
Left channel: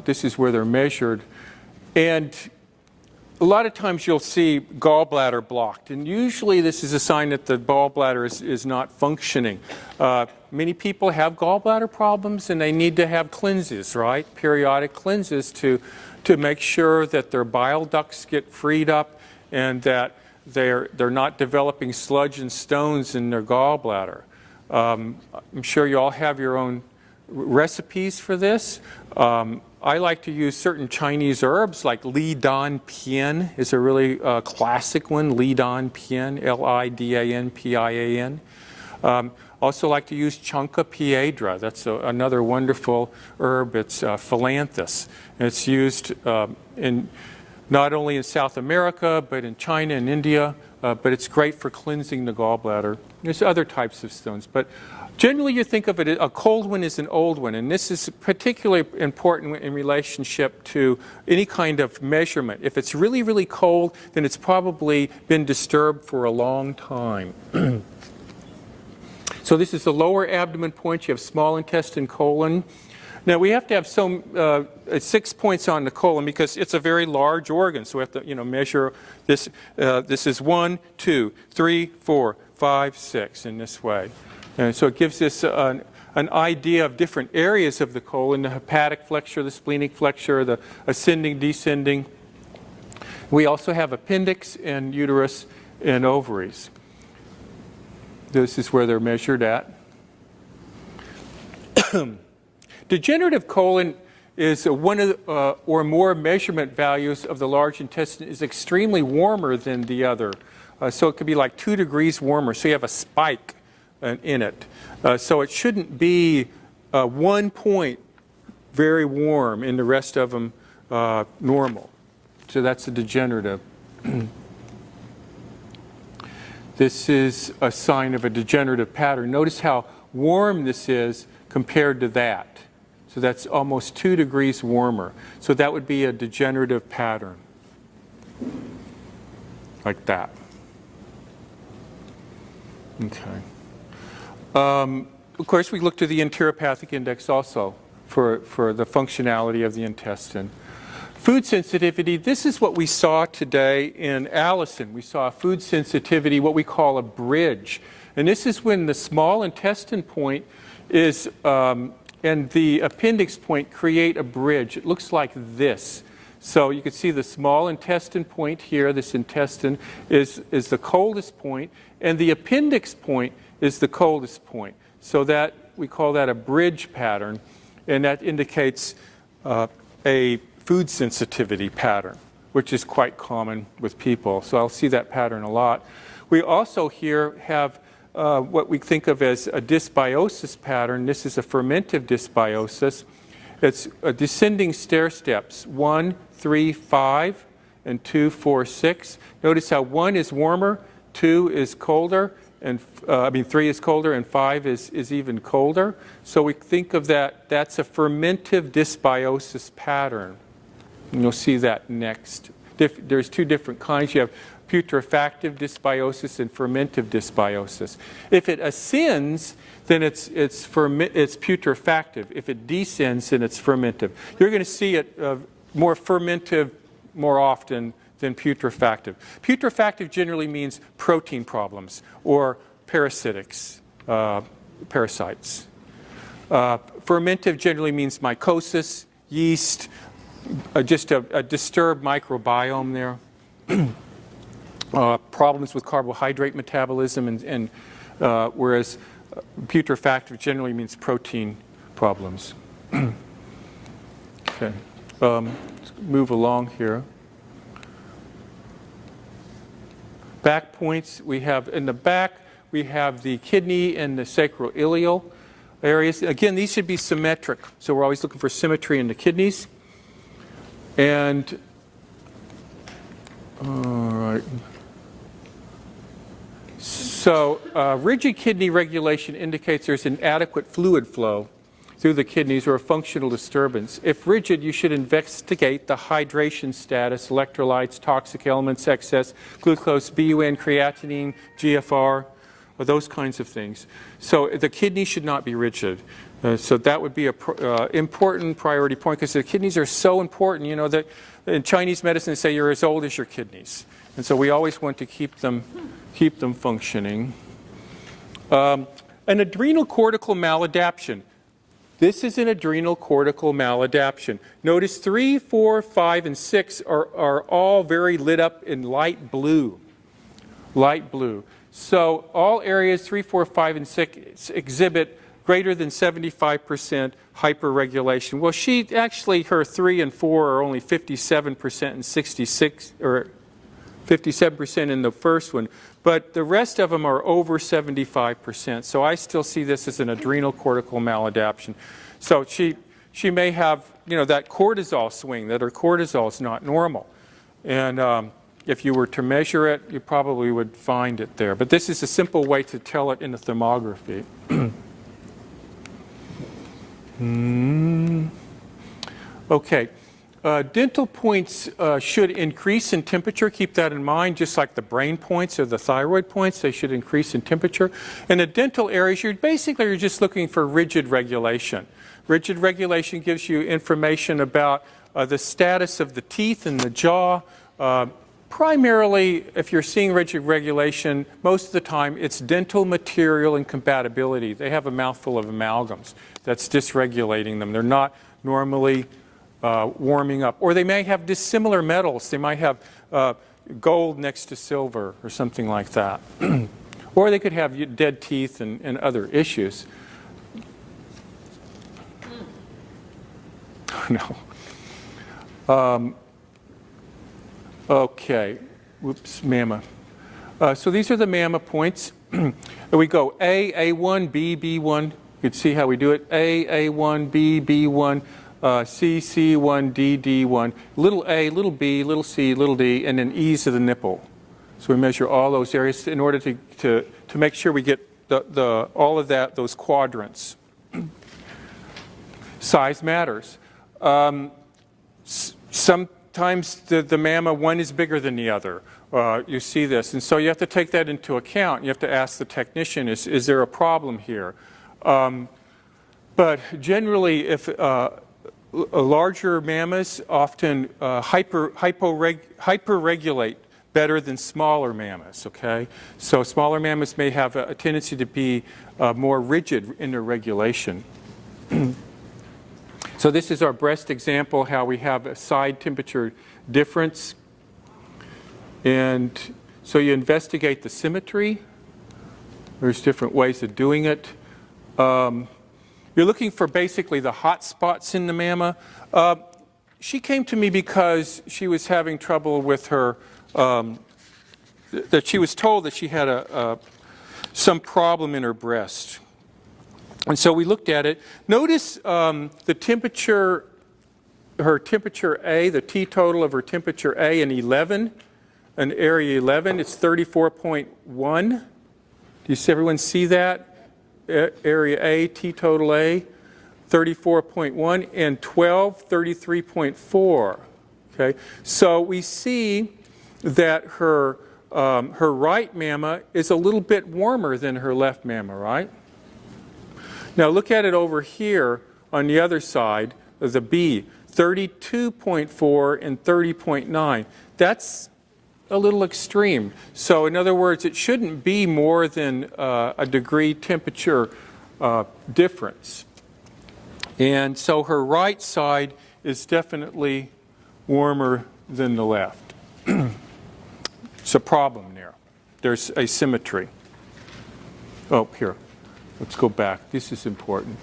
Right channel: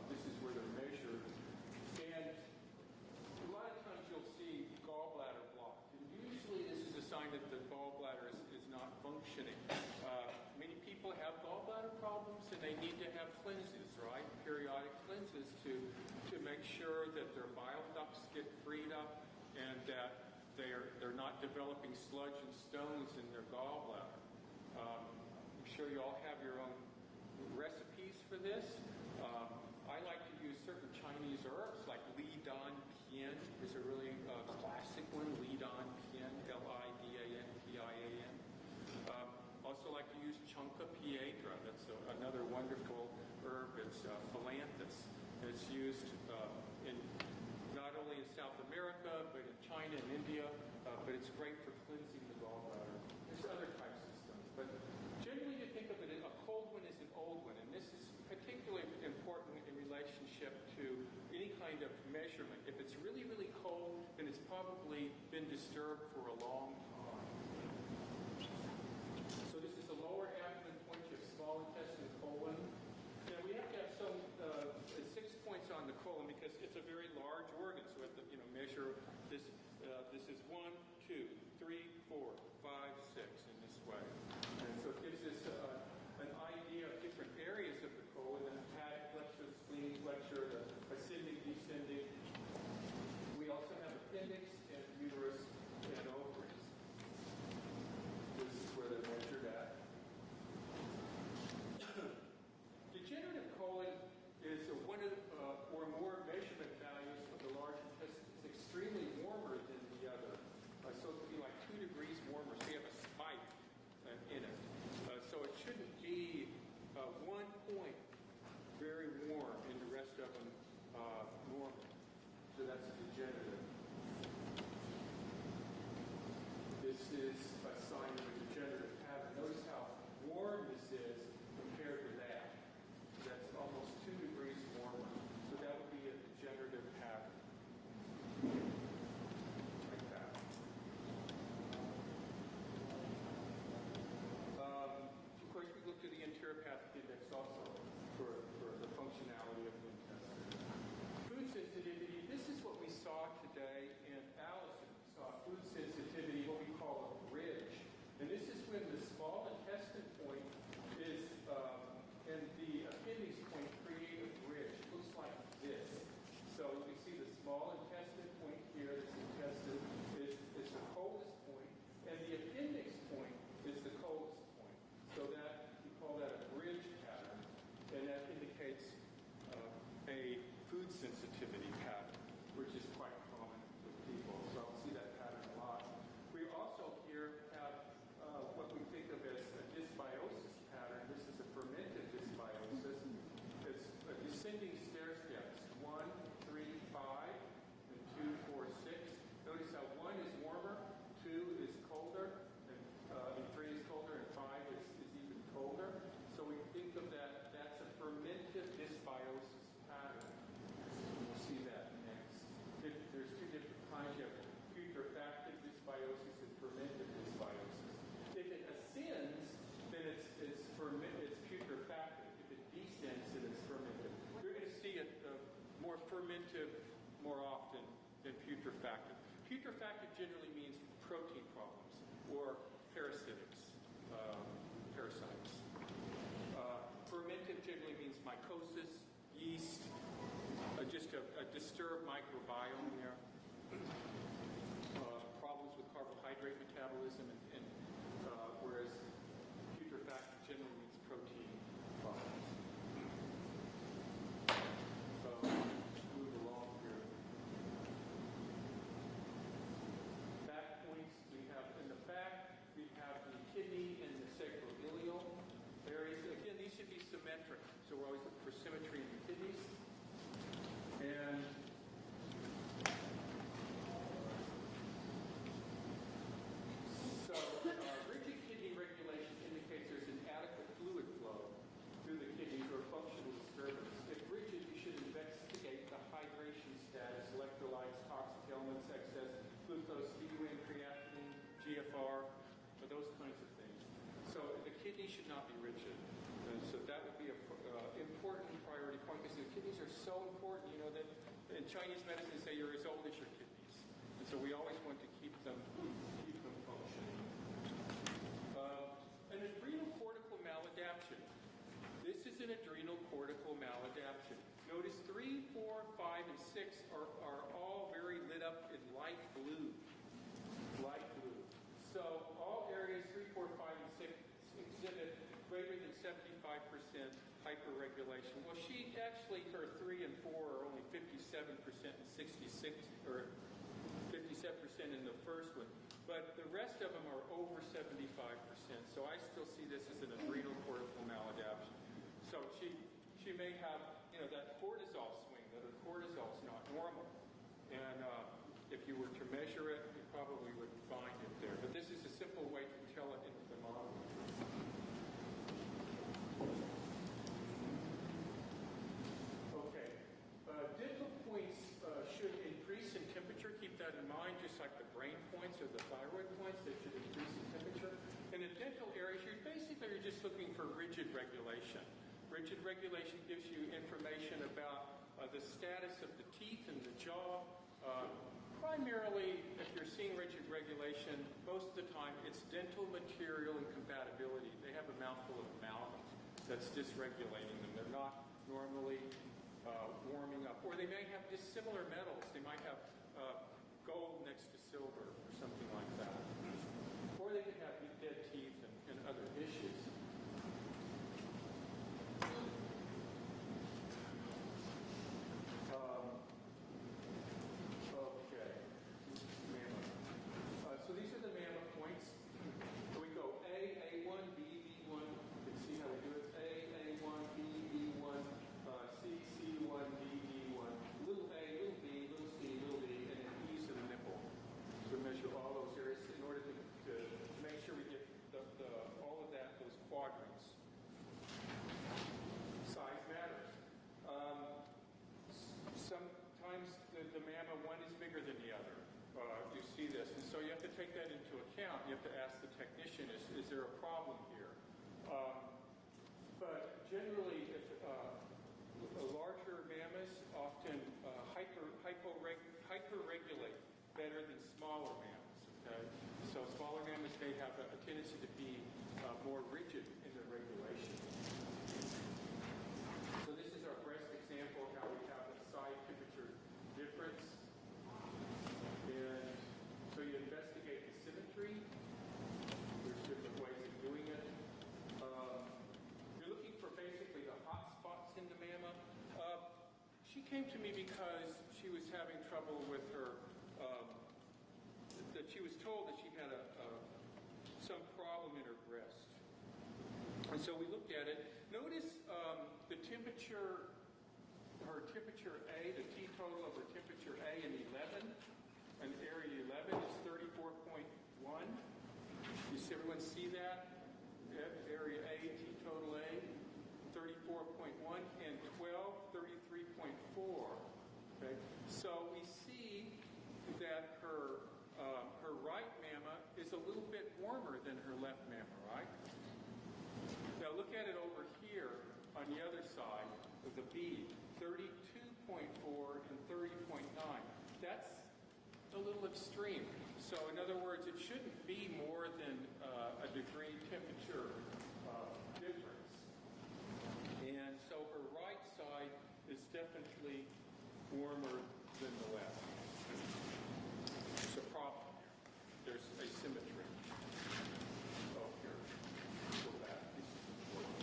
this is where they're measured. And a lot of times you'll see gallbladder blocked, and usually this is a sign that the gallbladder is not functioning. Many people have gallbladder problems, and they need to have cleanses, right? Periodic cleanses to make sure that their bile ducts get freed up and that they're not developing sludge and stones in their gallbladder. I'm sure you all have your own recipes for this. I like to use certain Chinese herbs like Li Dan Pian is a really classic one, Li Dan Pian, Lidanpian. Also like to use Chunca piedra. That's another wonderful herb. It's Philanthus. And it's used not only in South America, but in China and India. But it's great for cleansing the gallbladder. There's other types of stones. But generally, you think of it, a cold one is an old one, and this is particularly important in relationship to any kind of measurement. If it's really, really cold, then it's probably been disturbed for a long time. So this is the lower abdomen point. You have small intestine, colon. Now, we have to have 6 points on the colon because it's a very large organ. So we have to measure this. This is 1, 2, 3, 4, 5, 6 in this way. And so it gives us an idea of different areas of the colon, the hepatic flexure, the splenic flexure, the ascending, descending. We also have appendix and uterus and ovaries. This is where they're measured at. Degenerative colon is one of the, or more measurement values of the large intestine is extremely warmer than the other. So it could be like 2 degrees warmer. So you have a spike in it. So it shouldn't be 1 point very warm and the rest of them normal. So that's the degenerative. This is a sign of a degenerative pattern. Notice how warm this is compared to that. So that's almost 2 degrees warmer. So that would be a degenerative pattern, like that. Okay. Of course, we look to the enteropathic index also for the functionality of the intestine. Food sensitivity, this is what we saw today in Allison. We saw food sensitivity, what we call a bridge. And this is when the small intestine point is, and the appendix point create a bridge. It looks like this. So you can see the small intestine point here, this intestine, is the coldest point, and the appendix point is the coldest point. So that, we call that a bridge pattern, and that indicates a food sensitivity pattern, which is quite common with people. So I'll see that pattern a lot. We also here have what we think of as a dysbiosis pattern. This is a fermentive dysbiosis. It's a descending stair steps, 1, 3, 5, and 2, 4, 6. Notice how 1 is warmer, 2 is colder, and 3 is colder, and 5 is even colder. So we think of that, that's a fermentive dysbiosis pattern. And you'll see that next. There's two different kinds. You have putrefactive dysbiosis and fermentive dysbiosis. If it ascends, then it's putrefactive. If it descends, then it's fermentive. You're going to see it more fermentive more often than putrefactive. Putrefactive generally means protein problems or parasitics, parasites. Fermentive generally means mycosis, yeast, just a disturbed microbiome there. Problems with carbohydrate metabolism, and whereas putrefactive generally means protein problems. Okay, let's move along here. Back points, we have in the back, we have the kidney and the sacroiliac areas. Again, these should be symmetric, so we're always looking for symmetry in the kidneys. And, all right. So rigid kidney regulation indicates there's an adequate fluid flow through the kidneys or a functional disturbance. If rigid, you should investigate the hydration status, electrolytes, toxic elements, excess, glucose, BUN, creatinine, GFR, or those kinds of things. So the kidney should not be rigid. So that would be an important priority point, because the kidneys are so important. You know, that in Chinese medicine they say you're as old as your kidneys. And so we always want to keep them functioning. An adrenal cortical maladaptation. This is an adrenal cortical maladaptation. Notice 3, 4, 5, and 6 are all very lit up in light blue. Light blue. So all areas 3, 4, 5, and 6 exhibit greater than 75% hyperregulation. Well, her 3 and 4 are only 57% and 66, or 57% in the first one, but the rest of them are over 75%. So I still see this as an adrenal cortical maladaptation. So she may have, you know, that cortisol swing, that her cortisol is not normal. And if you were to measure it, you probably would find it there. But this is a simple way to tell it in the thermography. Okay. Dental points should increase in temperature. Keep that in mind, just like the brain points or the thyroid points, they should increase in temperature. In the dental areas, you're just looking for rigid regulation. Rigid regulation gives you information about the status of the teeth and the jaw. Primarily, if you're seeing rigid regulation, most of the time it's dental material incompatibility. They have a mouthful of amalgams that's dysregulating them. They're not normally warming up. Or they may have dissimilar metals. They might have gold next to silver or something like that. Or they could have dead teeth and other issues. No. Okay. Whoops, mamma. So these are the mamma points. We go A, A1, B, B1. You can see how we do it. A, A1, B, B1. C, C1, D, D1, little a, little b, little c, little d, and then E's of the nipple. So we measure all those areas in order to make sure we get all of those quadrants. Size matters. Sometimes the mamma, one is bigger than the other. You see this, and so you have to take that into account. You have to ask the technician, is there a problem here? But generally, if larger mammas often hyperregulate better than smaller mammas, okay? So smaller mammas may have a tendency to be more rigid in their regulation. So this is our breast example, how we have a side temperature difference. And so you investigate the symmetry. There's different ways of doing it. You're looking for basically the hot spots in the mamma. She came to me because she was having trouble with her, that she was told that she had some problem in her breast. And so we looked at it. Notice the temperature, her temperature A, the T total of her temperature A in 11. in area 11, it's 34.1. Do you see, everyone see that? Area A, T total A, 34.1, and 12, 33.4. Okay, so we see that her right mamma is a little bit warmer than her left mamma, right? Now look at it over here on the other side of the B, 32.4 and 30.9. That's a little extreme. So in other words, it shouldn't be more than a degree temperature difference. And so her right side is definitely warmer than the left. It's a problem there. There's asymmetry. Oh, here. Let's go back. This is important.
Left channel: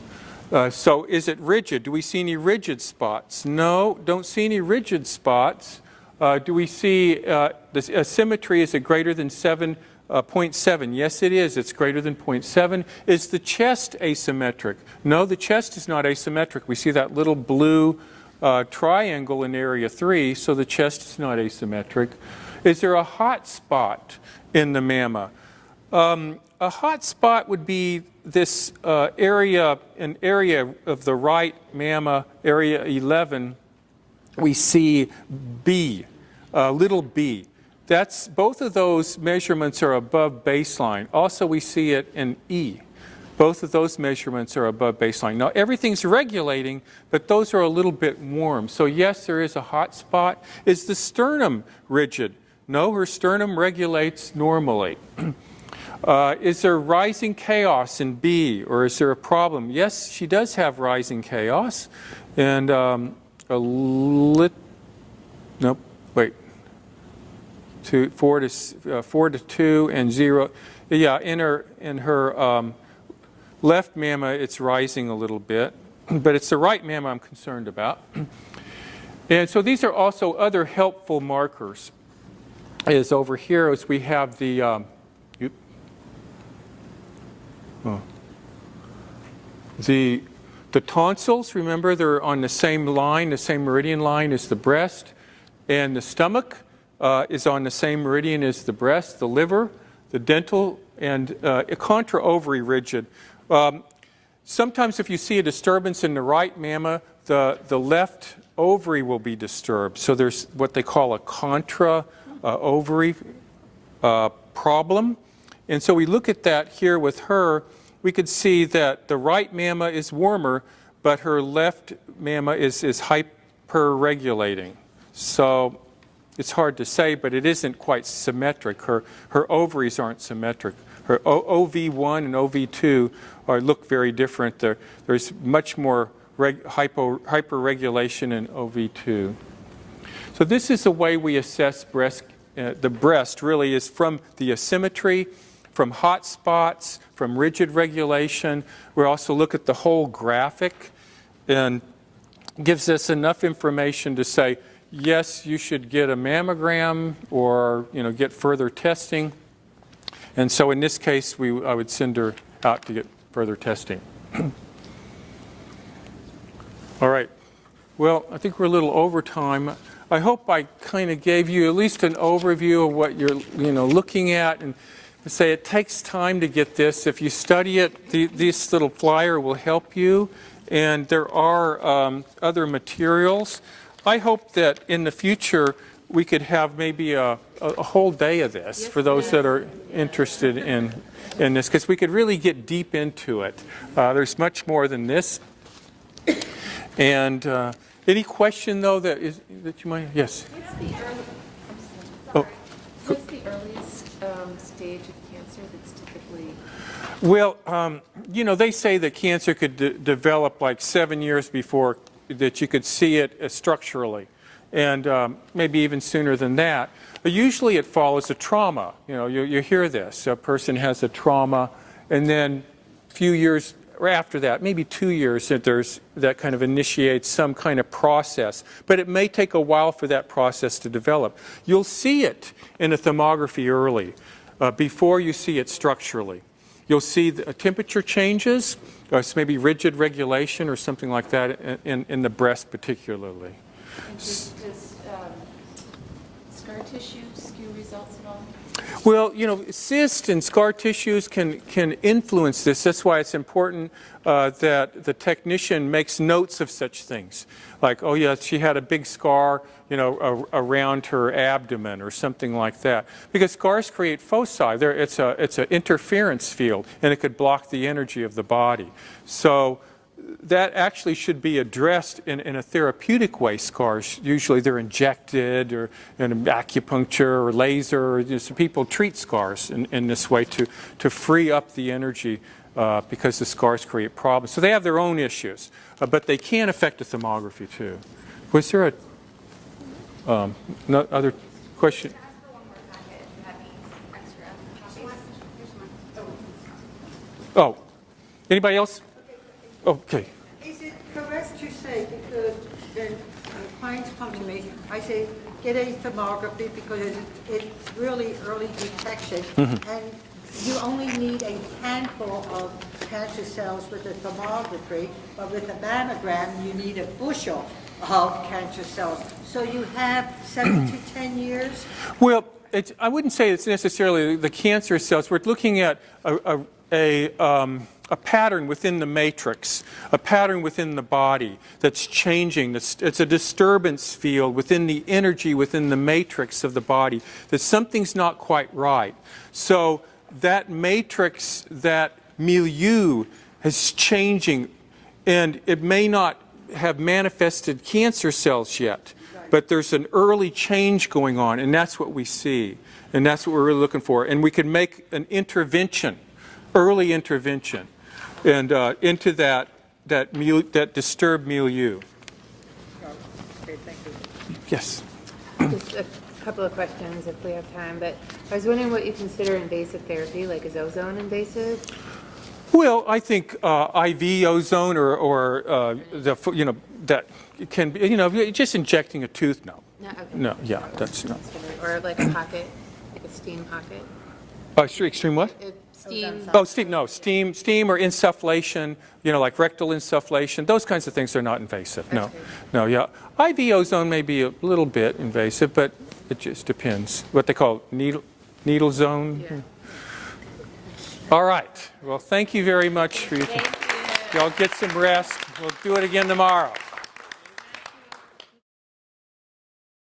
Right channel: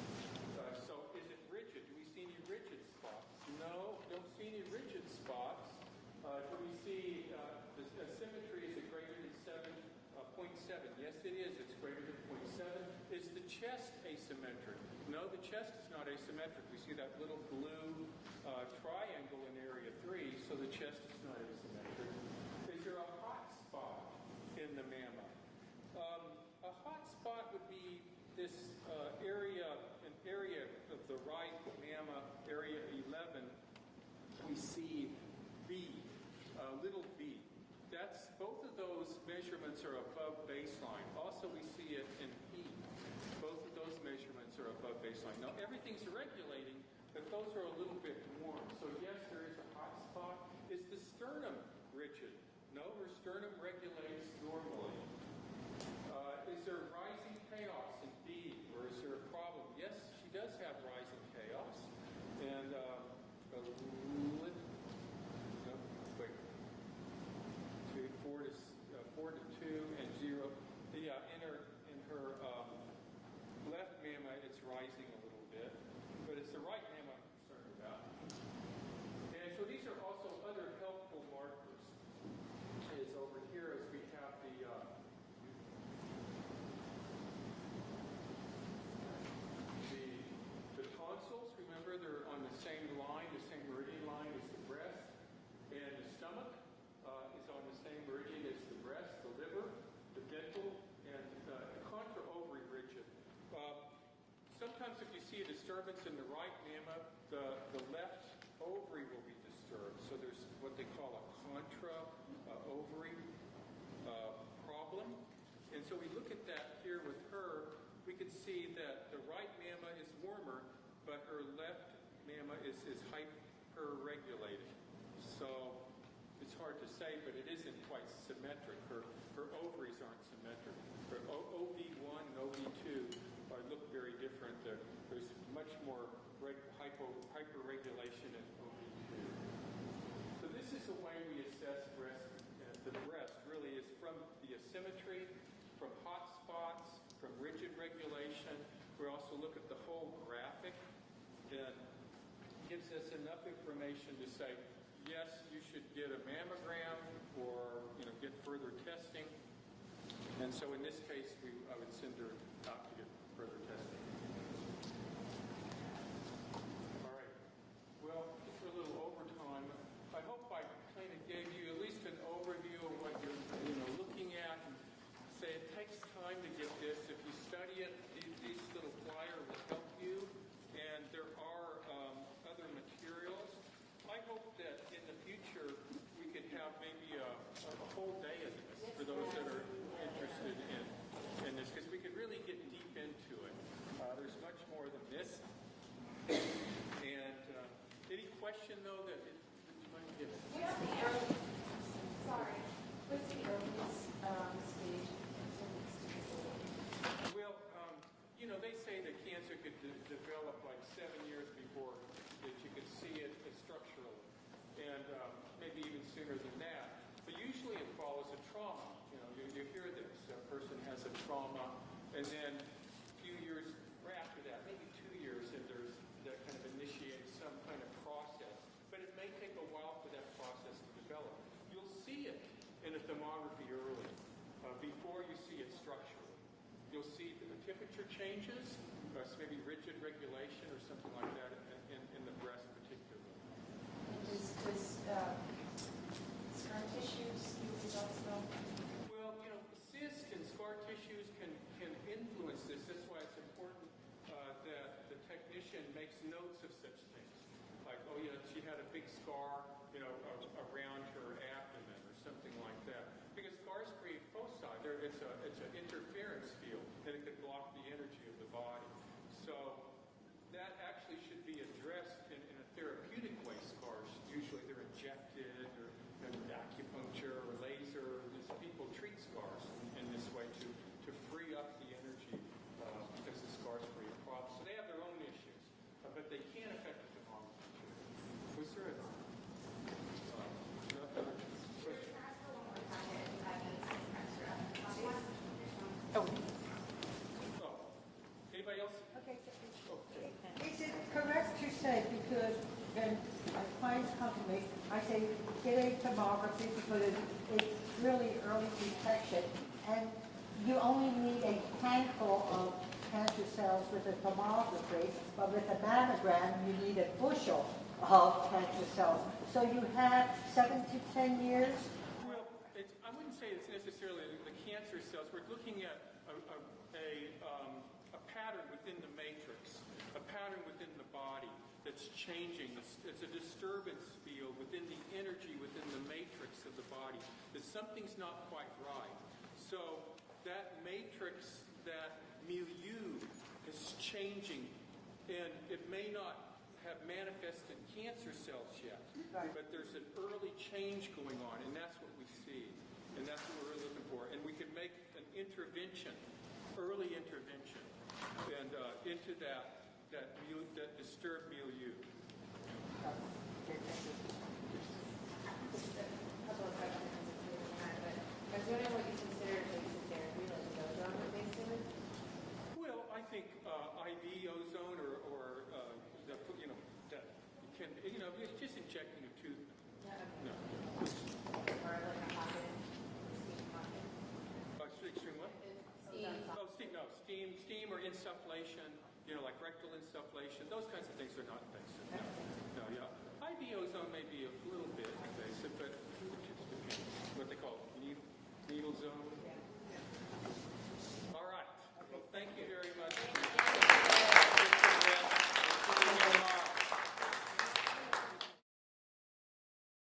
So is it rigid? Do we see any rigid spots? No, don't see any rigid spots. Do we see the asymmetry, is it greater than 7.7? Yes, it is. It's greater than 0.7. Is the chest asymmetric? No, the chest is not asymmetric. We see that little blue triangle in area 3, so the chest is not asymmetric. Is there a hot spot in the mamma? A hot spot would be this area, an area of the right mamma, area 11. We see B, little b. That's, both of those measurements are above baseline. Also, we see it in E. Both of those measurements are above baseline. Now, everything's regulating, but those are a little bit warm. So yes, there is a hot spot. Is the sternum rigid? No, her sternum regulates normally. Is there rising chaos in B, or is there a problem? Yes, she does have rising chaos. And nope, wait. 4 to 2 and 0. Yeah, in her left mamma, it's rising a little bit, but it's the right mamma I'm concerned about. And so these are also other helpful markers. Is over here as we have the the tonsils. Remember, they're on the same line, the same meridian line as the breast, and the stomach is on the same meridian as the breast, the liver, the dental, and contra ovary rigid. Sometimes if you see a disturbance in the right mamma, the left ovary will be disturbed. So there's what they call a contra ovary problem. And so we look at that here with her. We could see that the right mamma is warmer, but her left mamma is hyperregulating. So it's hard to say, but it isn't quite symmetric. Her ovaries aren't symmetric. Her OV1 and OV2 look very different. There's much more hyperregulation in OV2. So this is the way we assess breast. The breast really is from the asymmetry, from hot spots, from rigid regulation. We also look at the whole graphic and gives us enough information to say, yes, you should get a mammogram or get further testing. And so in this case, I would send her out to get further testing. All right. Well, I think we're a little over time. I hope I kind of gave you at least an overview of what you're looking at, and say it takes time to get this. If you study it, this little flyer will help you, and there are other materials. I hope that in the future we could have maybe a whole day of this for those that are interested in this, because we could really get deep into it. There's much more than this. And any question though that you might? Yes. What's the earliest stage of cancer that's typically? Well, they say that cancer could develop like 7 years before that you could see it structurally, and maybe even sooner than that. But usually it follows a trauma. You hear this. A person has a trauma, and then a few years after that, maybe 2 years, that kind of initiates some kind of process. But it may take a while for that process to develop. You'll see it in a thermography early, before you see it structurally. You'll see the temperature changes, or maybe rigid regulation or something like that in the breast particularly. Does scar tissue skew Well, you know, cysts and scar tissues can influence this. That's why it's important that the technician makes notes of such things. Like, oh yeah, she had a big scar, you know, around her abdomen or something like that. Because scars create foci. It's an interference field, and it could block the energy of the body. So that actually should be addressed in a therapeutic way. Scars, usually they're injected or in acupuncture or laser. Or just people treat scars in this way to free up the energy because the scars create problems. So they have their own issues, but they can affect the thermography too. Was there a no other question? Oh, anybody else? Okay. Is it correct to say, because when clients come to me, I say, get a thermography because it's really early detection, and you only need a handful of cancer cells with a thermography, but with a mammogram, you need a bushel of cancer cells. So you have 7 to 10 years? Well, I wouldn't say it's necessarily the cancer cells. We're looking at a pattern within the matrix, a pattern within the body that's changing. It's a disturbance field within the energy within the matrix of the body, that something's not quite right. So that matrix, that milieu is changing, and it may not have manifested cancer cells yet, but there's an early change going on, and that's what we see, and that's what we're really looking for. And we can make an intervention, early intervention, and into that disturbed milieu. Great, thank you. Yes. Just a couple of questions if we have time, but I was wondering what you consider invasive therapy, like is ozone invasive? Well, I think IV ozone or that can be, just injecting a tooth. No. No, okay. No. Yeah, that's not. Or like a pocket, like a steam pocket? Extreme what? Steam. Oh, steam. No, steam or insufflation. Like rectal insufflation. Those kinds of things are not invasive. No. Okay. No. Yeah. IV ozone may be a little bit invasive, but it just depends. What they call needle zone. Yeah. All right. Well, thank you very much for your. Y'all get some rest. We'll do it again tomorrow.